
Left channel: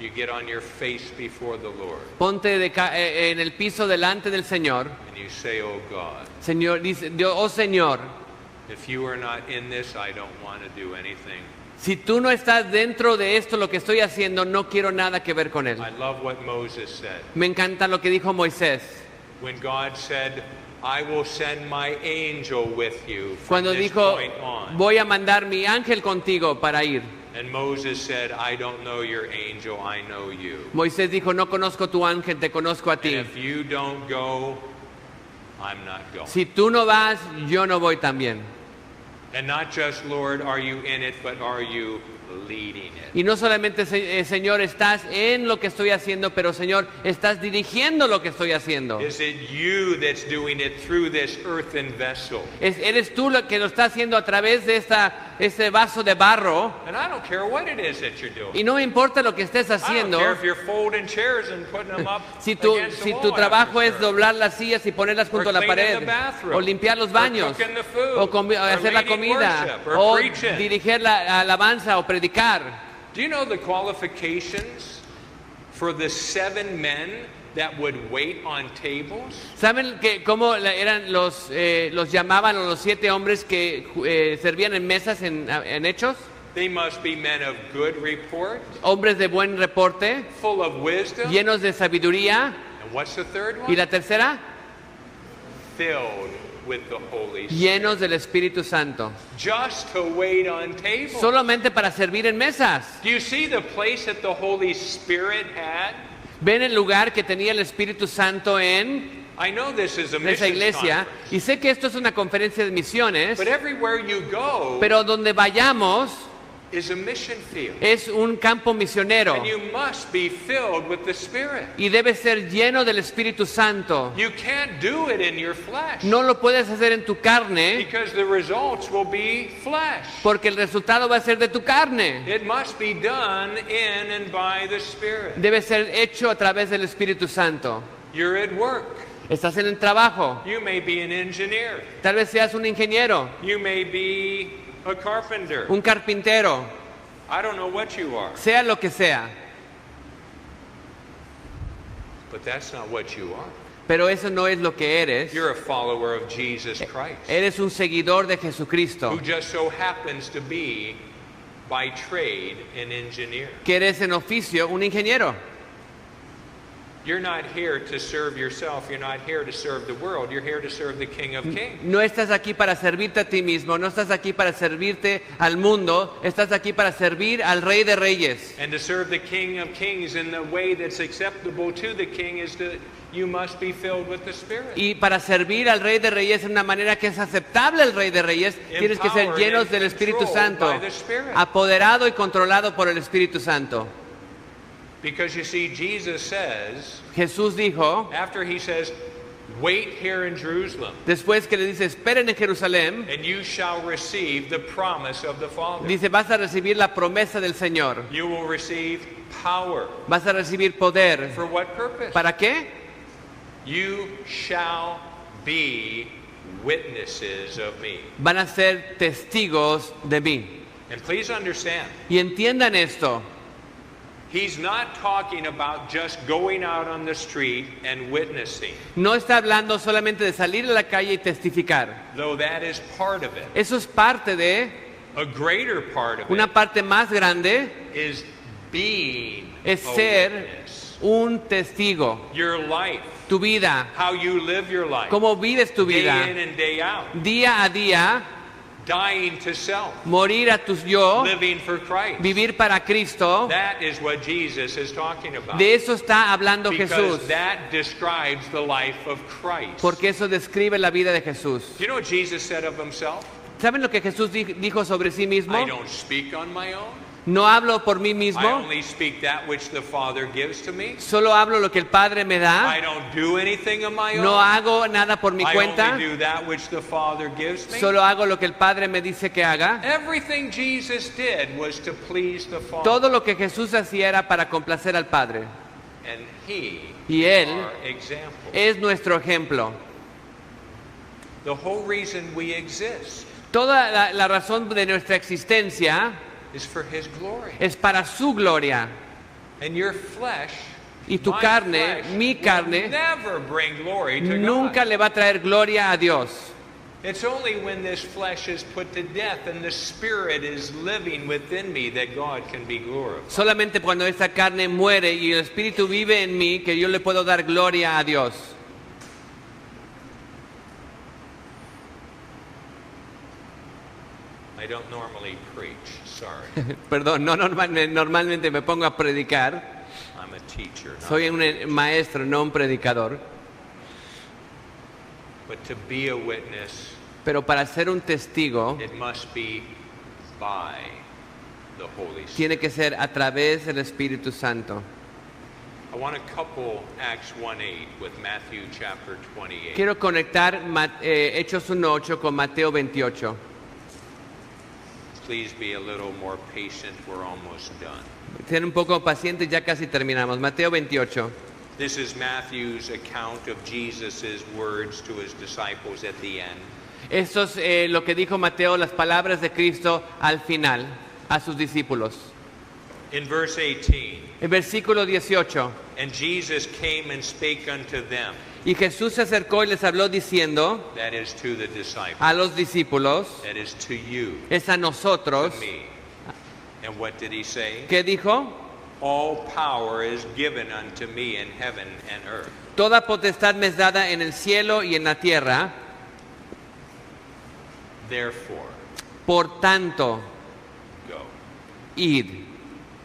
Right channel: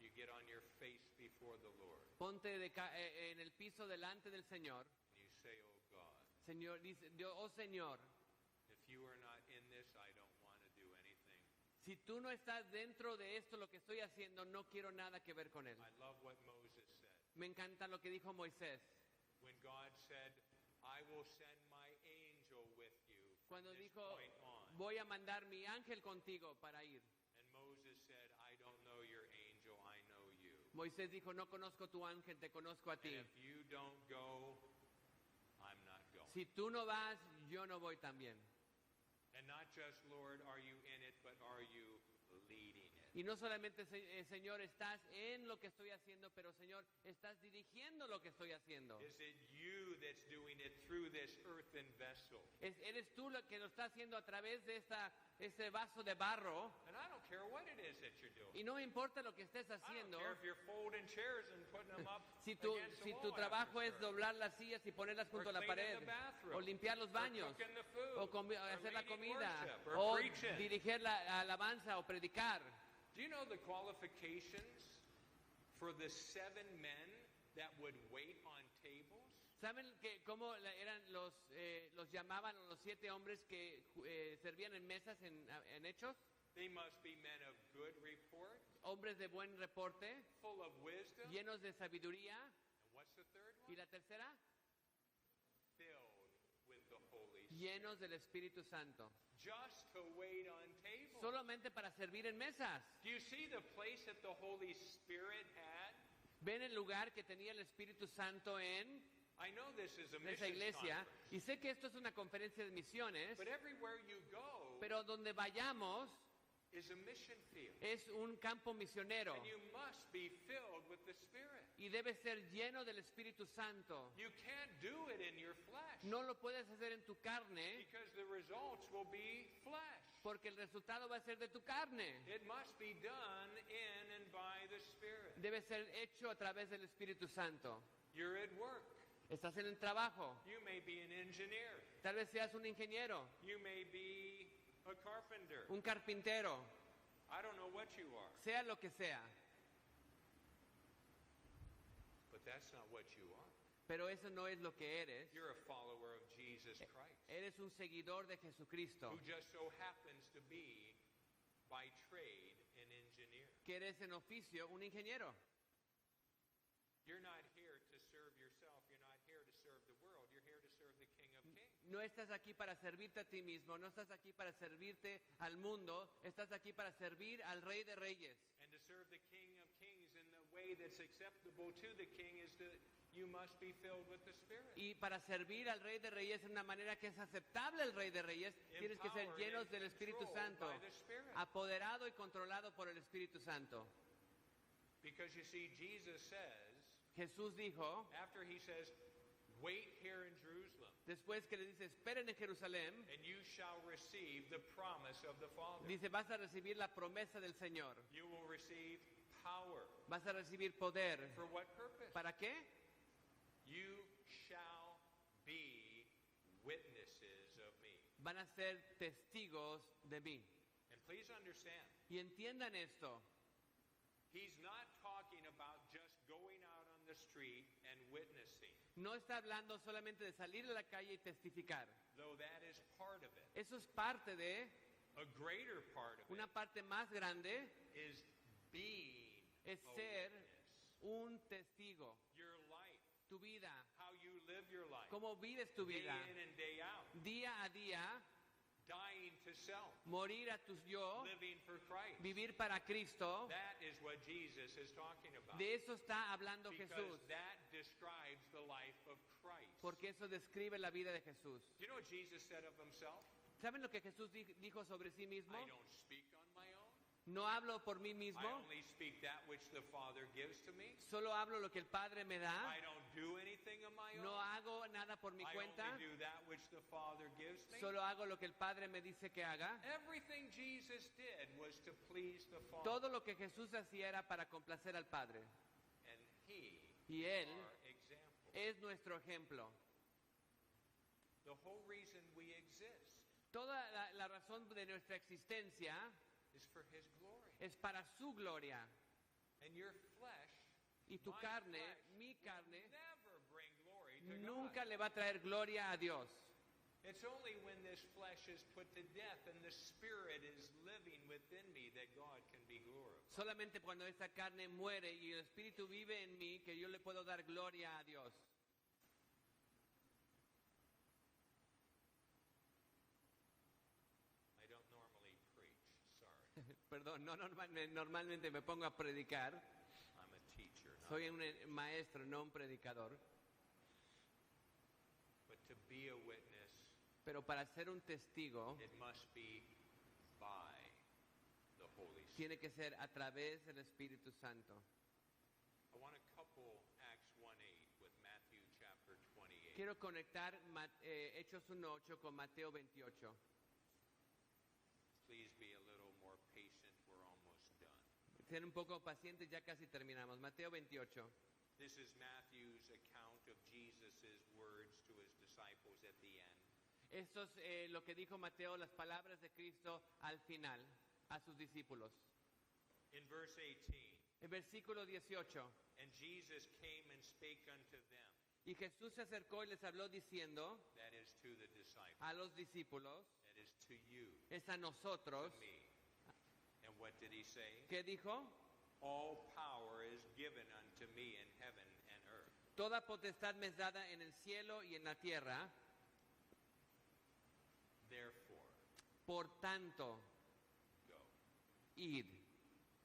you get on your face before the Lord ponte en el piso delante del Señor. and you say, oh God, Señor, dice Dios, oh Señor, if you are not in this, I don't want to do anything. si tú no estás dentro de esto, lo que estoy haciendo, no quiero nada que ver con él. I love what Moses said. Me encanta lo que dijo Moisés. When God said, I will send my angel with you from Cuando this dijo, point on. voy a mandar mi ángel contigo para ir. And Moses said, I don't know your angel, I know you. Moisés dijo, no conozco tu ángel, te conozco a And ti. if you don't go, I'm not going. Si tú no vas, yo no voy también. And not just, Lord, are you in it, but are you leading it? Y no solamente, Señor, estás en lo que estoy haciendo, pero Señor, estás dirigiendo lo que estoy haciendo. Is it you that's doing it through this earthen vessel? Eres tú lo que lo está haciendo a través de este vaso de barro. And I don't care what it is that you're doing. Y no me importa lo que estés I don't haciendo. care if you're folding chairs and putting them up Si against the tu wall trabajo after es service. doblar las sillas y ponerlas junto a la cleaning pared, the bathroom, o limpiar los or baños, cooking the food, o or hacer la leading comida, worship, or o preaching. dirigir la alabanza o predicar. Do you know the qualifications for the 7 men that would wait on tables? ¿Saben cómo eran los llamaban a los 7 hombres que servían en mesas en Hechos? They must be men of good report, Hombres de buen reporte, full of wisdom. llenos de sabiduría. And what's the third Y one? la tercera, Filled with the Holy Spirit. llenos del Espíritu Santo. Just to wait on tables. Solamente para servir en mesas. Do you see the place that the Holy Spirit had? ¿Ven el lugar que tenía el Espíritu Santo en I know this is a esa mission iglesia? conference, Y sé que esto es una conferencia de misiones, but everywhere you go pero donde vayamos is a mission field. es un campo misionero And you must be filled with the Spirit. y debe ser lleno del Espíritu Santo. You can't do it in your flesh No lo puedes hacer en tu carne because the results will be flesh. porque el resultado va a ser de tu carne. It must be done in and by the Spirit. Debe ser hecho a través del Espíritu Santo. You're at work. Estás en el trabajo. You may be an engineer. Tal vez seas un ingeniero, You may be a carpenter. un carpintero, I don't know what you are, sea lo que sea. but that's not what you are. Pero eso no es lo que eres. You're a follower of Jesus Christ, Eres un seguidor de Jesucristo, who just so happens to be, by trade, an engineer. que eres en oficio un ingeniero. You're not here to serve yourself. You're not here to serve the world. You're here to serve the King of Kings. No estás aquí para servirte a ti mismo, no estás aquí para servirte al mundo, estás aquí para servir al Rey de Reyes. And to serve the King of Kings in the way that's acceptable to the King is that you must be filled with the Spirit. Y para servir al Rey de Reyes en una manera que es aceptable al Rey de Reyes, tienes que ser llenos del Espíritu Santo, apoderado y controlado por el Espíritu Santo. Because you see, Jesus says, Jesús dijo, after he says, wait here in Jerusalem, después que le dice, esperen en Jerusalén, and you shall receive the promise of the Father. dice, vas a recibir la promesa del Señor, You will receive power. vas a recibir poder. For what purpose? ¿Para qué? You shall be witnesses of me. Van a ser testigos de mí. And please understand, Y entiendan esto, he's not talking about just going out on the street and witnessing, no está hablando solamente de salir a la calle y testificar. though that is part of it. Eso es parte de, A greater part of una it parte más grande is being es a ser witness. un testigo. Your life, Tu vida, how you live your life, cómo vives tu day vida, in and day out, día a día, dying to self, morir a tu yo, living for Christ. vivir para Cristo. That is what Jesus is talking about. De eso está hablando Because Jesús, that describes the life of Christ. porque eso describe la vida de Jesús. Do you know what Jesus said of himself? ¿Saben lo que Jesús dijo sobre sí mismo? I don't speak on my own. No hablo por mí I mismo, only speak that which the Father gives to me. solo hablo lo que el Padre me da. I don't do anything of my own. No hago nada por mi I cuenta, only do that which the Father gives me. solo hago lo que el Padre me dice que haga. Everything Jesus did was to please the Father. Todo lo que Jesús hacía era para complacer al Padre. And He Y is Él our example. es nuestro ejemplo. The whole reason we exist Toda la razón de nuestra existencia is for His glory. es para su gloria. And your flesh, Y tu my carne, flesh, mi will carne, never bring glory to nunca God. le va a traer gloria a Dios. It's only when this flesh is put to death and the Spirit is living within me that God can be glorified. Solamente cuando esta carne muere y el Espíritu vive en mí, que yo le puedo dar gloria a Dios. I don't normally preach, sorry. Perdón, no normalmente me pongo a predicar. I'm a teacher. Not, Soy un maestro, no un predicador. but to be a witness, Pero para ser un testigo, it must be by the Holy Spirit. tiene que ser a través del Espíritu Santo. I want to couple Acts 1:8 with Matthew chapter 28. Quiero conectar Hechos 1:8 con Mateo 28. Please be a little more patient. We're almost done. Sean un poco pacientes, ya casi terminamos. Mateo 28. This is Matthew's account of Jesus' words to his disciples at the end. Esto es lo que dijo Mateo, las palabras de Cristo al final, a sus discípulos. In verse 18, El versículo 18. and Jesus came and spake unto them, Y Jesús se acercó y les habló diciendo that is to the disciples, a los discípulos, that is to you, es a to nosotros. me. And what did he say? ¿Qué dijo? All power is given unto me in heaven and earth. Toda potestad me es dada en el cielo y en la tierra. Therefore, Por tanto, go. id.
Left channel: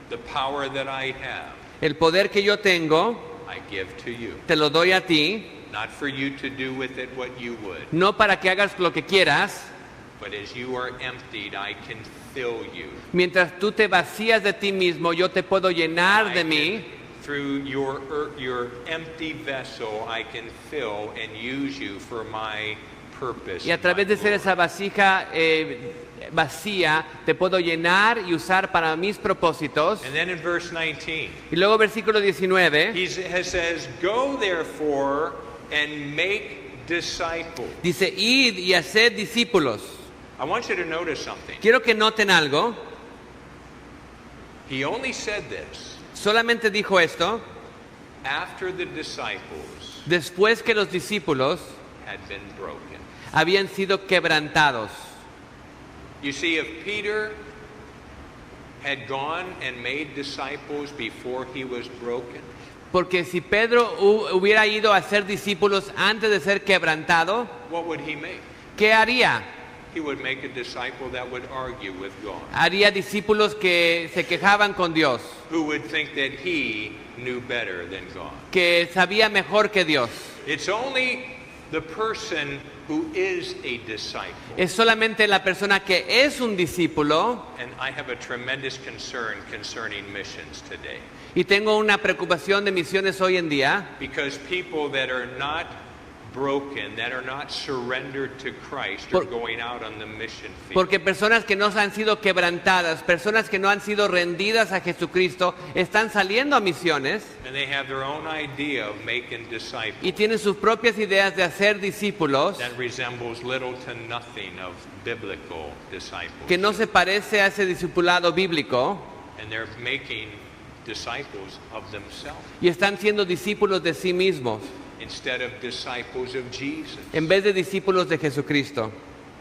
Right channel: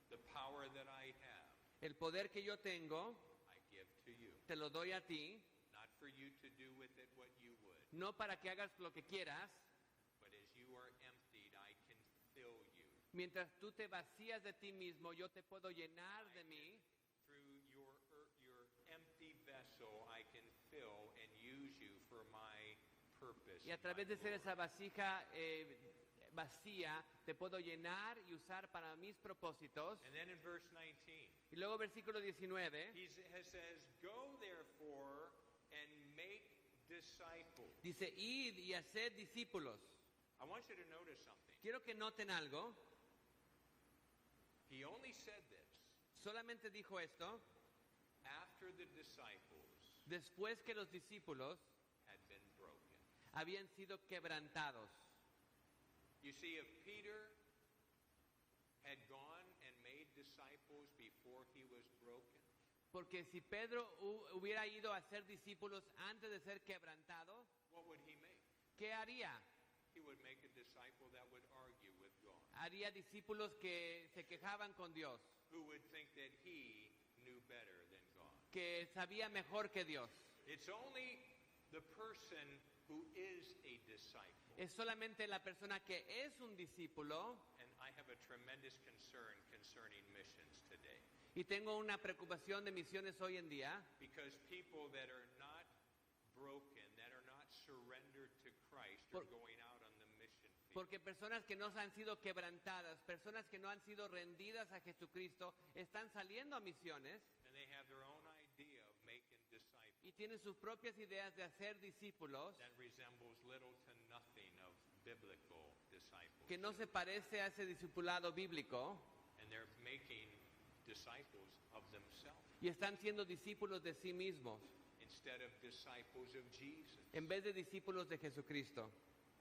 The power that I have, El poder que yo tengo, I give to you. te lo doy a ti, Not for you to do with it what you would, no para que hagas lo que quieras. but as you are emptied, I can fill you. Mientras tú te vacías de ti mismo, yo te puedo llenar I de can- mí. Through your empty vessel, I can fill and use you for my purpose. Y a and través my de ser glory. esa vasija vacía, te puedo llenar y usar para mis propósitos. And then in verse 19, Y luego versículo 19, he says, "Go therefore and make disciples." dice, id y haced discípulos. I want you to notice something. Quiero que noten algo. He only said this Solamente dijo esto after the disciples después que los discípulos had been broken. habían sido quebrantados. You see, if Peter had gone and made disciples before he was broken, Porque si Pedro hubiera ido a ser discípulos antes de ser quebrantado, what would he make? ¿qué haría? He would make a disciple that would argue with God, Haría discípulos que se quejaban con Dios, who would think that he knew better than God. que sabía mejor que Dios. It's only the person who is a disciple. Es solamente la persona que es un discípulo, And I have a tremendous concern concerning missions today. y tengo una preocupación de misiones hoy en día, Because people that are not broken, that are not surrendered to Christ, are going out on the mission field. porque personas que no han sido quebrantadas, personas que no han sido rendidas a Jesucristo, están saliendo a misiones And they have their own idea of making disciples y tienen sus propias ideas de hacer discípulos that resembles little to nothing of biblical disciples. que no se parece a ese discipulado bíblico And they're making disciples of themselves y están siendo discípulos de sí mismos instead of disciples of Jesus. en vez de discípulos de Jesucristo.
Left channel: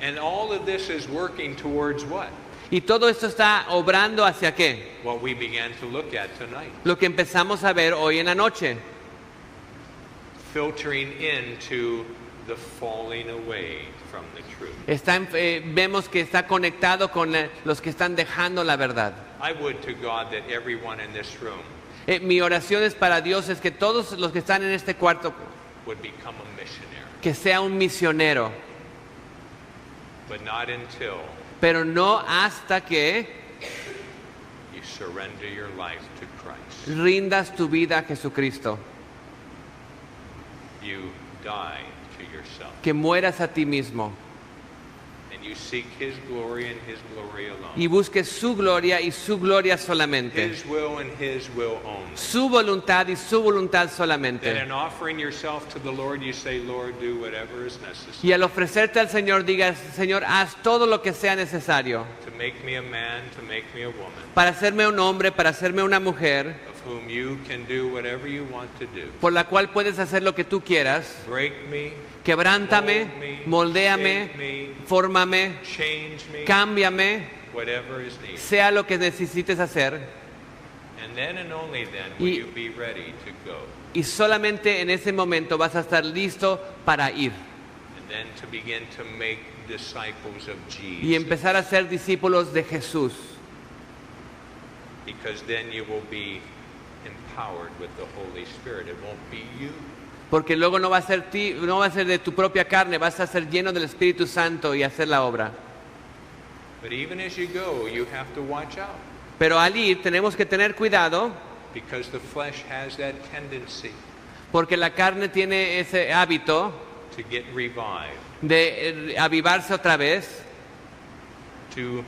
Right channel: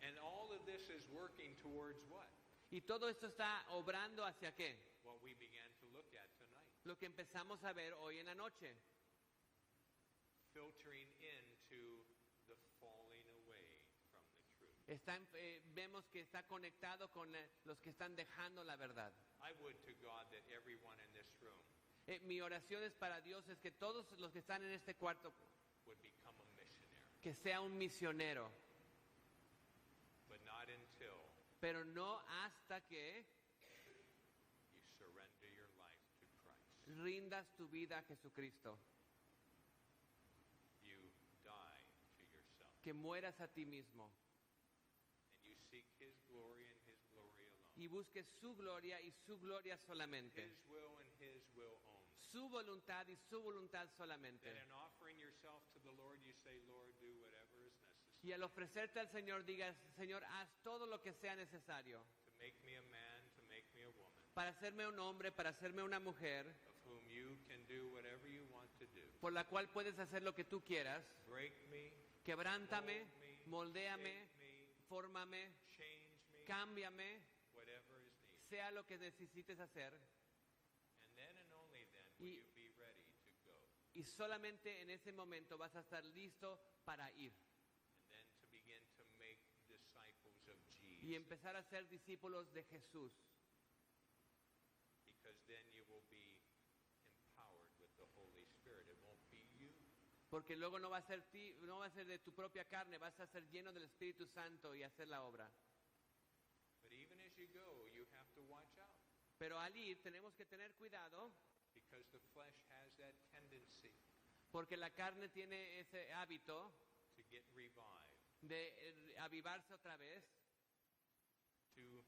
And all of this is working towards what? Y todo esto está obrando hacia qué? What we began to look at tonight. Lo que empezamos a ver hoy en la noche. Filtering into the falling away from the truth. Vemos que está conectado con los que están dejando la verdad. I would to God that everyone in this room Mi oración es para Dios es que todos los que están en este cuarto, would become a missionary, que sea un misionero, but not until pero no hasta que surrender your life to Christ. rindas tu vida a Jesucristo, You die to yourself. que mueras a ti mismo And you seek His glory and His glory alone. y busques su gloria y su gloria solamente, His will and His will only. su voluntad y su voluntad Then solamente. in offering yourself to the Lord, you say, Lord, do whatever is necessary Y al ofrecerte al Señor, digas, Señor, haz todo lo que sea necesario to make me a man, to make me a woman, para hacerme un hombre, para hacerme una mujer, of whom you can do whatever you want to do. por la cual puedes hacer lo que tú quieras. Break me, Quebrántame, mold me, moldéame, shape me, fórmame, change me, cámbiame, whatever is needed. sea lo que necesites hacer. And then and only then will Y- you be ready to go. Y solamente en ese momento vas a estar listo para ir And then to begin to make disciples of y Jesus. empezar a ser discípulos de Jesús. Because then you will be empowered with the Holy Spirit. It won't be you. Porque luego no va a ser no va a ser de tu propia carne, vas a ser lleno del Espíritu Santo y hacer la obra. But even as you go, you have to watch out. Pero al ir tenemos que tener cuidado Because the flesh has that tendency porque la carne tiene ese hábito to get revived, de avivarse otra vez, to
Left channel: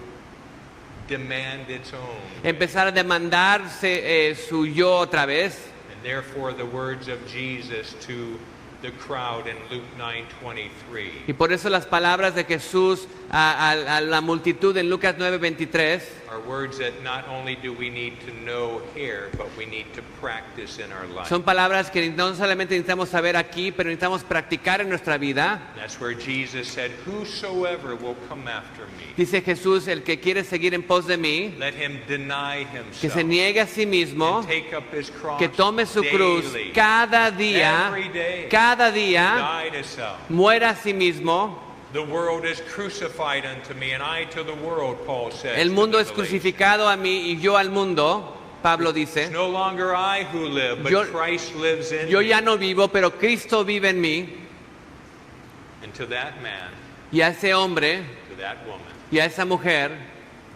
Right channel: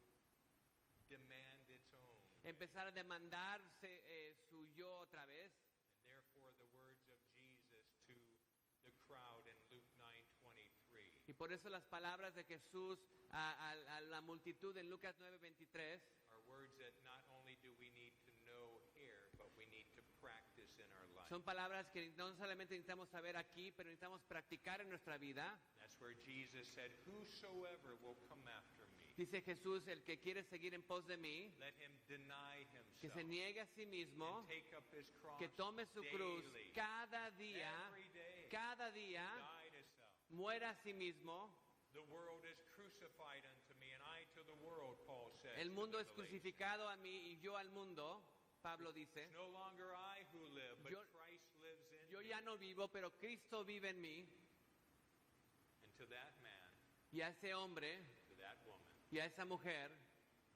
demand its own. empezar a demandarse su yo otra vez. And therefore the words of Jesus to the crowd in Luke 9:23 Y por eso las palabras de Jesús a la multitud en Lucas 9:23 are words that not only do we need to know here, but we need to practice in our life. son palabras que no solamente necesitamos saber aquí, pero necesitamos practicar en nuestra vida. That's where Jesus said, whosoever will come after me, Dice Jesús, el que quiere seguir en pos de mí, let him deny que se himself niegue a sí mismo, and take up his cross que tome su cruz daily. cada día, Every day. cada día, Die to self. muera a sí mismo. The world is crucified unto me, and I to the world, Paul says. El to mundo the es Galatians. crucificado a mí y yo al mundo, Pablo It's dice. no longer I who live, but Yo- Christ lives in Yo me. ya no vivo, pero Cristo vive en mí. And to that man, Y a ese hombre to that woman, y a esa mujer,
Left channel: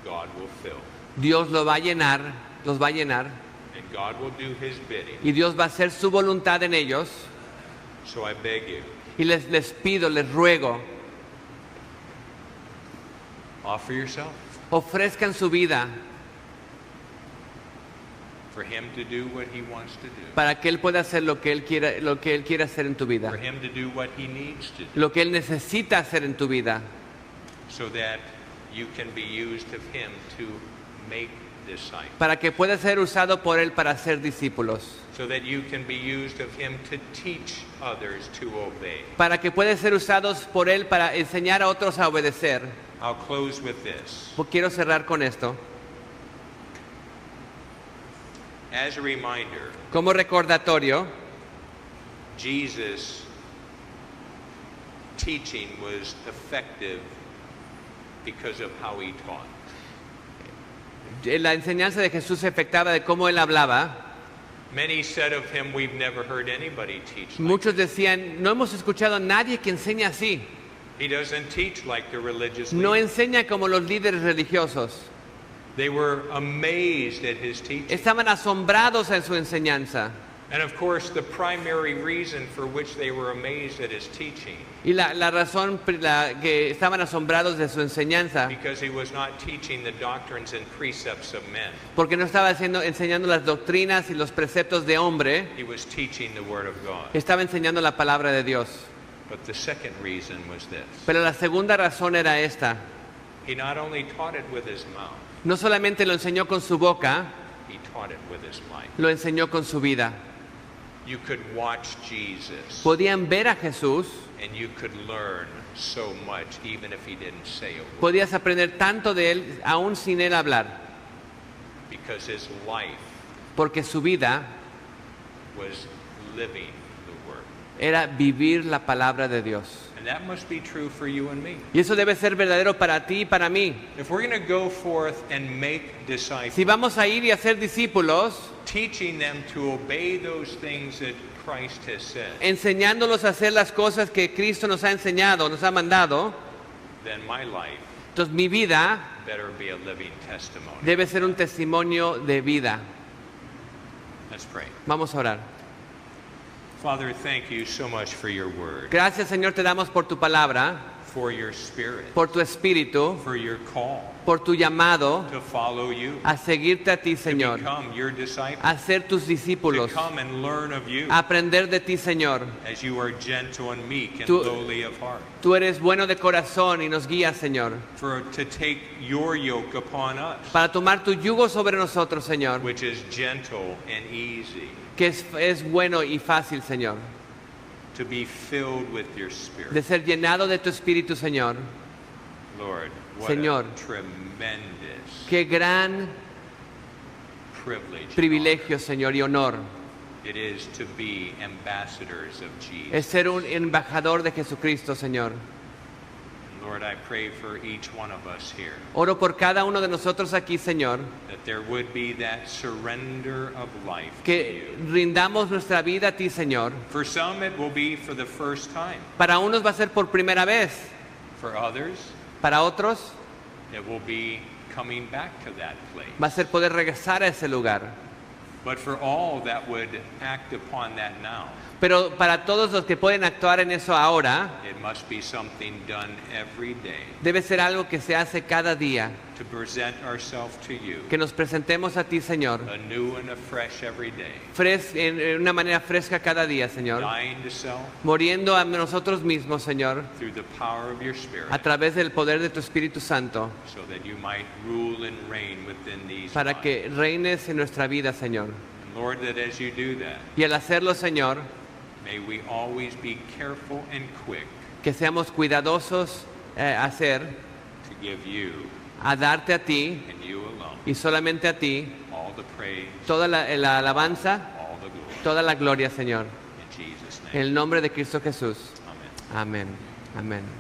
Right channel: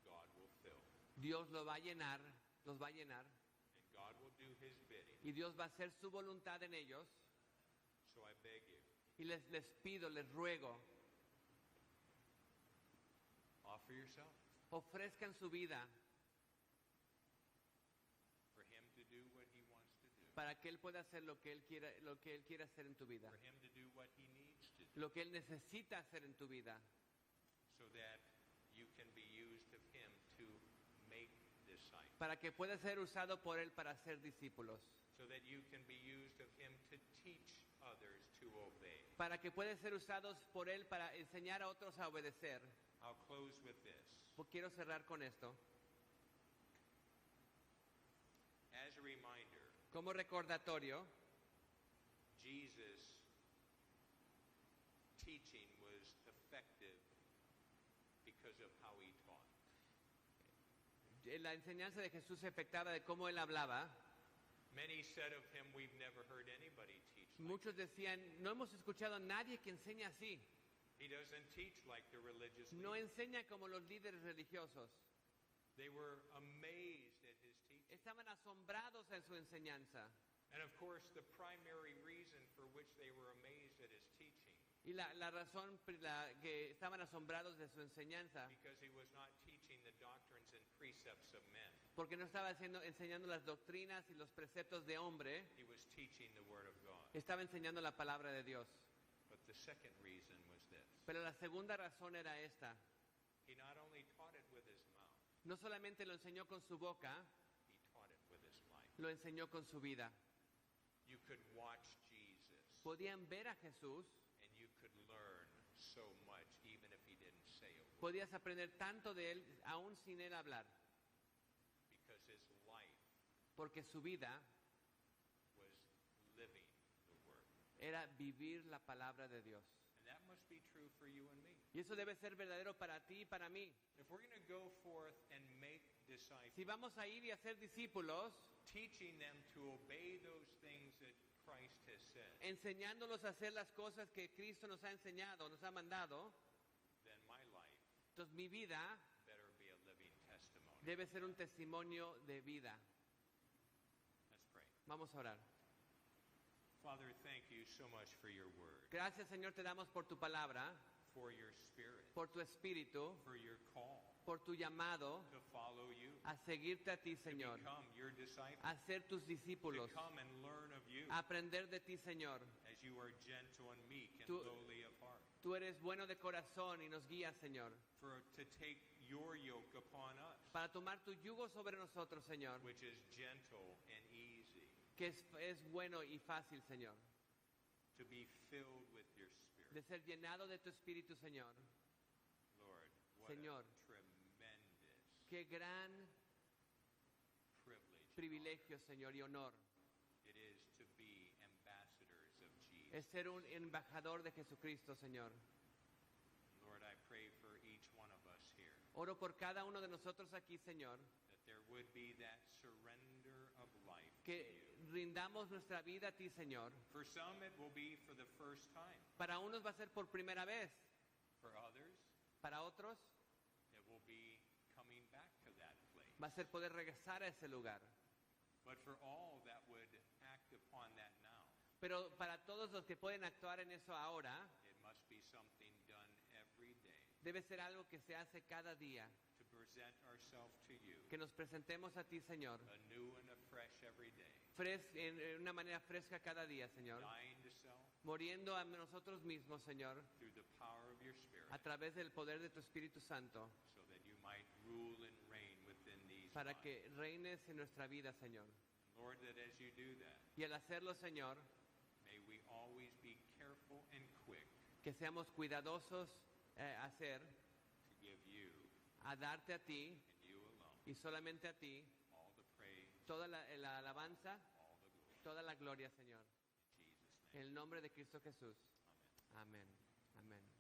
God will fill. Dios lo va a llenar, los va a llenar. And God will do his bidding. Y Dios va a hacer su voluntad en ellos. So I beg you, Y les pido, les ruego, offer yourself ofrezcan su vida for him to do what he wants to do, para que Él pueda hacer lo que Él quiere hacer en tu vida. for him to do what he needs to do, Lo que Él necesita hacer en tu vida. so that you can be used of him to make disciples, Para que pueda ser usado por Él para ser discípulos. so that you can be used of him to teach others to obey. Para que pueda ser usados por Él para enseñar a otros a obedecer. I'll close with this. Quiero cerrar con esto. As a reminder, Como recordatorio, Jesus' teaching was effective because of how he taught. la enseñanza de Jesús se afectaba de cómo Él hablaba. Many said of him, we've never heard anybody teach like Muchos decían, no hemos escuchado a nadie que enseñe así. He doesn't teach like the religious No leaders. enseña como los líderes religiosos. They were amazed at his teaching. Estaban asombrados en su enseñanza. And of course, the primary reason for which they were amazed at his teaching, Y la razón que estaban asombrados de su enseñanza, because he was not teaching the doctrines and precepts of men. porque no estaba enseñando las doctrinas y los preceptos de hombre, He was teaching the Word of God. estaba enseñando la palabra de Dios. But the second reason was this. Pero la segunda razón era esta. He not only taught it with his mouth, No solamente lo enseñó con su boca, he taught it with his life. lo enseñó con su vida. You could watch Jesus Podían ver a Jesús, and you could learn so much even if he didn't say a word, podías aprender tanto de Él aún sin Él hablar, because his life porque su vida was living the Word. era vivir la palabra de Dios. And that must be true for you and me. Y eso debe ser verdadero para ti y para mí. If we're going to go forth and make disciples, Si vamos a ir y a ser discípulos, teaching them to obey those things that Christ has said, enseñándolos a hacer las cosas que Cristo nos ha enseñado, nos ha mandado, then my life entonces mi vida better be a living testimony. Debe ser un testimonio de vida. Let's pray. Vamos a orar. Father, thank you so much for your word, Gracias, Señor, te damos por tu palabra, for your spirit, por tu espíritu, for your call por tu llamado to follow you, a seguirte a ti, to Señor, become your disciple, a ser tus to discípulos, come and learn of you a aprender de ti, Señor. as you are gentle and meek and Tú- lowly of heart, Tú eres bueno de corazón y nos guías, Señor, for to take your yoke upon us, para tomar tu yugo sobre nosotros, Señor, which is gentle and easy, que es bueno y fácil, Señor, to be filled with your spirit. de ser llenado de tu espíritu, Señor. Lord, what Señor, a tremendous Qué gran privilege and privilegio, Señor, y honor honor it is to be ambassadors of Jesus. es ser un embajador de Jesucristo, Señor. Lord, I pray for each one of us here Oro por cada uno de nosotros aquí, Señor, that there would be that surrender of life to que you. rindamos nuestra vida a ti, Señor. For some, it will be for the first time. Para unos va a ser por primera vez, For others, para otros it will be coming back to that place. va a ser poder regresar a ese lugar. But for all that would act upon that now, Pero para todos los que pueden actuar en eso ahora, it must be something done every day debe ser algo que se hace cada día, to present ourselves to you que nos presentemos a ti, Señor, anew and afresh every day, en una manera fresca cada día, Señor, dying to self muriendo a nosotros mismos, Señor, through the power of your Spirit, a través del poder de tu Espíritu Santo, so that you might rule and reign within these para lives. que reines en nuestra vida, Señor. And Lord, that as you do that, Y al hacerlo, Señor, may we always be careful and quick que seamos cuidadosos to give you a darte a ti and you alone y solamente a ti all the praise, toda la alabanza, all the glory. toda la gloria, Señor. In Jesus' En name, el nombre de Cristo Jesús. amen. Amén. Amén.